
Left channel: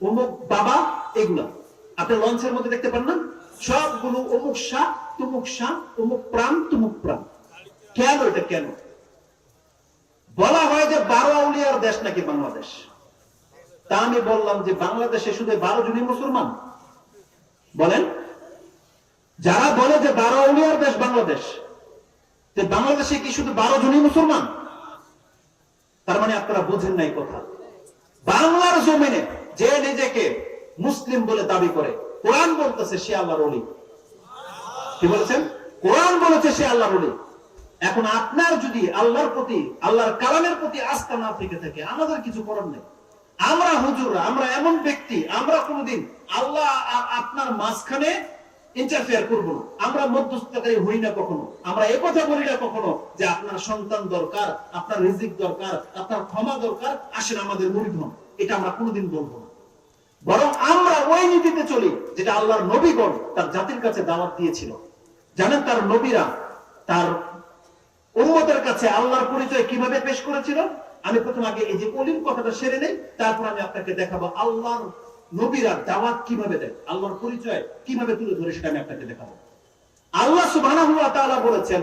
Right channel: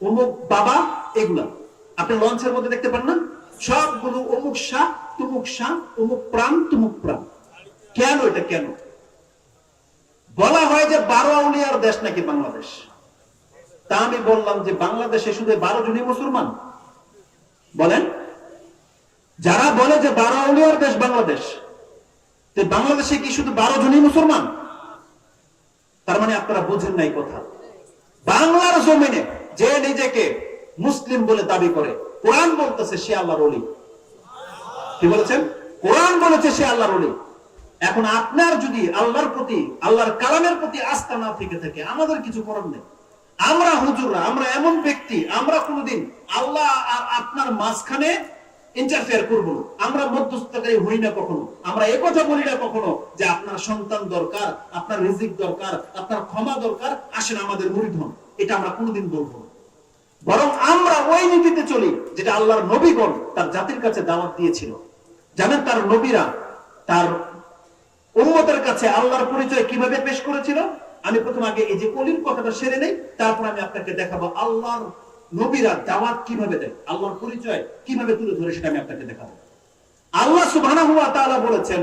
অমুক বাবা, এগুলা। আপনি লঞ্চের মধ্যে দেখতে পান না, সবগুলো অমুক শাহ, অমুক প্রাণ, তুমুক প্রাণ। কেন এটা কেন? বলা হয় যে 12 আউলিয়ার দেশ নাকি বাংলাদেশ। তা আমি বললাম যে বাংলাদেশে শুধু 12 জনই মুসলমান? বলেন, যারা বলে যে 12 আউলিয়ার দেশ বাংলাদেশ, বাংলাদেশে কি শুধু 12 জনই মুসলমান? তার মানে আপনারা বুঝেন নাই কথা। বাংলার জমিনে যে নিজেকে মুসলিম বলে দাবি করে, কোরআন বলতেছে সে আল্লাহর ওলি। কি বলেছেন? কোরআন বলেছে সে আল্লাহর ওলি। এখন আপনার যদি আল্লাহর প্রতি, আল্লাহর কালামের প্রতি আস্থা না থেকে থাকে, আমাদের কিছু করার নেই। আমরা হুজুররা, আমরা এমন ব্যক্তি, আমরা কোনোদিন আল্লাহ আর আপনার মাঝখানে ইন্টারফেয়ার করবো না। আমরা মধ্যস্থতাকারী হই না কখনো। আমরা এই কথা বলি না কখনো যে আপনার সন্তান দরকার, আপনার রিজিক দরকার, আপনার ক্ষমা দরকার, আসেন আমাদের মুরিদ হন। এটা আমরা কোনোদিন বলবো না। বরং আমরা ওই নীতিতে চলি যেটা আল্লাহর নবীগণ তার জাতির কাছে দাওয়াত দিয়েছিল। জানেন তার নবীরা তার উম্মতের কাছে আল্লাহর পরিচয় কিভাবে পেশ করেছিল? আমি প্রথম আগে এই যে অলির কথাটা সেরে নেই, তারপর আমি আপনাকে দেখাবো আল্লাহর নবীরা দাওয়াত কিভাবে দেয়, আল্লাহর পরিচয় কিভাবে তুলে ধরে, সেটা আমি আপনাকে দেখাবো। আল্লাহ সুবহানাহু ওয়া তাআলা বলেছেন,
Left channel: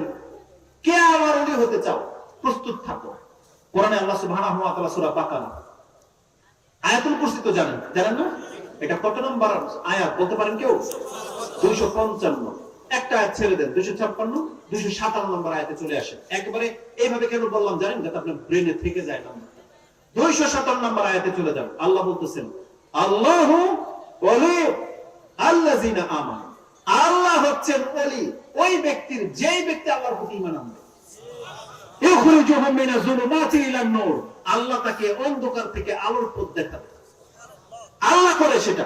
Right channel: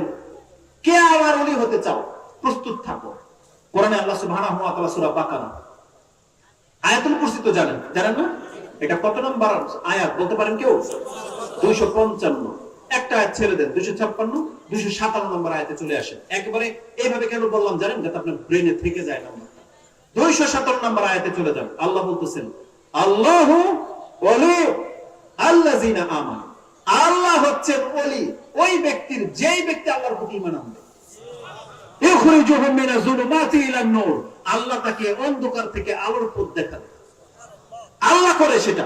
কে আমার ওলি হতে চাও প্রস্তুত থাকো। কোরআনে আল্লাহ সুবহানাহু ওয়া তাআলা সূরা বাকারা আয়াতুল কুরসি তো জানেন না? এটা কত নম্বর আয়াত বলতে পারেন কেউ? 255। একটা আয়াত ছেড়ে দেন, 256, 257 নম্বর আয়াতে চলে আসেন। একবারে এইভাবে কেন বললাম জানেন? যাতে আপনার ব্রেনে থেকে যায় নাম্বারটা। 257 নম্বর আয়াতে চলে যান। আল্লাহ বলতেছেন, আল্লাহু ওলি আল্লাযিনা আমানু। আল্লাহ হচ্ছেন ওলি ওই ব্যক্তির, যেই ব্যক্তি আল্লাহর প্রতি ঈমান আনবে। ইখরিজুহুম মিনাজ যুলুমাতি ইলান নূর। আল্লাহ তাকে অন্ধকার থেকে আলোর পথ দেখাবে। আল্লাহ করে সেটা।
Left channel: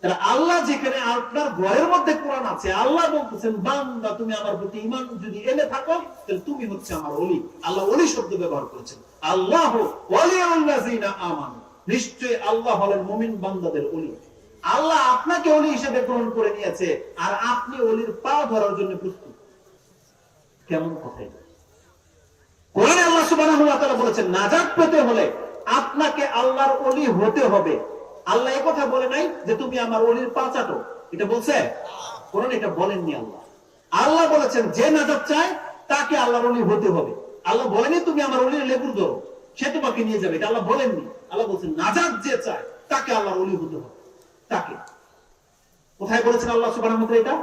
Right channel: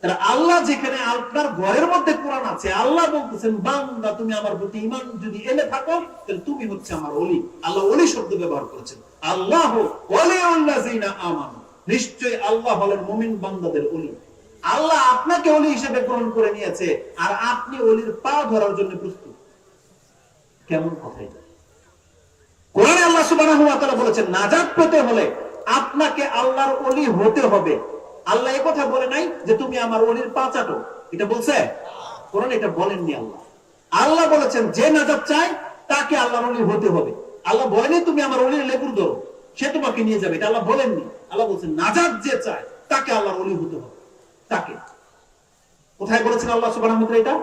তাহলে আল্লাহ যেখানে আপনার ঘরের মধ্যে কোরআন আছে, আল্লাহ বলতেছেন, বান্দা তুমি আমার প্রতি ঈমান যদি এনে থাকো তাহলে তুমি হচ্ছে আমার ওলি। আল্লাহ ওলি শব্দ ব্যবহার করেছেন। আল্লাহু ওয়ালিউল্লাযিনা আমানু। নিশ্চয়ই আল্লাহ হলেন মুমিন বান্দাদের ওলি। আল্লাহ আপনাকে ওলি হিসেবে গ্রহণ করে নিয়েছে, আর আপনি ওলির পা ধরার জন্য প্রস্তুত। কেমন কথা এটা? কোরআনে আল্লাহ সুবহানাহু ওয়া তাআলা বলেছেন, নাজাত পেতে হলে আপনাকে আল্লাহর ওলি হতে হবে। আল্লাহ এই কথা বলে নাই যে তুমি আমার ওলির পা চাটো। এটা বলছে কোরআন? এটা বলেননি আল্লাহ। আল্লাহ বলেছেন যে নাজাত চায় তাকে আল্লাহর ওলি হতে হবে। আল্লাহ বলেনি তুমি আমার ওলির লেবুর ধরো, সে তোমাকে নিয়ে যাবে। এটা আল্লাহ বলেননি। আল্লাহ বলছেন নাজাত যে চায় তাকে আল্লাহর ওলি হতে হবে। তাকে কোথায় বলেছেন আল্লাহ সুবহানাহু ওয়া তাআলা এটা?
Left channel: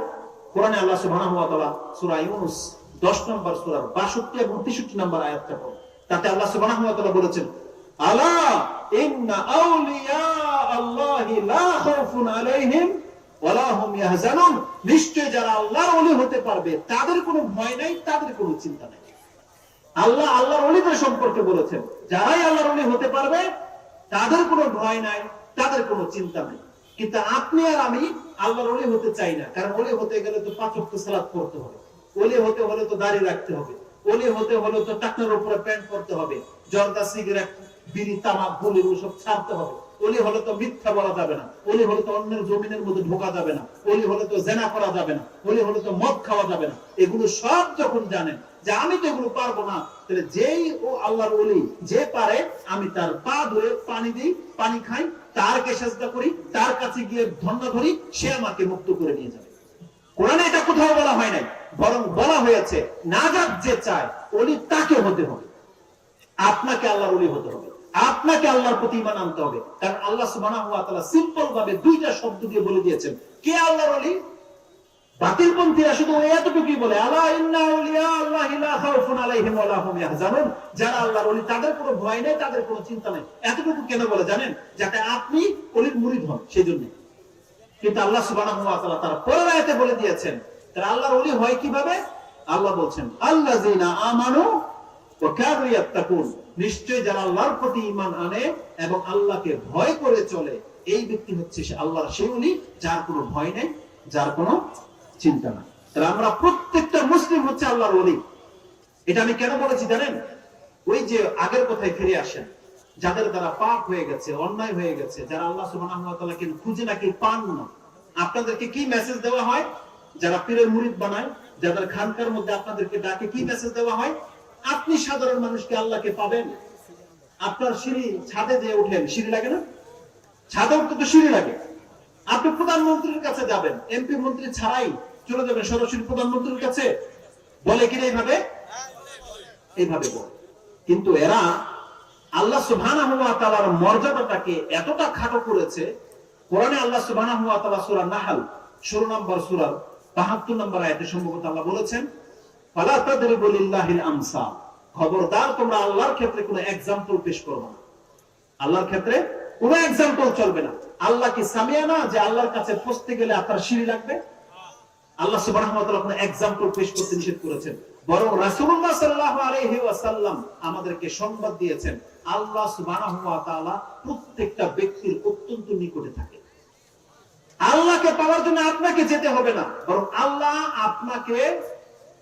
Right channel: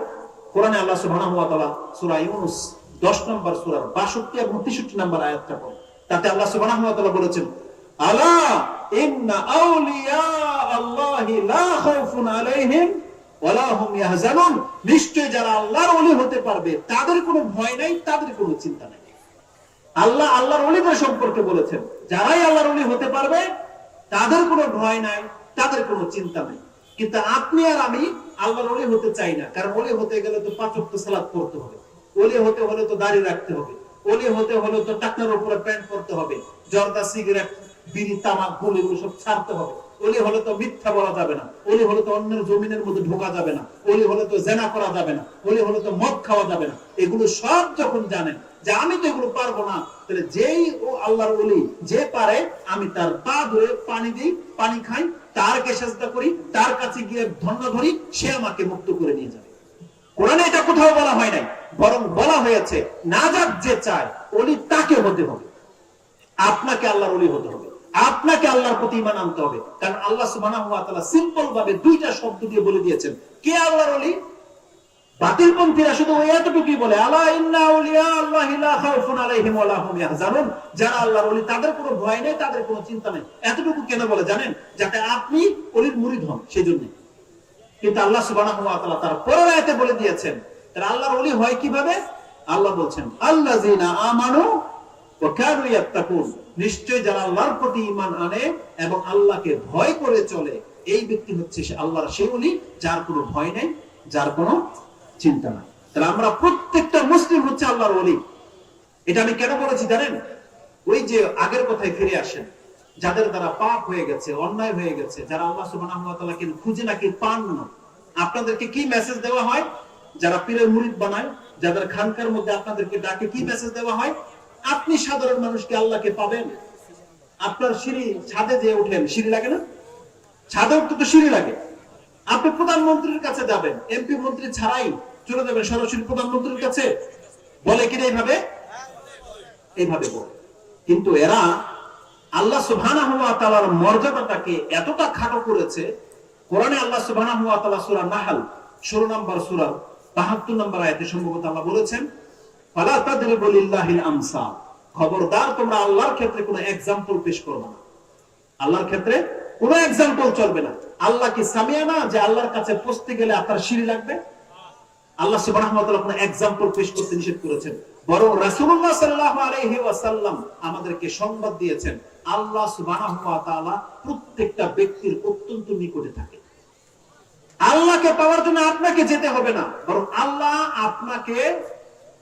কোরআনে আল্লাহ সুবহানাহু ওয়া তাআলা সূরা ইউনূস 10 নম্বর সূরার 62 এবং 63 নম্বর আয়াতটা পড়ুন। তাতে আল্লাহ সুবহানাহু ওয়া তাআলা বলেছেন, আলা ইন্না আউলিয়া আল্লাহি লা খাউফুন আলাইহিম ওয়া লা হুম ইয়াহজানুন। নিশ্চয় যারা আল্লাহর ওলি হতে পারবে তাদের কোনো ভয় নাই, তাদের কোনো চিন্তা নাই। আল্লাহ আল্লাহর ওলিদের সম্পর্কে বলেছেন, যারাই আল্লাহর ওলি হতে পারবে তাদের কোনো ভয় নাই, তাদের কোনো চিন্তা নাই। কিন্তু আপনি আর আমি আল্লাহর ওলি হতে চাই না। কারণ ওলি হতে গেলে তো 5 ওয়াক্ত সালাত পড়তে হবে, ওলি হতে হলে তো দাড়ি রাখতে হবে, ওলি হতে হলে তো টাকনার উপরে প্যান্ট পরতে হবে, জর্দা, সিগারেট, বিড়ি, তামাক, গুলি এগুলো সব ছাড়তে হবে। ওলি হলে তো মিথ্যা বলা যাবে না, ওলি হলে তো অন্যের জমিনের মধ্যে ঢোকা যাবে না, ওলি হলে তো জেনা করা যাবে না, ওলি হলে তো মদ খাওয়া যাবে না। এগুলো সব যখন জানেন যে আমি তো এগুলো পারবো না, তাহলে যেই ও আল্লাহর ওলি যে পারে, আমি তার পা ধরে পানি দিই, পানি খাই, তারকে সেজদা করি, তার কাছে গিয়ে ধন্য ধরি, সে আমাকে মুক্ত করে নিয়ে যাবে। কোরআনে এটা কোথাও বলা হয় নাই, বরং বলা হয়েছে নাজাত যে চায় ওলি তাকে হতে হবে। আপনাকে আল্লাহর ওলি হতে হবে, আপনাকে আল্লাহর প্রতি ঈমান আনতে হবে। কারণ আল্লাহ সুবহানাহু ওয়া তাআলা সিম্পল ভাবে দুইটা শব্দ দিয়ে বলে দিয়েছেন কে আল্লাহর ওলি। বাতিলপন্থীরা শুধু এতটুকুই বলে, আলা ইন্না আউলিয়া আল্লাহি লা খাউফুন আলাইহিম ওয়া লা হুম ইয়াহজানুন। যারা আল্লাহর ওলি তাদের কোনো ভয় নেই, তাদের কোনো চিন্তা নেই। এতটুকু কেন বলে জানেন? যাতে আপনি ওলির মুরিদ হন, সেজন্য। কিন্তু আল্লাহ সুবহানাহু ওয়া তাআলা তার পরের আয়াতে বলে দিয়েছেন তারা আল্লাহর ওলি হয় কিভাবে। আল্লাহ বলছেন, আল্লাযিনা আমানু ওয়া কানু ইয়াত্তাকুন। নিশ্চয় যারা আল্লাহর প্রতি ঈমান আনে এবং আল্লাহকে ভয় করে চলে, এই ব্যক্তি হচ্ছে সে আল্লাহর সেই ওলি যার কোনো ভয় নেই, যার কোনো চিন্তা নাই। তাহলে আমরা প্রত্যেকটা মুসলিম হচ্ছে আল্লাহর ওলি। এটা আমি কেন বলেছি জানেন? ওই যে আগের কথায় ফিরে আসেন, যাদের দ্বারা পাপ হয়ে গেছে, অন্যায় হয়ে গেছে, যারা আল্লাহ সুবহানাহু ওয়া তাআলাকে খুঁজে নাকি পান না, আপনাদেরকে কি মেসেজ দেওয়া হয়? যারা পীরের মুরিদ বানায়, যাদের খানকার মধ্যে আপনাদেরকে ডাকে, কি মেসেজ দেওয়া হয়? আপনি সাধারণ মানুষকে আল্লাহকে পাবেন। আপনার সিঁড়ি ছাদে যে উঠলেন, সিঁড়ি লাগে না? ছাদে উঠতে তো সিঁড়ি লাগে। আপনি প্রধানমন্ত্রীর কাছে যাবেন, এমপি মন্ত্রী ছাড়াই চলে যাবেন সরাসরি প্রধানমন্ত্রীর কাছে, বলে কিনা এইভাবে বলে। কিন্তু এরা আল্লাহ সুবহানাহু ওয়া তাআলার মর্যাদাটাকে এতটা খাটো করেছে। কোরআনে আল্লাহ সুবহানাহু ওয়া তাআলা সূরা নাহল 16 নম্বর সূরা 72 নম্বর আয়াতে সম্ভবত আল্লাহ বলেছেন, ফালা তাদরিবু লিল্লাহিল আমসাল, খবরদার তোমরা আল্লাহর ক্ষেত্রে কোনো एग्जांपल পেশ করবে না। আল্লাহর ক্ষেত্রে কোনো एग्जांपल চলবে না। আল্লাহ কি সামিয়া না যে আল্লাহর কাছে পৌঁছতে গেলে আপনার সিঁড়ি লাগবে? আল্লাহ সুবহানাহু ওয়া তাআলা কোনো एग्जांपल পেশ করতে নিষেধ করেছেন, বরং রাসূলুল্লাহ সাল্লাল্লাহু আলাইহি ওয়াসাল্লাম আমাদেরকে সংবাদ দিয়েছেন আল্লাহ সুবহানাহু ওয়া তাআলা প্রত্যেকটা ব্যক্তির অত্যন্ত নিকটে থাকে। আল্লাহকে পাওয়ার জন্য আপনাকে যেতে হবে না, বরং আল্লাহ আপনাকে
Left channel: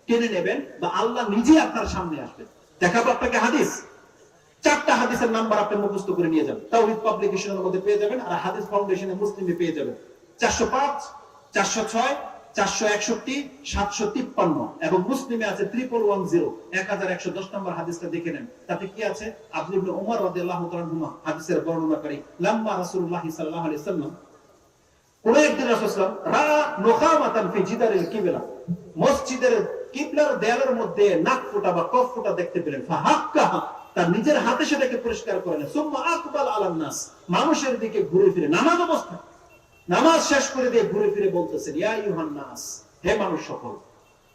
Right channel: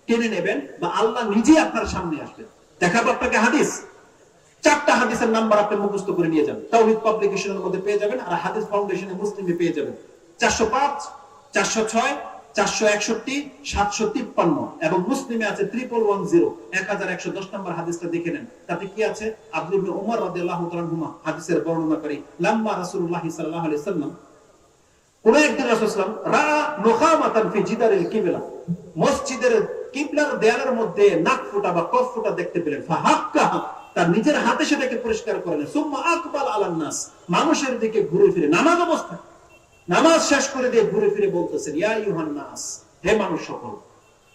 টেনে নেবেন বা আল্লাহ নিজে আপনার সামনে আসবেন। দেখাবো আপনাকে হাদিস, 4টা হাদিসের নাম্বার আপনি মুখস্থ করে নিয়ে যাবেন। তাওহীদ পাবলিকেশনের মধ্যে পেয়ে যাবেন, আর হাদিস ফাউন্ডেশনে মুসলিমে পেয়ে যাবেন। 405, 406, 461, 753 এবং মুসলিমে আছে 1110, 1110 নম্বর হাদিসটা দেখে নেন। তাতে কি আছে? আব্দুল্লাহ ইবনে উমর রাদিয়াল্লাহু তাআলা আনহুমা হাদিসের বর্ণনাকারী, লাম্মা রাসূলুল্লাহ সাল্লাল্লাহু আলাইহি সাল্লাম, কোন একদিন রাসূল সাল্লাল্লাহু আলাইহি ওয়াসাল্লাম নুখামাতান ফি জিদারিল কিবলা, মসজিদের কিবলার দেয়ালের মধ্যে নাক ফোঁটা বা কফ ফোঁটা দেখতে পেলেন। ফাহাক্কাহা, তার নিজের হাতে সেটাকে পরিষ্কার করলেন। সুম্মা আকবাল আলান নাস, মানুষের দিকে ঘুরে ফিরে নামাজ অবস্থায়, নামাজ শেষ করে দিয়ে ঘুরে ফিরে বলতেছেন, ইয়া আইয়ুহান নাস, হে মানুষ সকল,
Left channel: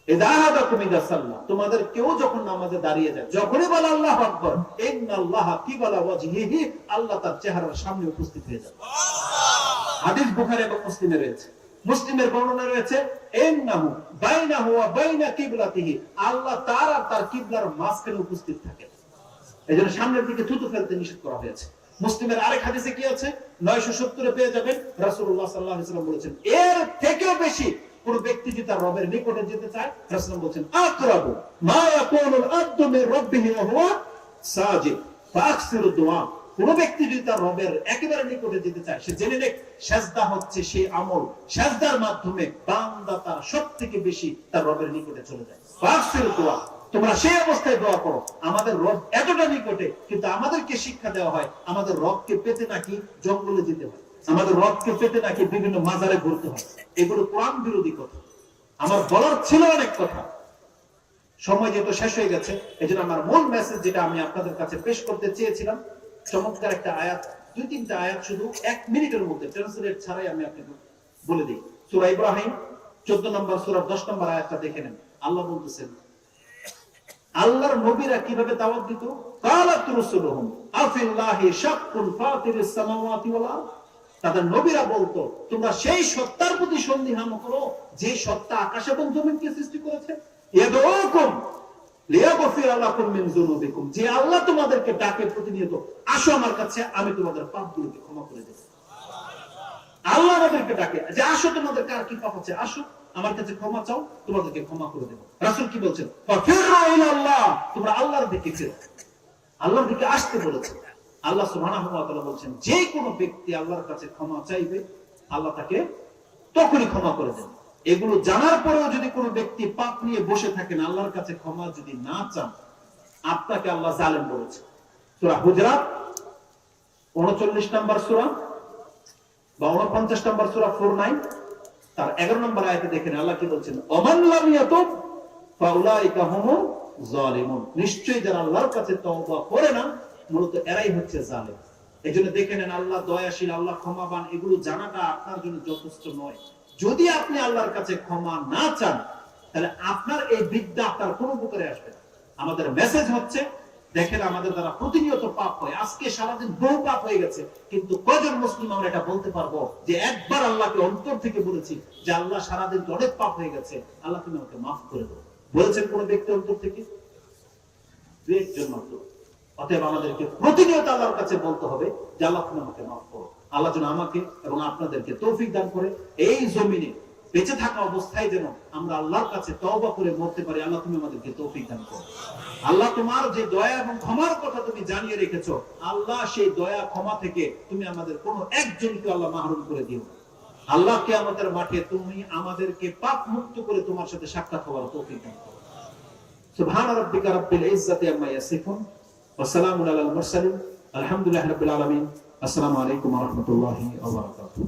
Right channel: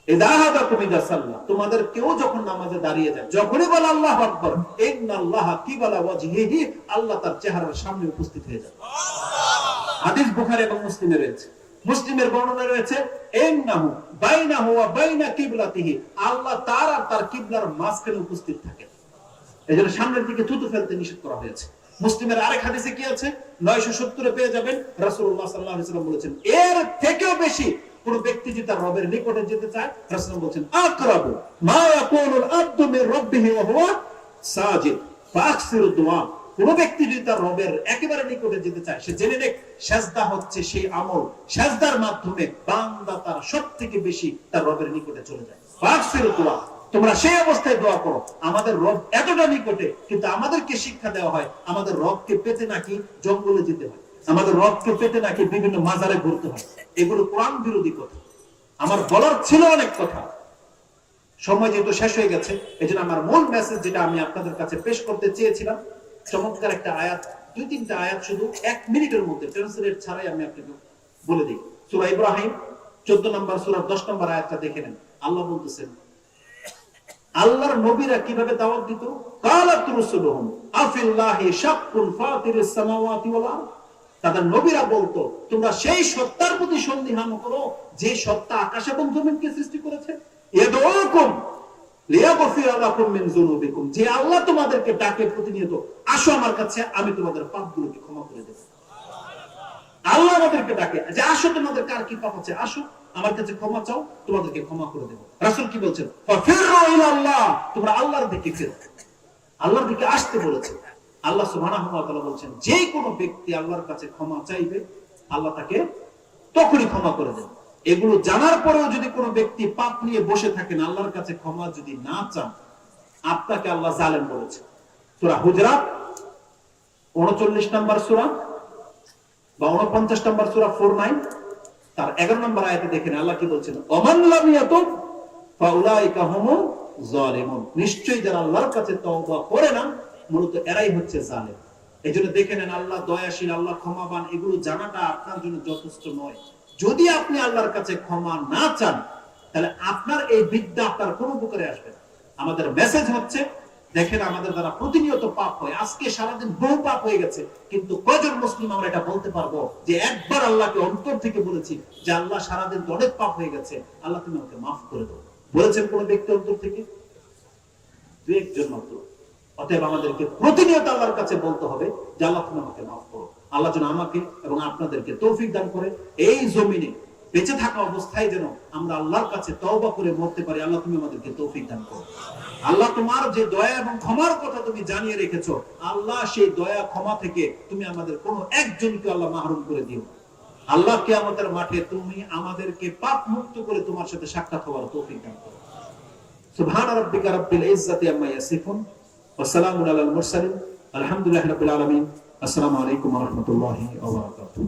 ইযা হাদাকুম ইযা সাল্লা, তোমাদের কেউ যখন নামাজে দাঁড়িয়ে যায়, যখনই বলে আল্লাহু আকবার, ইন্নাল্লাহা কিবালা ওয়াজহিহি, আল্লাহ তার চেহারার সামনে উপস্থিত হয়ে যায়। হাদিস বুখারী এবং মুসলিমে রয়েছে। মুসলিমের বর্ণনা রয়েছে, ইন্নাহু বাইনাহু ওয়া বাইনা কিবলাতিহি, আল্লাহ তার আর তার কিবলার মাঝখানে উপস্থিত থাকেন। এজন্য সামনের দিকে থুতু ফেলতে নিষেধ করা হয়েছে। মুসলিমের আরেক হাদিসে কি আছে? 970 এ পেয়ে যাবেন। রাসূলুল্লাহ সাল্লাল্লাহু আলাইহি ওয়াসাল্লাম বলেছেন, এর থেকে বেশি কোন ব্যক্তি যদি তার রবের নিকটে যেতে চায়, রাসূলুল্লাহ বলেছেন, আকরাবু মা ইয়াকুনুল আবদু মির রাব্বিহি ওয়া হুয়া সাজিদ ফাকসিরু দুআ, কোন ব্যক্তি যদি তার রবের একেবারে নিকটে যেতে চায়, সে জেনে নেক সিজদা হচ্ছে সেই আমল, সিজদার মাধ্যমে বান্দা তার সবথেকে বেশি তার রবের নিকটে চলে যায়। ফাকসিরু দুআ, তোমরা সেই অবস্থায় দোয়া করো। আমাদের রব এতটা নিকটে, কিন্তু আমাদেরকে শিক্ষা দেওয়া হয় আমাদের রবকে পেতে নাকি জঙ্গলে যেতে হয়, আমাদের রবকে পেতে নাকি বিভিন্ন মাজারে ঘুরতে হয়। এগুলো কোরআন বিরোধী কথা। আমার বলার ছিল অনেক কথা, সময় যেহেতু শেষ হয়ে গেছে, এজন্য আমার মূল মেসেজ যেটা আমি আপনাদের কাছে পেশ করতে চেয়েছিলাম, চমৎকার একটা আয়াত, 2-3টা আয়াত শুধু 1 মিনিটের মধ্যে ট্রান্সলেট ছাড়াই আমি আপনাকে বলে দিই। সূরা ইব্রাহিম 14 নম্বর সূরা 10 নম্বর আয়াতটা দেখে নেন। আল্লাহ বলতেছেন, আল্লাহর নবীরা কিভাবে দাওয়াত দিত? কালাত রাসূলুহুম আফিল্লাহি শাক্কুন ফাতিরিস সামাওয়াতি ওয়াল আরদ, তাদের নবীরা বলতো, তোমরা সেই সত্তার প্রতি সন্দেহান করো যে সত্তা আকাশ এবং জমিনকে সৃষ্টি করেছে। ইয়াদউকুম লিয়াগফিরা লাকুম মিন যুনুবিকুম, যে আল্লাহ তোমাদেরকে ডাকে প্রতিনিয়ত, আসো আমার কাছে, আমি তোমাদের পাপগুলোকে ক্ষমা করে দেব। আল্লাহ আমাদেরকে ডাকে যে আসো, তোমাদের কার কি পাপ আছে, আসো আমার কাছে ক্ষমা চাও, তোমাদেরকে ক্ষমা করে দেব। রাসূল কি বলছেন? ফাফিরু ইলাল্লাহ, তোমরা আল্লাহর দিকে ফিরো, আল্লাহর দিকে আসতে বলেছে। আল্লাহ সুবহানাহু ওয়া তাআলা বলছেন, যে কোনো ব্যক্তি আল্লাহর কাছে ক্ষমা চাইবে, আল্লাহ তাকে তখনই ক্ষমা করে দেন। এগুলো জানার পরেও যদি কোনো ব্যক্তি পাপ নিয়ে বসে থাকেন, আল্লাহর কাছে ক্ষমা যদি না চান, আপনাকে আল্লাহ জালেম বলেছে। সূরা হুজরাত 39 নম্বর সূরা বা 49 নম্বর সূরা 49 তার 11 নম্বর আয়াতে দেখেন আল্লাহ কি বলছেন, ওমান লাম ইয়াতুব ফাউলাইকা হুমুজ জালিমুন, নিশ্চয়ই যারা আল্লাহর কাছে তওবা করে না, মূলত এরাই হচ্ছে জালেম। এজন্য দেখে নেন, আল্লাহ দয়াশীল, আল্লাহ ক্ষমাবান, এগুলো জানাটা আপনার জন্য যথেষ্ট নয়। যদি আপনি আল্লাহর কাছে ক্ষমা না চান, তাহলে আপনার এই বিদ্যা আপনার কোনো উপকারে আসবে না। আমাদের মেসেজ হচ্ছে, দেখেন আমাদের দ্বারা প্রতিনিয়ত পাপ হয়, আজকে সারাদিন বহু পাপ হয়ে গেছে, কিন্তু কয়জন মুসলিম আমরা এটা বলতে পারবো যে একবার আল্লাহকে অন্তর থেকে বলেছি যে আল্লাহ সারাদিন তো অনেক পাপ হয়ে গেছে, আল্লাহ তুমি আমাকে মাফ করে দাও? বলেছেন কোন ব্যক্তি অন্তর থেকে? দুই একজন মাত্র। অতএব আমাদেরকে প্রতিনিয়ত আল্লাহর কাছে বলতে হবে যে আল্লাহ তুমি আমাকে মাফ করো। আল্লাহ যেন আমাকে এবং আপনাদেরকে তৌফিক দান করে এই জমিনে বেঁচে থাকা অবস্থায় যেন আমরা আল্লাহর কাছে তওবা করে মরতে পারি। আল্লাহ তুমি আমাদেরকে তৌফিক দান করো। আল্লাহ তোমার যে দয়া এবং ক্ষমার কথা তুমি জানিয়ে রেখেছো, আল্লাহ সেই দয়া ক্ষমা থেকে তুমি আমাদের কোনো একজনকে আল্লাহ মাহরুম করে দিও। আল্লাহ কিয়ামতের মাঠে তুমি আমাদেরকে পাপ মুক্ত করে তোমার সাথে সাক্ষাৎ হওয়ার তৌফিক দান করো। সুবহানা রাব্বিকা রাব্বিল ইজ্জাতি আম্মা ইয়াসিফুন ওয়া সালামুন আলাল মুরসালিন আলহামদুলিল্লাহি রাব্বিল আলামিন। আসসালামু আলাইকুম ওয়া রাহমাতুল্লাহি ওয়া বারাকাতুহু।